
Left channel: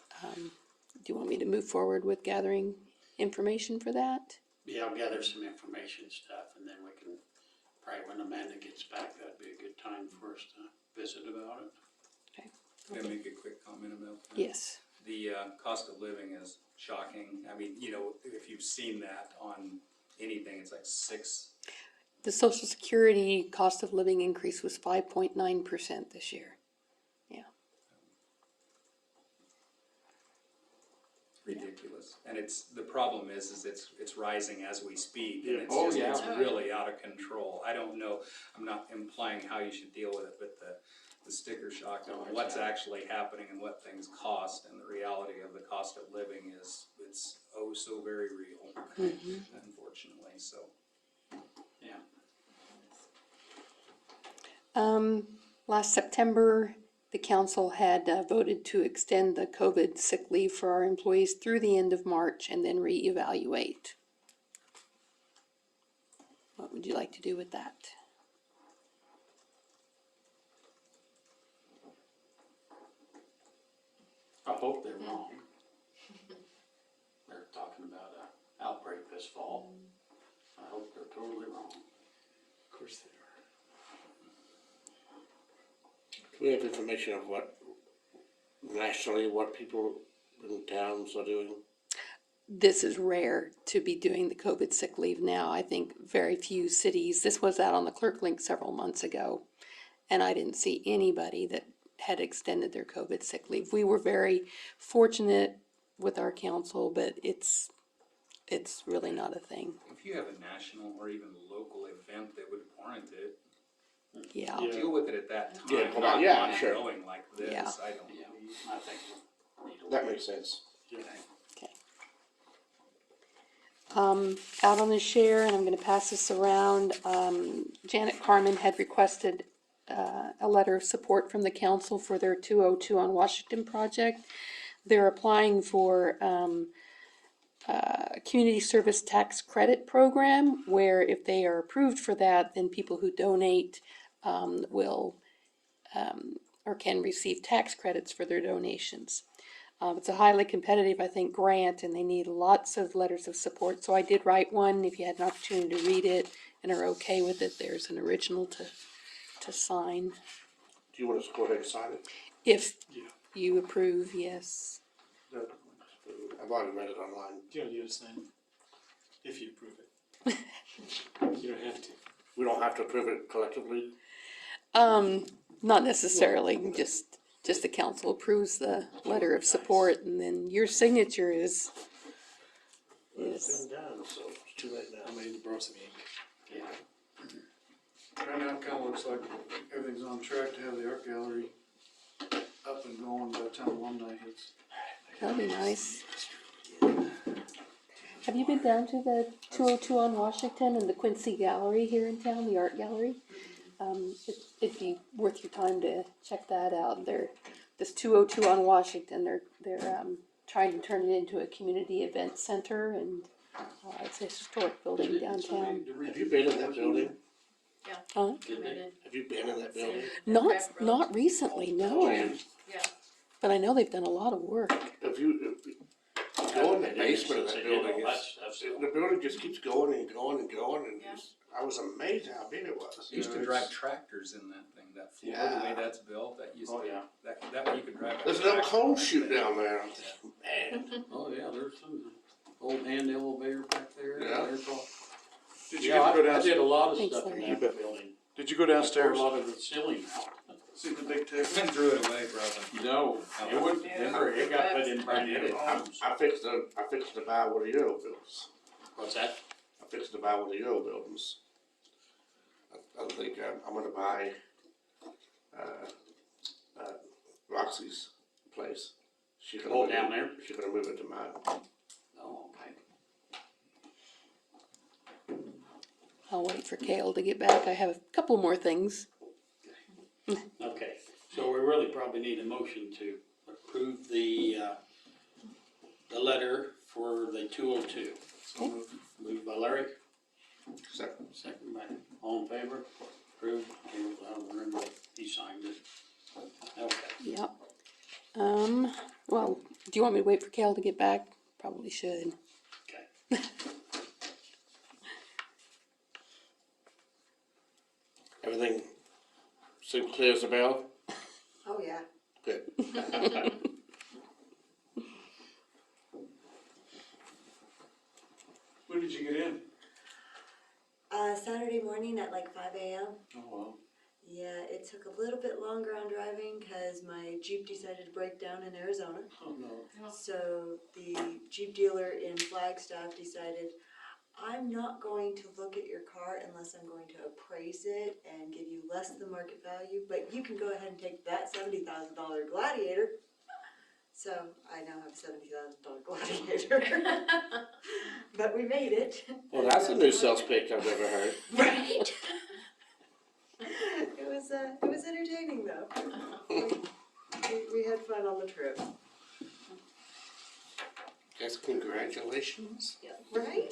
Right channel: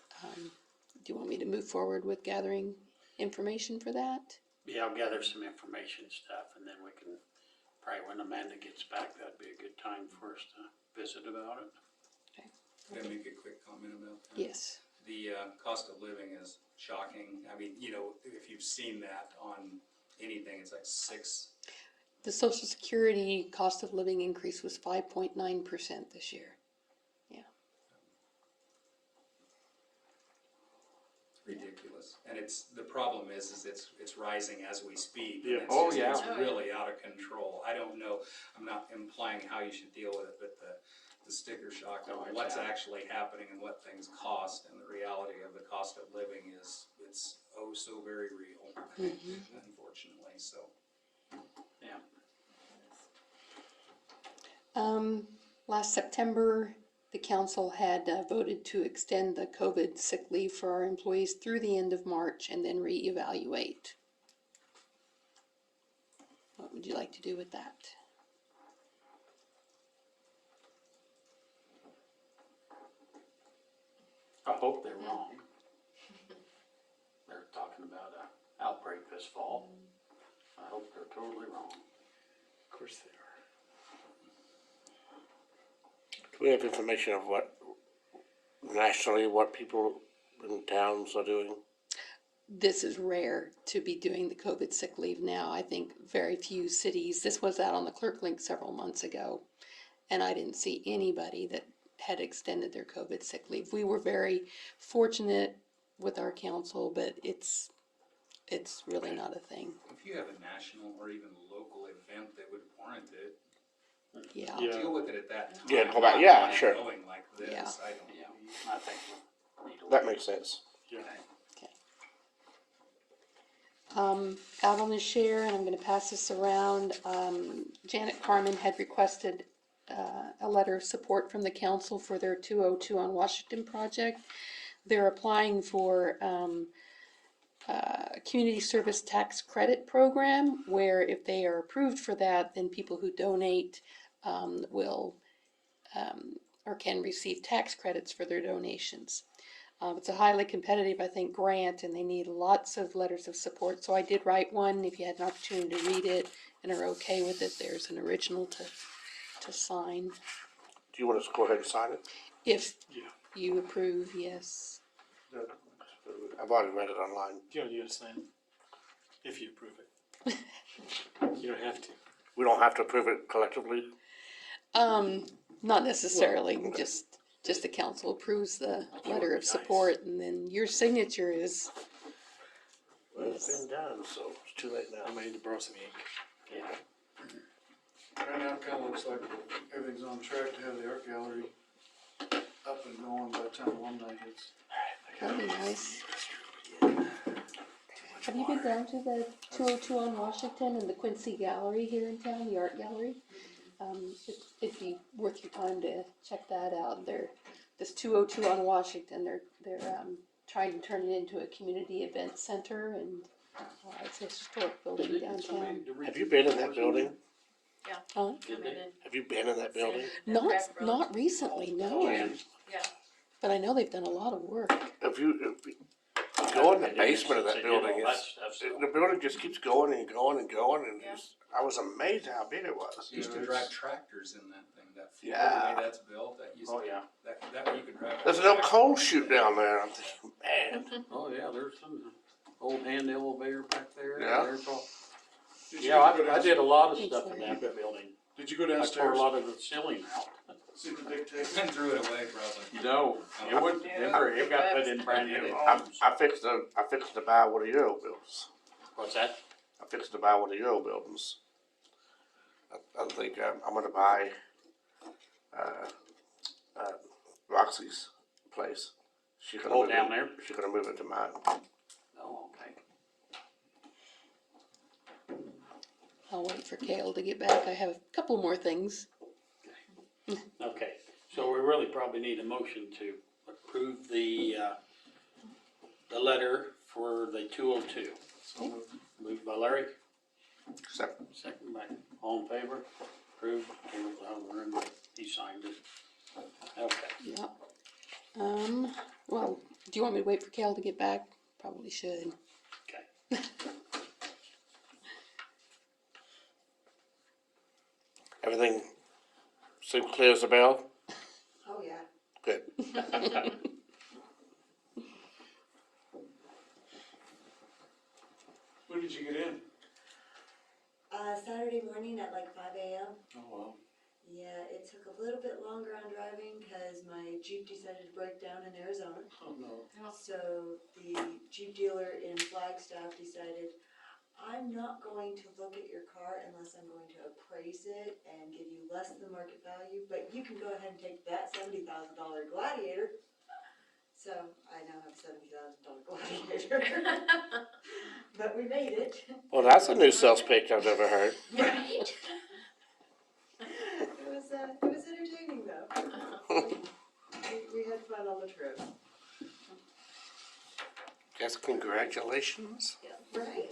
Do you want me to move forward with gathering information for that? Yeah, I'll gather some information stuff and then we can, probably when Amanda gets back, that'd be a good time for us to visit about it. Can I make a quick comment about that? Yes. The cost of living is shocking. I mean, you know, if you've seen that on anything, it's like The Social Security cost of living increase was 5.9% this year. ridiculous. And the problem is it's rising as we speak. Yeah. And it's really out of control. I don't know, I'm not implying how you should deal with it, but the the sticker shock Oh, of what's yeah. actually happening and what things cost, and the reality of the cost of living is, it's oh so very real, unfortunately, so. Yeah. Last September, the council had voted to extend the COVID sick leave for our employees through the end of March and then reevaluate. What would you like to do with that? I hope they're wrong. They're talking about an outbreak this fall. I hope they're totally wrong. Of course they are. Do we have information of what, nationally, what people in towns are doing? This is rare to be doing the COVID sick leave now. I think very few cities, this was out on the Clerk Link several months ago, and I didn't see anybody that had extended their COVID sick leave. We were very fortunate with our council, but it's really not a thing. If you have a national or even local event that would warrant it, Yeah. Yeah. deal with it at that time. Yeah, well, not yeah, sure. Going like this, Yeah. I don't Yeah, believe. I think we need to. That makes sense. Yeah. Out on the share, and I'm gonna pass this around, Janet Carmen had requested a letter of support from the council for their 202 on Washington project. They're applying for a community service tax credit program, where if they are approved for that, then people who donate will or can receive tax credits for their donations. It's a highly competitive, I think, grant, and they need lots of letters of support. So I did write one. If you had an opportunity to read it and are okay with it, there's an original to sign. Do you want us to go ahead and sign it? If Yeah. you approve, yes. I've already read it online. You don't need to sign it if you approve it. You don't have to. We don't have to approve it collectively? Not necessarily, just the council approves the letter of support, and then your signature is, Well, it's been done, so it's too late I now. might need to borrow some ink. Right now, it kinda looks like everything's on track to have the art gallery up and going by the time alumni hits. that'd be nice. Have you been down to the 202 on Washington and the Quincy Gallery here in town, the art gallery? It'd be worth your time to check that out. This 202 on Washington, they're trying to turn it into a community event center, and it's a historic building downtown. Have you been in that building? Huh? Did they? Have you been in that building? Not recently, no. Man, But I know they've done a lot of work. if you go in the basement of that They did all building, that it's, stuff, so- the building just keeps going and going and going, and Yeah. I was amazed how big it was. Used to drive tractors in that thing, that floor, the Yeah. way that's built, that used Oh, to, yeah. that you could drive. a There's an old tractor coal like chute that. down there, I'm thinking, man. Oh, yeah, there's some old hand elevator back there. Yeah. There's all- Did you Yeah, get to go I did a lot of Thanks, stuff in Larry. that building. Did you go I tore downstairs, a lot of the ceiling out. see the big table? And threw it away, probably. No, it would, it got put in brand new homes. I fixed to buy one of your old buildings. What's that? I fixed to buy one of your old buildings. I think I'm gonna buy, Roxy's place. She's gonna Oh, move it- down there? She's gonna move it to mine. Oh, okay. I'll wait for Kale to get back. I have a couple more things. Okay, so we really probably need a motion to approve the letter for the 202. Okay. Moved by Larry, Except, second by, all in favor, approved, came out of the room, he signed it. Okay, Yep. Well, do you want me to wait for Kale to get back? Probably should. okay. everything seems clear as a bell? Oh, yeah. Good. When did you get in? Saturday morning at like 5 a.m. Oh, wow. Yeah, it took a little bit longer on driving because my Jeep decided to break down in Arizona. Oh, no. So the Jeep dealer in Flagstaff decided, I'm not going to look at your car unless I'm going to appraise it and give you less than market value, but you can go ahead and take that $70,000 Gladiator. So I now have a $70,000 Gladiator. But we made it. Well, that's a new sales pitch I've never heard. Right? It was entertaining though. We had fun on the trip. Guess congratulations. Right?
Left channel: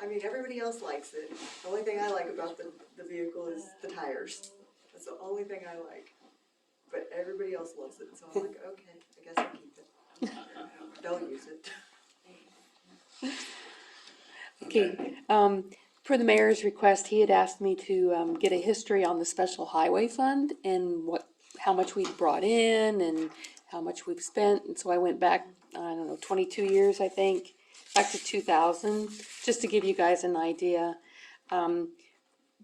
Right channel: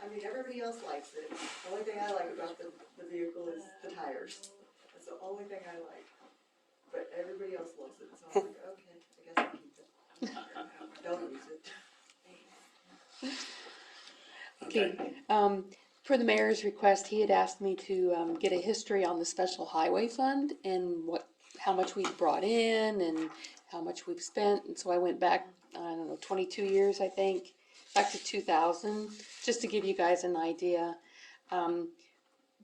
I mean, everybody else likes it. The only thing I like about the vehicle is the tires. That's the only thing I like. But everybody else loves it, so I'm like, okay, I guess I'll keep it. Don't use it. Okay, for the mayor's request, he had asked me to, get a history on the special highway fund and how much we've brought in and how much we've spent, and so I went back, I don't know, 22 years, I think, back to 2000, just to give you guys an idea.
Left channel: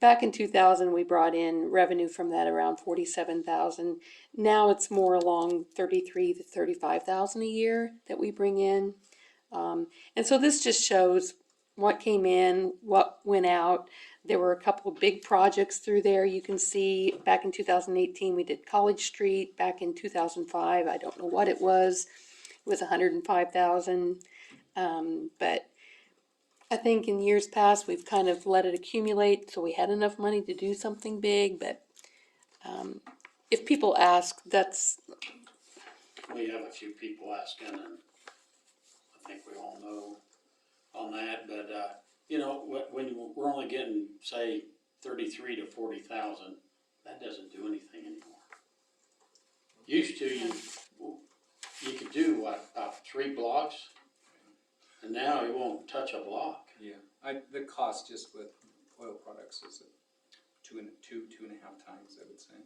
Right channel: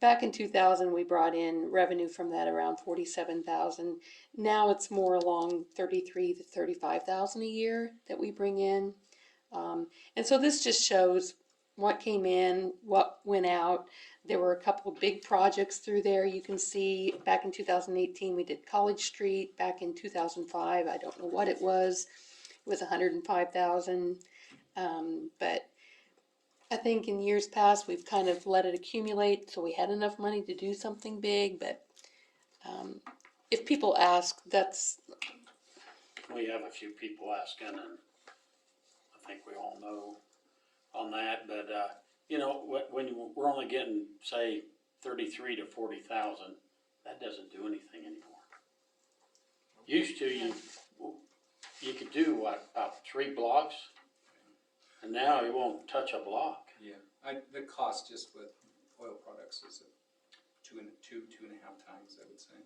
Back in 2000, we brought in revenue from that around 47,000. Now it's more along 33 to 35,000 a year that we bring in. And so this just shows what came in, what went out. There were a couple of big projects through there. You can see back in 2018, we did College Street. Back in 2005, I don't know what it was. It was 105,000. But I think in years past, we've kind of let it accumulate, so we had enough money to do something big. But if people ask, that's... We have a few people asking, and I think we all know on that, but, you know, when we're only getting, say, 33 to 40,000, that doesn't do anything anymore. Used to, you could do, what, about 3 blocks, and now you won't touch a block. Yeah, the cost just with oil products is two and a half times, I would say.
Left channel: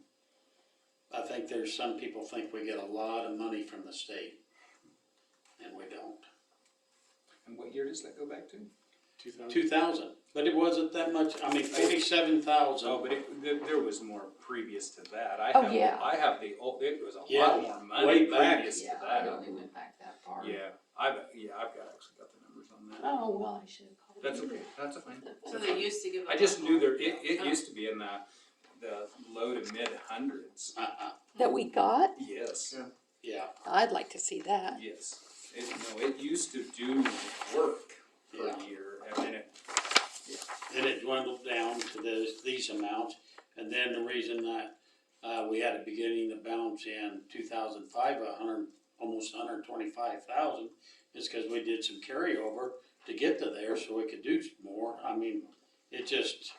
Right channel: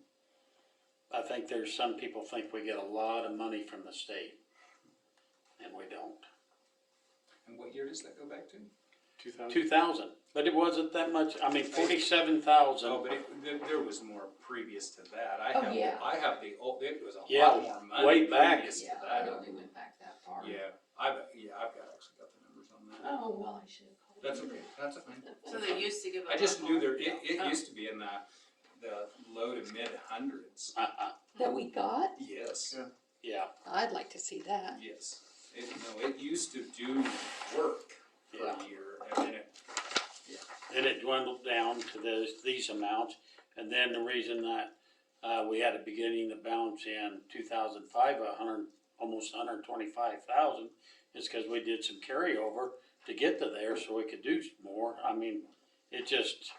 I think there's some people think we get a lot of money from the state, and we don't. And what year does that go back to? 2000. 2,000, but it wasn't that much, I mean, 47,000. Oh, but there was more previous to that. I Oh, have, yeah. I have the old, it was a Yeah, lot more money way back. previous to Yeah, I that. only went back that far. Yeah, I've actually got the numbers on that. Oh, well, I should have called That's you. okay, that's fine. So they used to give a I just lot knew more. it Oh. used to be in the low to mid hundreds. That we got? Yes, Yeah, I'd like to see that. yes. It used to do work for Yeah. a year, and then then it dwindled down to these amounts, and then the reason that, we had a beginning to balance in 2005, almost 125,000, is because we did some carryover to get to there so we could do more. I mean, it just,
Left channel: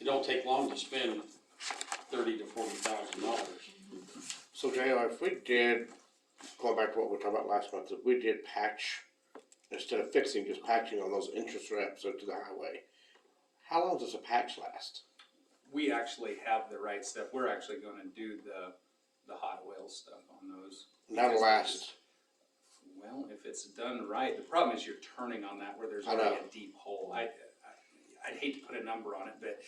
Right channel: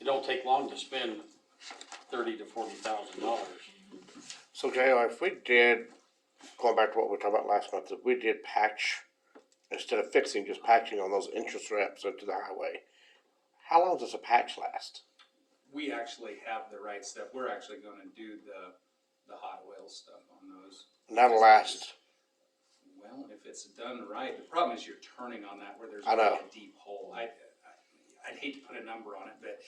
it don't take long to spend $30,000 to $40,000. So JR, if we did, going back to what we were talking about last month, if we did patch, instead of fixing, just patching on those interest reps into the highway, how long does a patch last? we actually have the right stuff. We're actually gonna do the hot oil stuff on those. And that'll last, Well, if it's done right, the problem is you're turning on that where there's I know. already a deep hole. I'd hate to put a number on it, but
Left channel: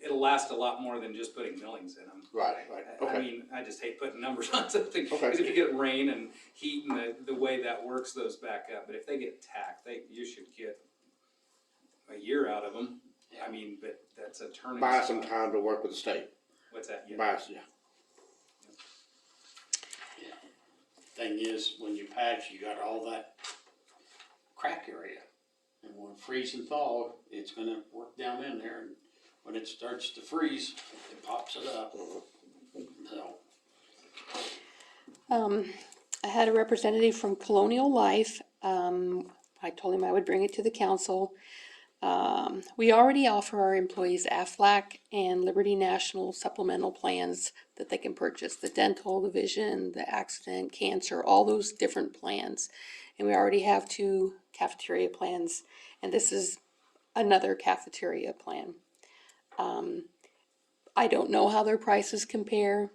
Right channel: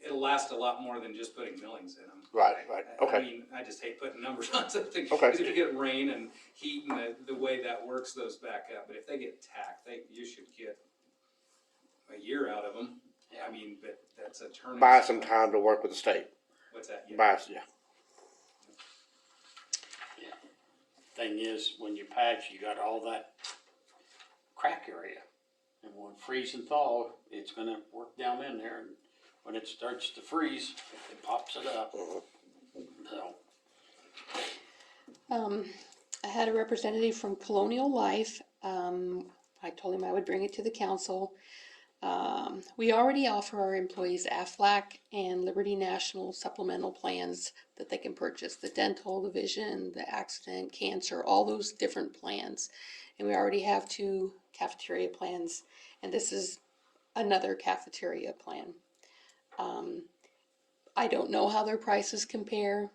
it'll last a lot more than just putting millings in them. right, I okay, mean, I just hate putting numbers on something, Okay. because if you get rain and heat and the way that works those back up, but if they get tacked, you should get a year out of them. I mean, but that's a turning. buy some spot. time to work with the state, What's that? Yeah. buy, yeah, Thing is, when you patch, you got all that crack area. And when freeze and thaw, it's gonna work down in there, and when it starts to freeze, it pops it up. So, I had a representative from Colonial Life. I told him I would bring it to the council. We already offer our employees Aflac and Liberty National supplemental plans that they can purchase, the dental, the vision, the accident, cancer, all those different plans. And we already have 2 cafeteria plans, and this is another cafeteria plan. I don't know how their prices compare.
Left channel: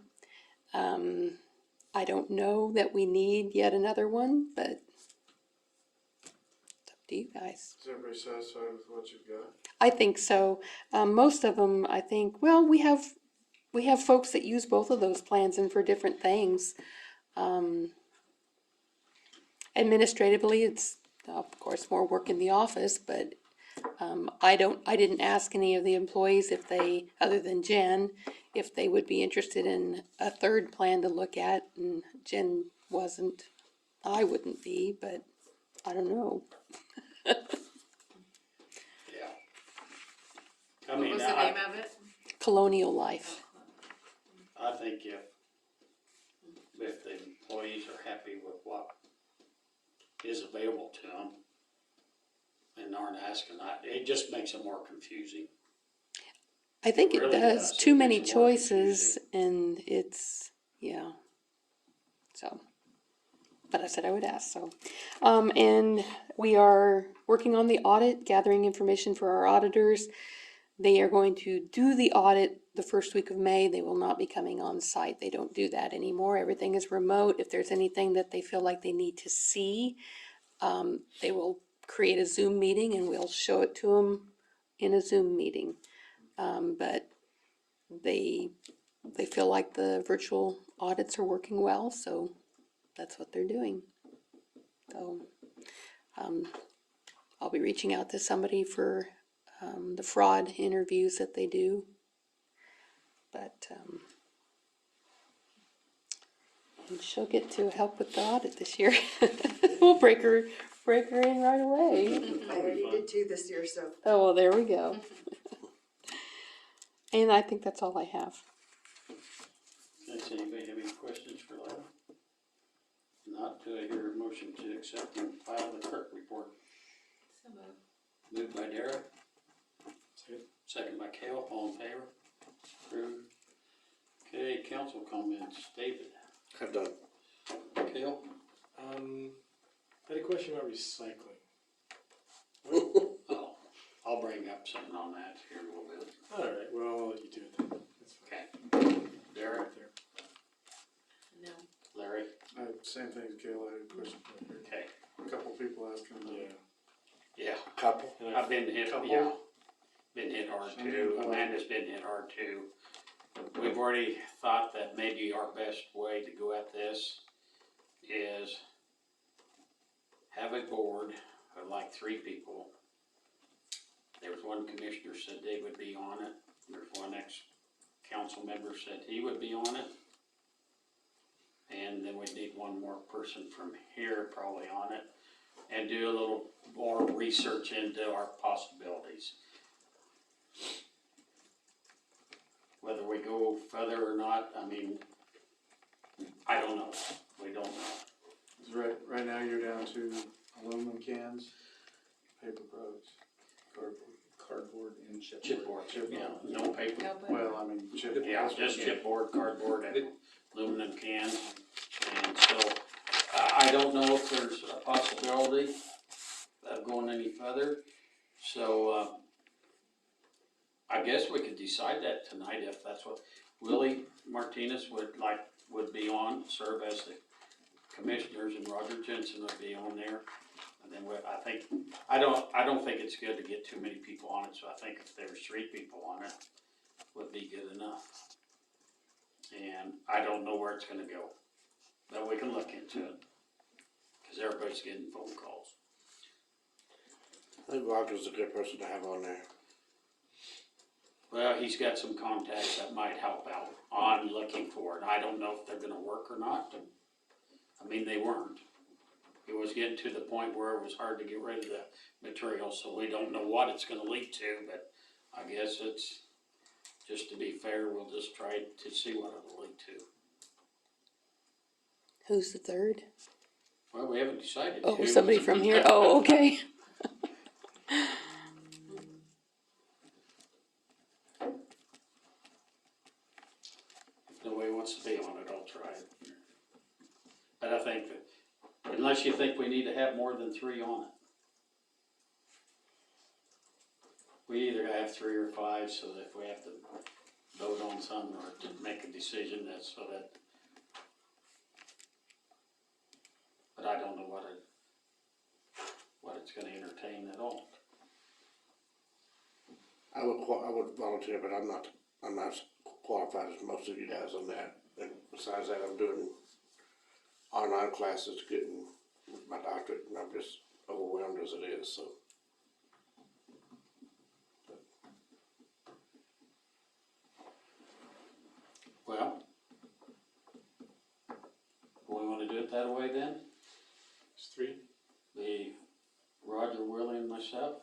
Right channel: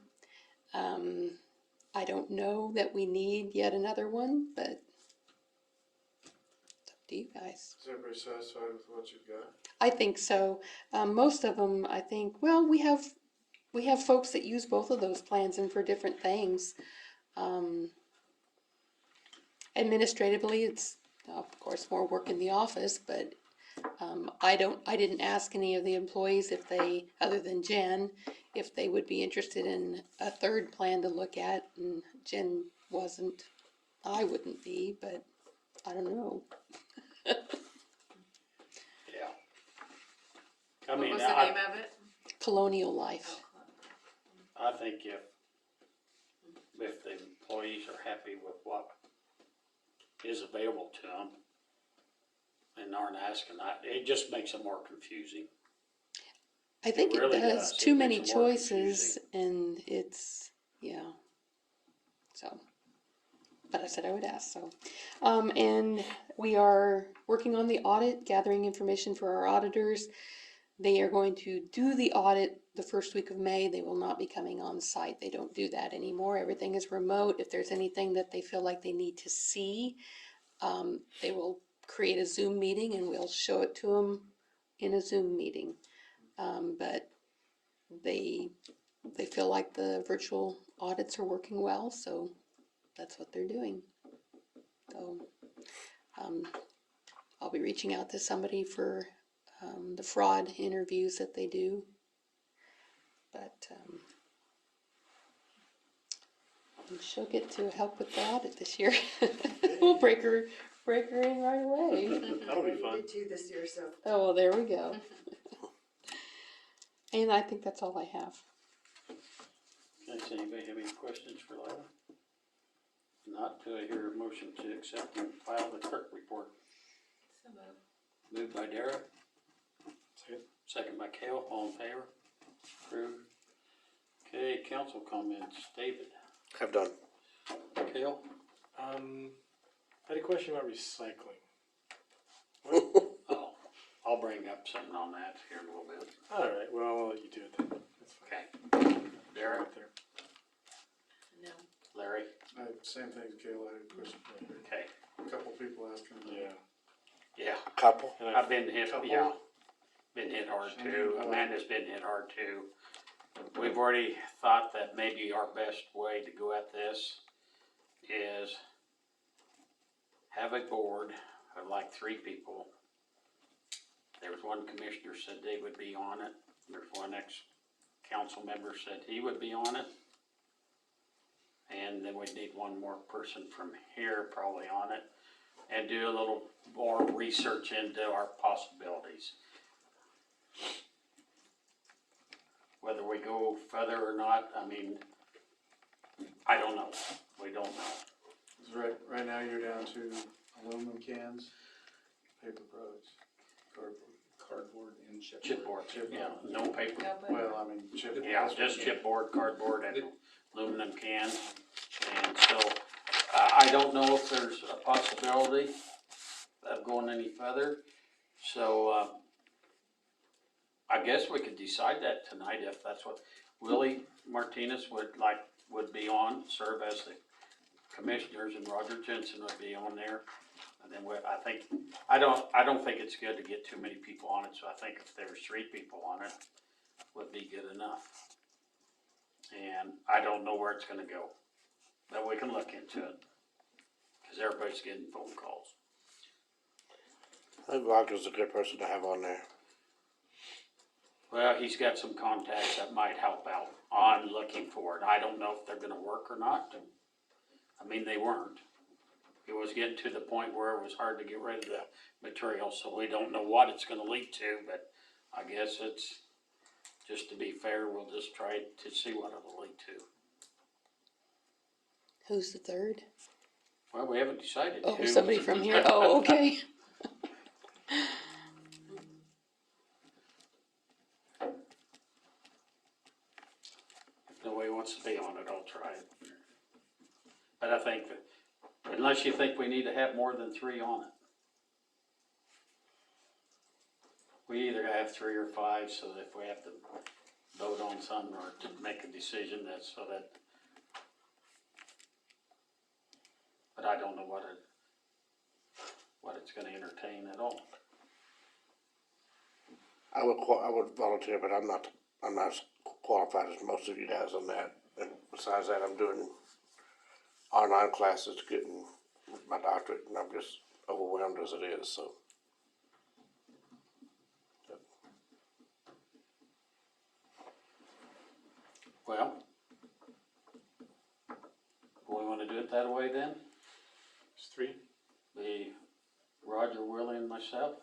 I don't know that we need yet another one, but it's up to you guys. Is everybody satisfied with what you've got? I think so. Most of them, I think, well, we have folks that use both of those plans and for different things. Administratively, it's of course more work in the office, but I didn't ask any of the employees if they, other than Jen, if they would be interested in a third plan to look at, and Jen wasn't. I wouldn't be, but I don't know. Yeah. I What mean, was the name of it? Colonial Life. I think if the employees are happy with what is available to them and aren't asking, it just makes it more confusing. I think it really does. does. Too It many makes it more choices, and it's, yeah. So, but I said I would ask, so. And we are working on the audit, gathering information for our auditors. They are going to do the audit the first week of May. They will not be coming on site. They don't do that anymore. Everything is remote. If there's anything that they feel like they need to see, they will create a Zoom meeting and we'll show it to them in a Zoom meeting. But they feel like the virtual audits are working well, so that's what they're doing. So, I'll be reaching out to somebody for, the fraud interviews that they do. But, and she'll get to help with the audit this year. We'll break her in right away. That'll I be fun. did too this year, so. Oh, well, there we go. And I think that's all I have. Does anybody have any questions for Larry? Not, do I hear a motion to accept and file the clerk report? So moved. Moved by Derek, Second. second by Cale, all in favor? Approved. Okay, council comments, David, Have done. Cale? I had a question about recycling. Oh, I'll bring up something on that here in a little bit. All right, well, I'll let you do it then. That's fine. Okay. Derek, Right there. No. Larry, Same thing as Gail, I had a question. okay, A couple people asking about it. Yeah. yeah, Couple. And I've been hit, Couple? yeah, been hit hard too, Amanda's been hit hard too. We've already thought that maybe our best way to go at this is have a board of like 3 people. There was one commissioner said they would be on it, there's one ex-council member said he would be on it. And then we'd need one more person from here probably on it, and do a little more research into our possibilities. Whether we go further or not, I mean, I don't know, we don't know. 'Cause right now you're down to aluminum cans, paper products, Cardboard and chipboard. Chipboard, yeah, no paper. No, but well, I mean, chip. Yeah, just chipboard, cardboard, and aluminum cans. And so, I don't know if there's a possibility of going any further. So, I guess we could decide that tonight if that's what Willie Martinez would be on, serve as the commissioners, and Roger Jensen would be on there. And then I don't think it's good to get too many people on it, so I think if there was 3 people on it, would be good enough. And I don't know where it's gonna go, but we can look into it, cause everybody's getting phone calls. I think Roger's a good person to have on there. Well, he's got some contacts that might help out on looking for it. I don't know if they're gonna work or not. I mean, they weren't. It was getting to the point where it was hard to get rid of the material, so we don't know what it's gonna lead to, but I guess it's, just to be fair, we'll just try to see what it'll lead to. Who's the third? Well, we haven't decided. Oh, who. somebody from here. Oh, okay. If nobody wants to be on it, I'll try it. But I think that, unless you think we need to have more than 3 on it. We either have 3 or 5, so that if we have to vote on something or to make a decision, that's so that. But I don't know what it's gonna entertain at all. I would volunteer, but I'm not as qualified as most of you guys on that. And besides that, I'm doing online classes, getting my doctorate, and I'm just overwhelmed as it is, so. highway then? It's 3. Be Roger, Willie, and myself?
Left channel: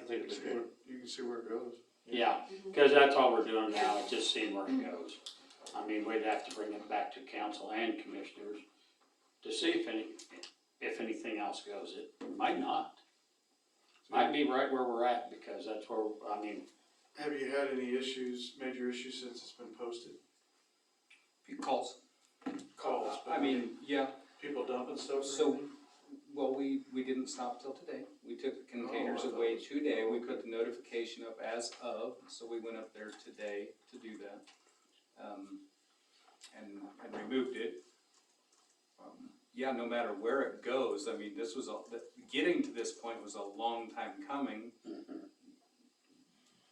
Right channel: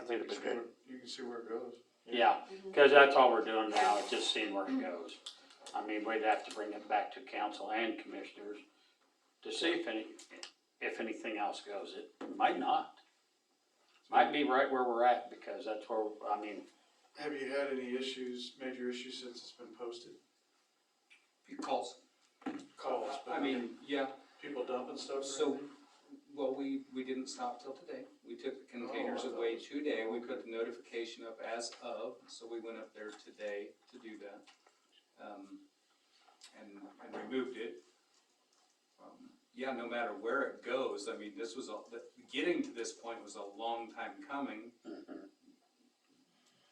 I think it'd be good. You can see where it goes. Yeah, cause that's all we're doing now, is just seeing where it goes. I mean, we'd have to bring it back to council and commissioners to see if anything else goes. It might not. Might be right where we're at, because that's where, I mean, Have you had any issues, major issues since it's been posted? Few calls. Calls, but I mean, yeah, people dumping stuff or so, anything? well, we didn't stop till today. We took the containers Oh, I away thought- today. We put the notification up as of, so we went up there today to do that. And removed it. Yeah, no matter where it goes, I mean, this was, getting to this point was a long time coming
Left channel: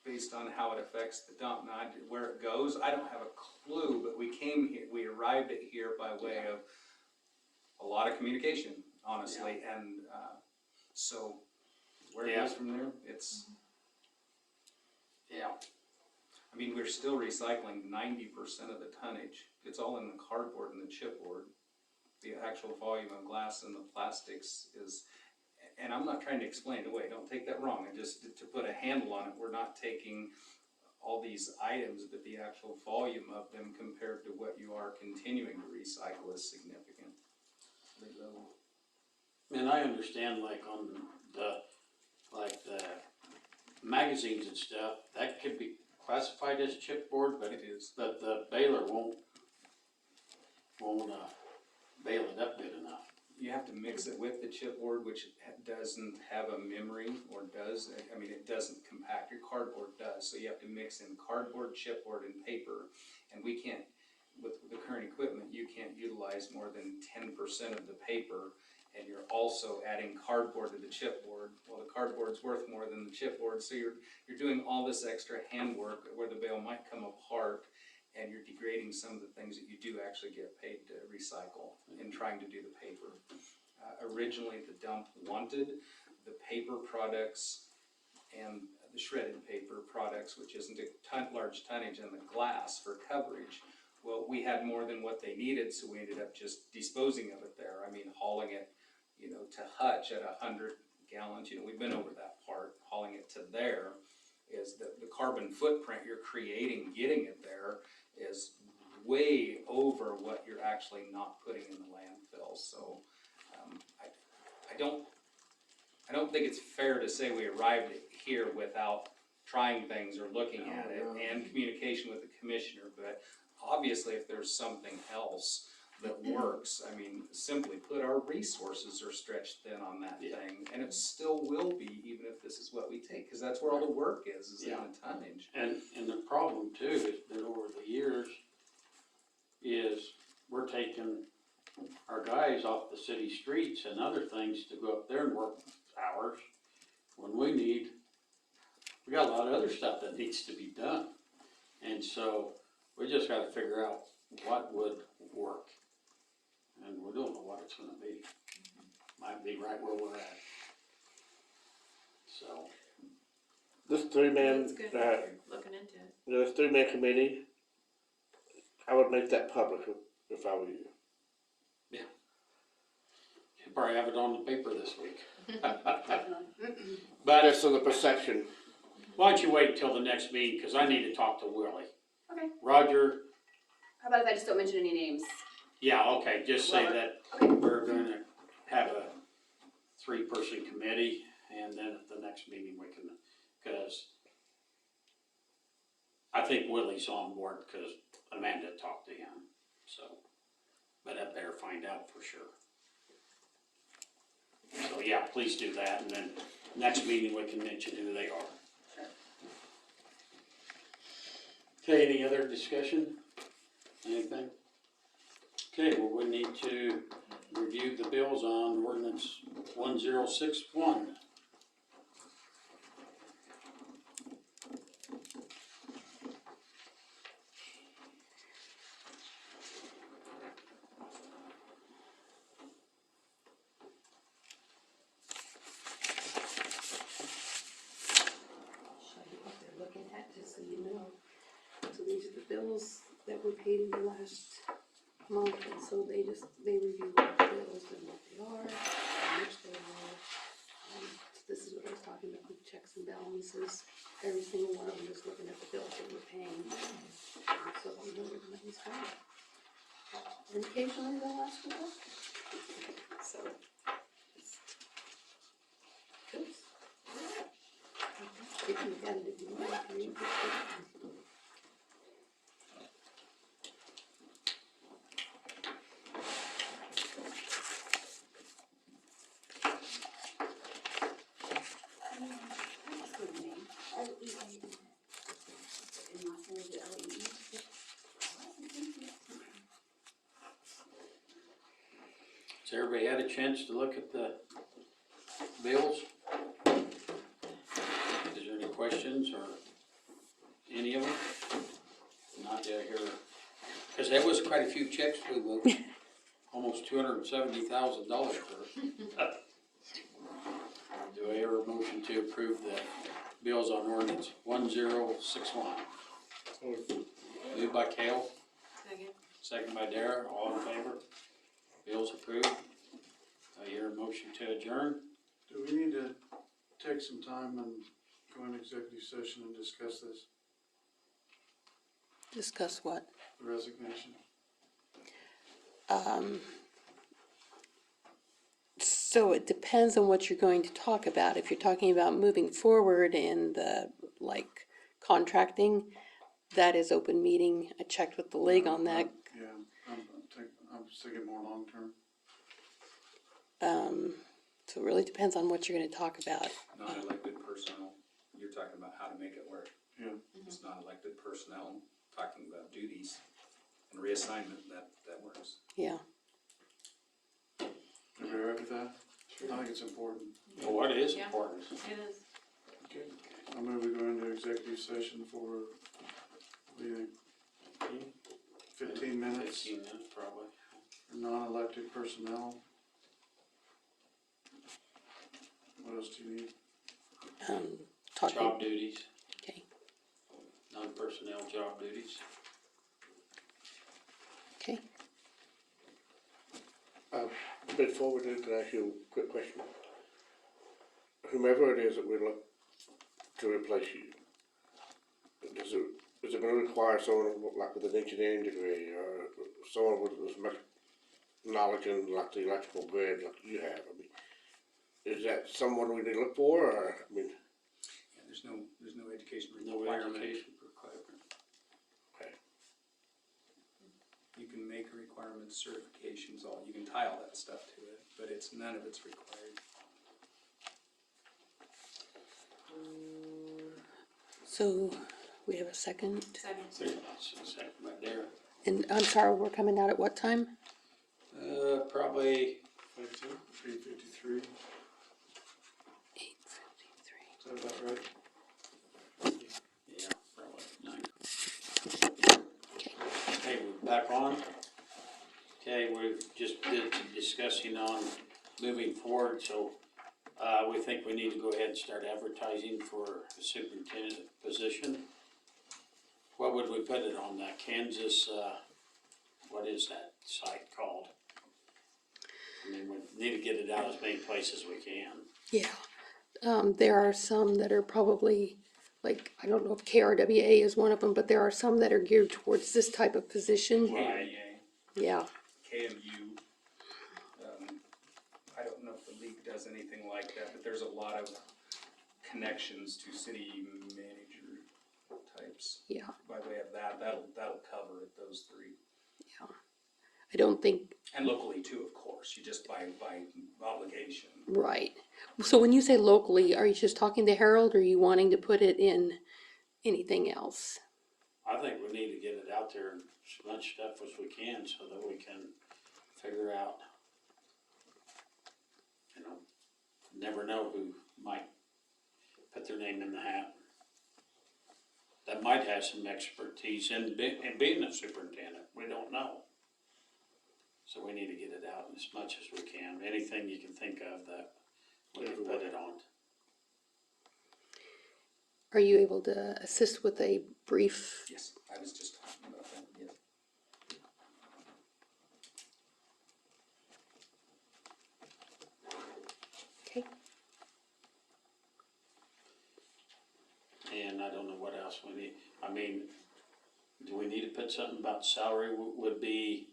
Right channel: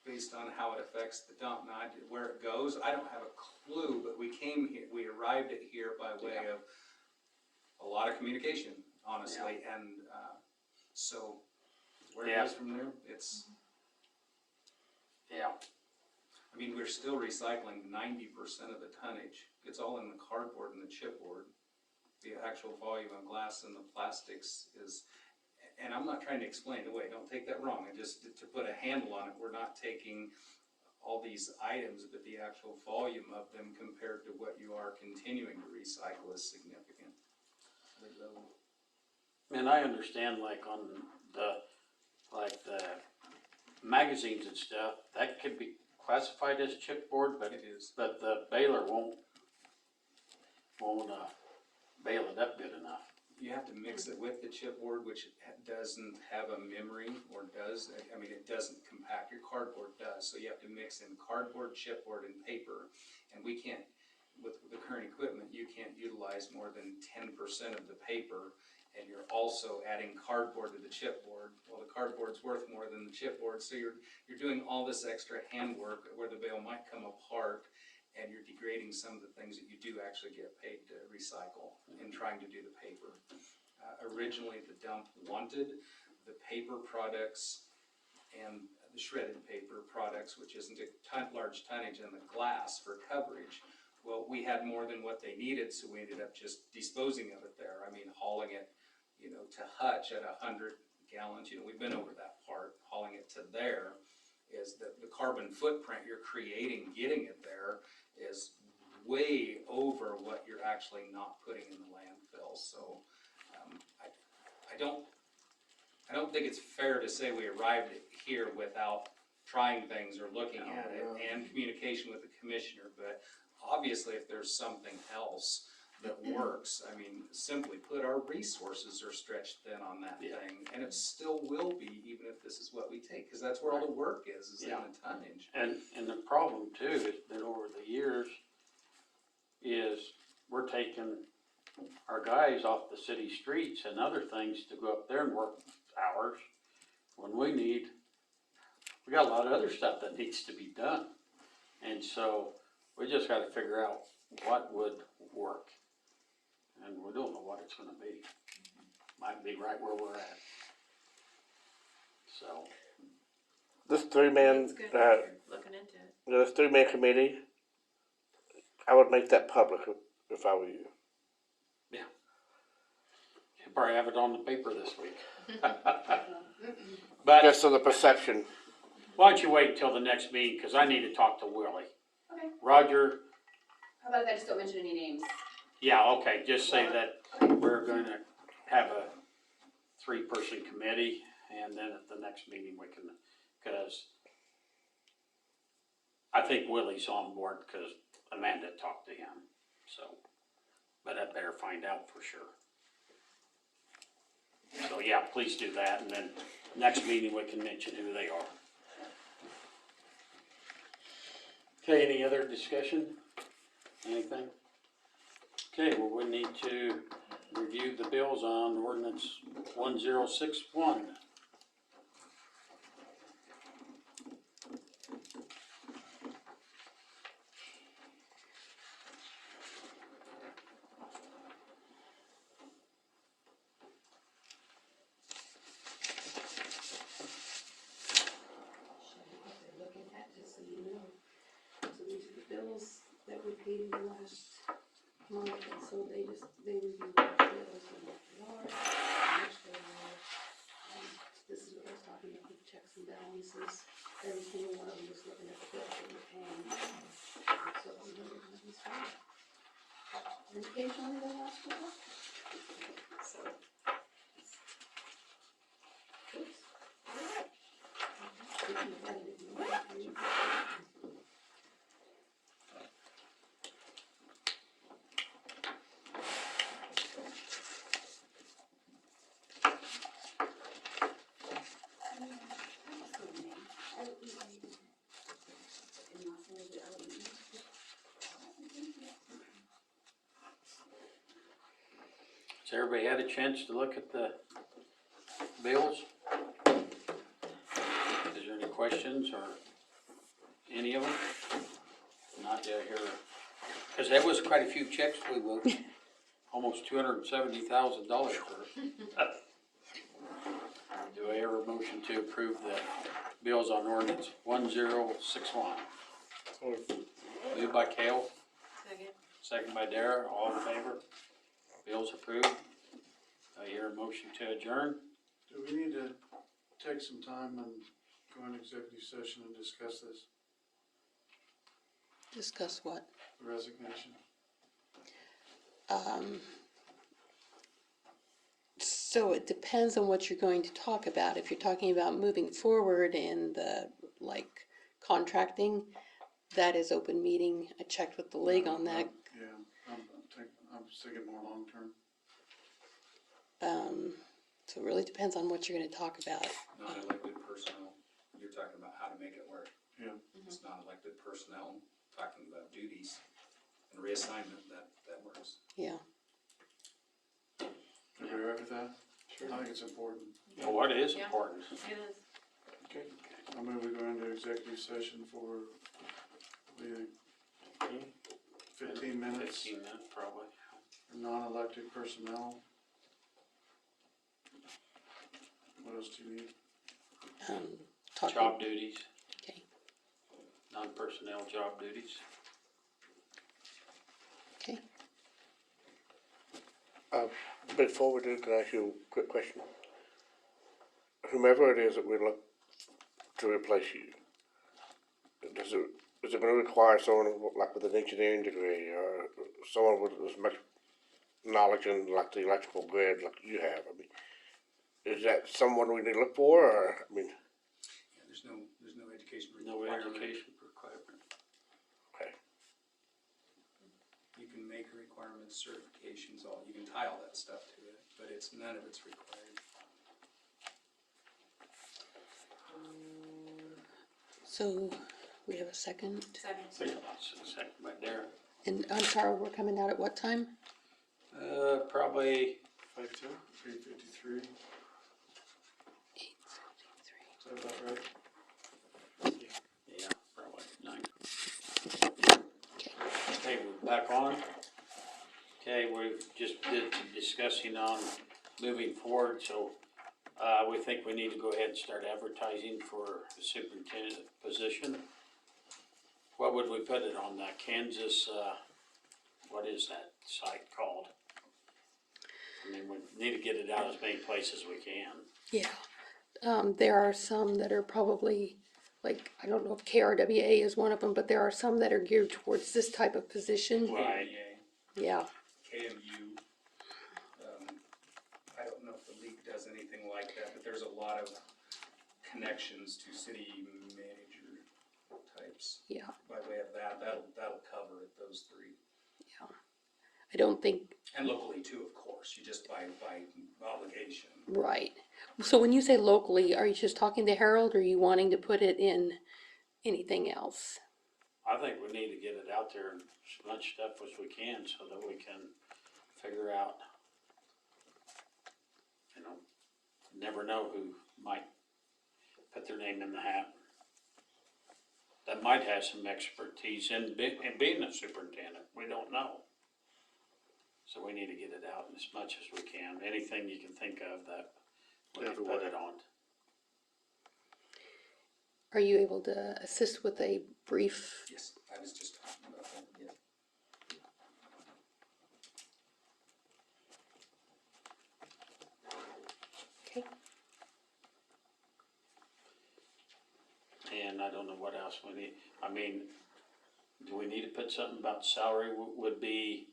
based on how it affects the dump. Now, where it goes, I don't have a clue, but we came here, we arrived at here by way of a lot of communication, honestly, and, so where it goes from there, it's, yeah. I mean, we're still recycling 90% of the tonnage. It's all in the cardboard and the chipboard. The actual volume of glass and the plastics is, and I'm not trying to explain it away, don't take that wrong. Just to put a handle on it, we're not taking all these items, but the actual volume of them compared to what you are continuing to recycle is significant. And I understand, like on the magazines and stuff, that could be classified as chipboard, but It is. but the baler won't bale it up good enough. You have to mix it with the chipboard, which doesn't have a memory, or does, I mean, it doesn't compact, your cardboard does, so you have to mix in cardboard, chipboard, and paper, and we can't, with the current equipment, you can't utilize more than 10% of the paper, and you're also adding cardboard to the chipboard. Well, the cardboard's worth more than the chipboard, so you're doing all this extra handwork where the bale might come apart, and you're degrading some of the things that you do actually get paid to recycle in trying to do the paper. Originally, the dump wanted the paper products and the shredded paper products, which isn't a large tonnage, and the glass for coverage. Well, we had more than what they needed, so we ended up just disposing of it there. I mean, hauling it, to Hutch at 100 gallons, we've been over that part. Hauling it to there is the carbon footprint you're creating, getting it there, is way over what you're actually not putting in the landfill. So I don't think it's fair to say we arrived here without trying things or looking at it and communication with the commissioner. But obviously, if there's something else that works, I mean, simply put, our resources are stretched thin on that thing, and it still will be, even if this is what we take, because that's where all the work is in the tonnage. And the problem too is that over the years is we're taking our guys off the city streets and other things to go up there and work hours when we got a lot of other stuff that needs to be done. And so we just gotta figure out what would work. And we don't know what it's gonna be. Might be right where we're at. So, This 3-man, That's good that you're looking into it. this 3-man committee, I would make that public if I were you. you'll probably have it on the paper this week. But Just so the perception. why don't you wait until the next meeting, cause I need to talk to Willie. Okay. Roger, How about if I just don't mention any names? yeah, okay, just say that we're gonna have a 3-person committee, and then at the next meeting we can, cause I think Willie's on board, cause Amanda talked to him, so, but I better find out for sure. So, yeah, please do that, and then next meeting we can mention who they are. Okay, any other discussion? Anything? Okay, well, we need to review the bills on ordinance 1061. Show you what they're looking at, just so you know. So these are the bills that we paid in the last Okay, so they review what the bills and what they are, how much they are. This is what I was talking about, with checks and balances. Every single one of them is looking at the bills that we're paying. And so we know everybody's fine. And occasionally they'll ask for help. So. Oops. They can look at it if you want to. Has everybody had a chance to look at the bills? Is there any questions or any of them? Not down here, cause that was quite a few checks we wrote, almost $270,000 for. Do I hear a motion to approve the bills on ordinance 1061? Moved by Kale, Second. second by Dara, all in favor? Bills approved. I hear a motion to adjourn. Do we need to take some time and go into executive session and discuss this, Discuss what? the resignation? So it depends on what you're going to talk about. If you're talking about moving forward in the, like, contracting, that is open meeting. I checked with the league on that. Yeah, I'm just thinking more long-term. So it really depends on what you're gonna talk about. Non-elected personnel, you're talking about how to make it work. Yeah. It's non-elected personnel, talking about duties and reassignment, that works. Yeah. Are you all right with that? I think it's important. Well, what is Yeah. important? It is. Okay. I move we go into executive session for, what do you think? 15 minutes, 15 minutes probably. for non-elected personnel. What else do you need? Talking, Job duties, okay, non-personnel job duties. okay. Before we do, can I ask you a quick question? Whomever it is that we look to replace you, is it gonna require someone like with an engineering degree or someone with as much knowledge in like the electrical grid like you have? I mean, is that someone we need to look for, or, I mean, Yeah, there's no education No requirement. education requirement. okay. You can make requirements, certifications, all, you can tie all that stuff to it, but none of it's required. So we have a second, Second. Second by Dara. and I'm sorry, we're coming out at what time? Probably 3:53, 8:53. is that about right? Yeah, probably 9. Okay, we're back on. Okay, we just did some discussing on moving forward, so, we think we need to go ahead and start advertising for the superintendent position. What would we put it on, that Kansas, what is that site called? I mean, we need to get it out as many places as we can. Yeah, there are some that are probably, like, I don't know if KRWA is one of them, but there are some that are geared towards this type of position. Right. Yeah, KMU, I don't know if the league does anything like that, but there's a lot of connections to city manager types. yeah, By way of that'll cover it, those three. yeah. I don't think, And locally too, of course, you just by obligation. right. So when you say locally, are you just talking to Harold, or are you wanting to put it in anything else? I think we need to get it out there as much stuff as we can so that we can figure out, you know, never know who might put their name in the hat. That might have some expertise in being a superintendent, we don't know. So we need to get it out as much as we can, anything you can think of that we can put it on. Are you able to assist with a brief? Yes, I was just talking about that, yeah. And I don't know what else we need, I mean, do we need to put something about salary would be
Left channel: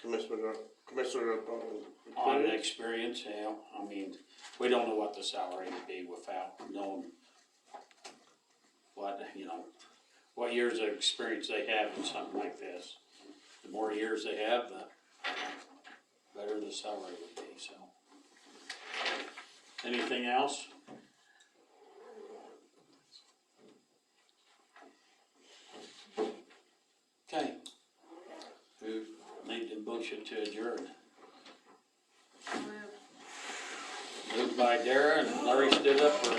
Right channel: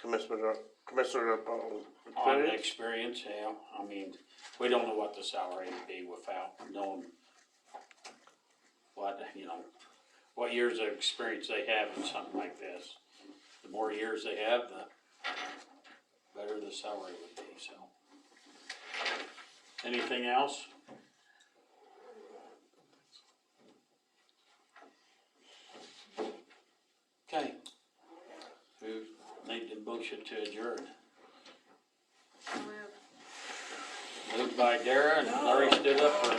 Commissioner on the experience, yeah, I mean, we don't know what the salary would be without knowing what, you know, what years of experience they have in something like this. The more years they have, the better the salary would be, so. Anything else? Okay. Who made the motion to adjourn? Moved by Dara and Larry stood up for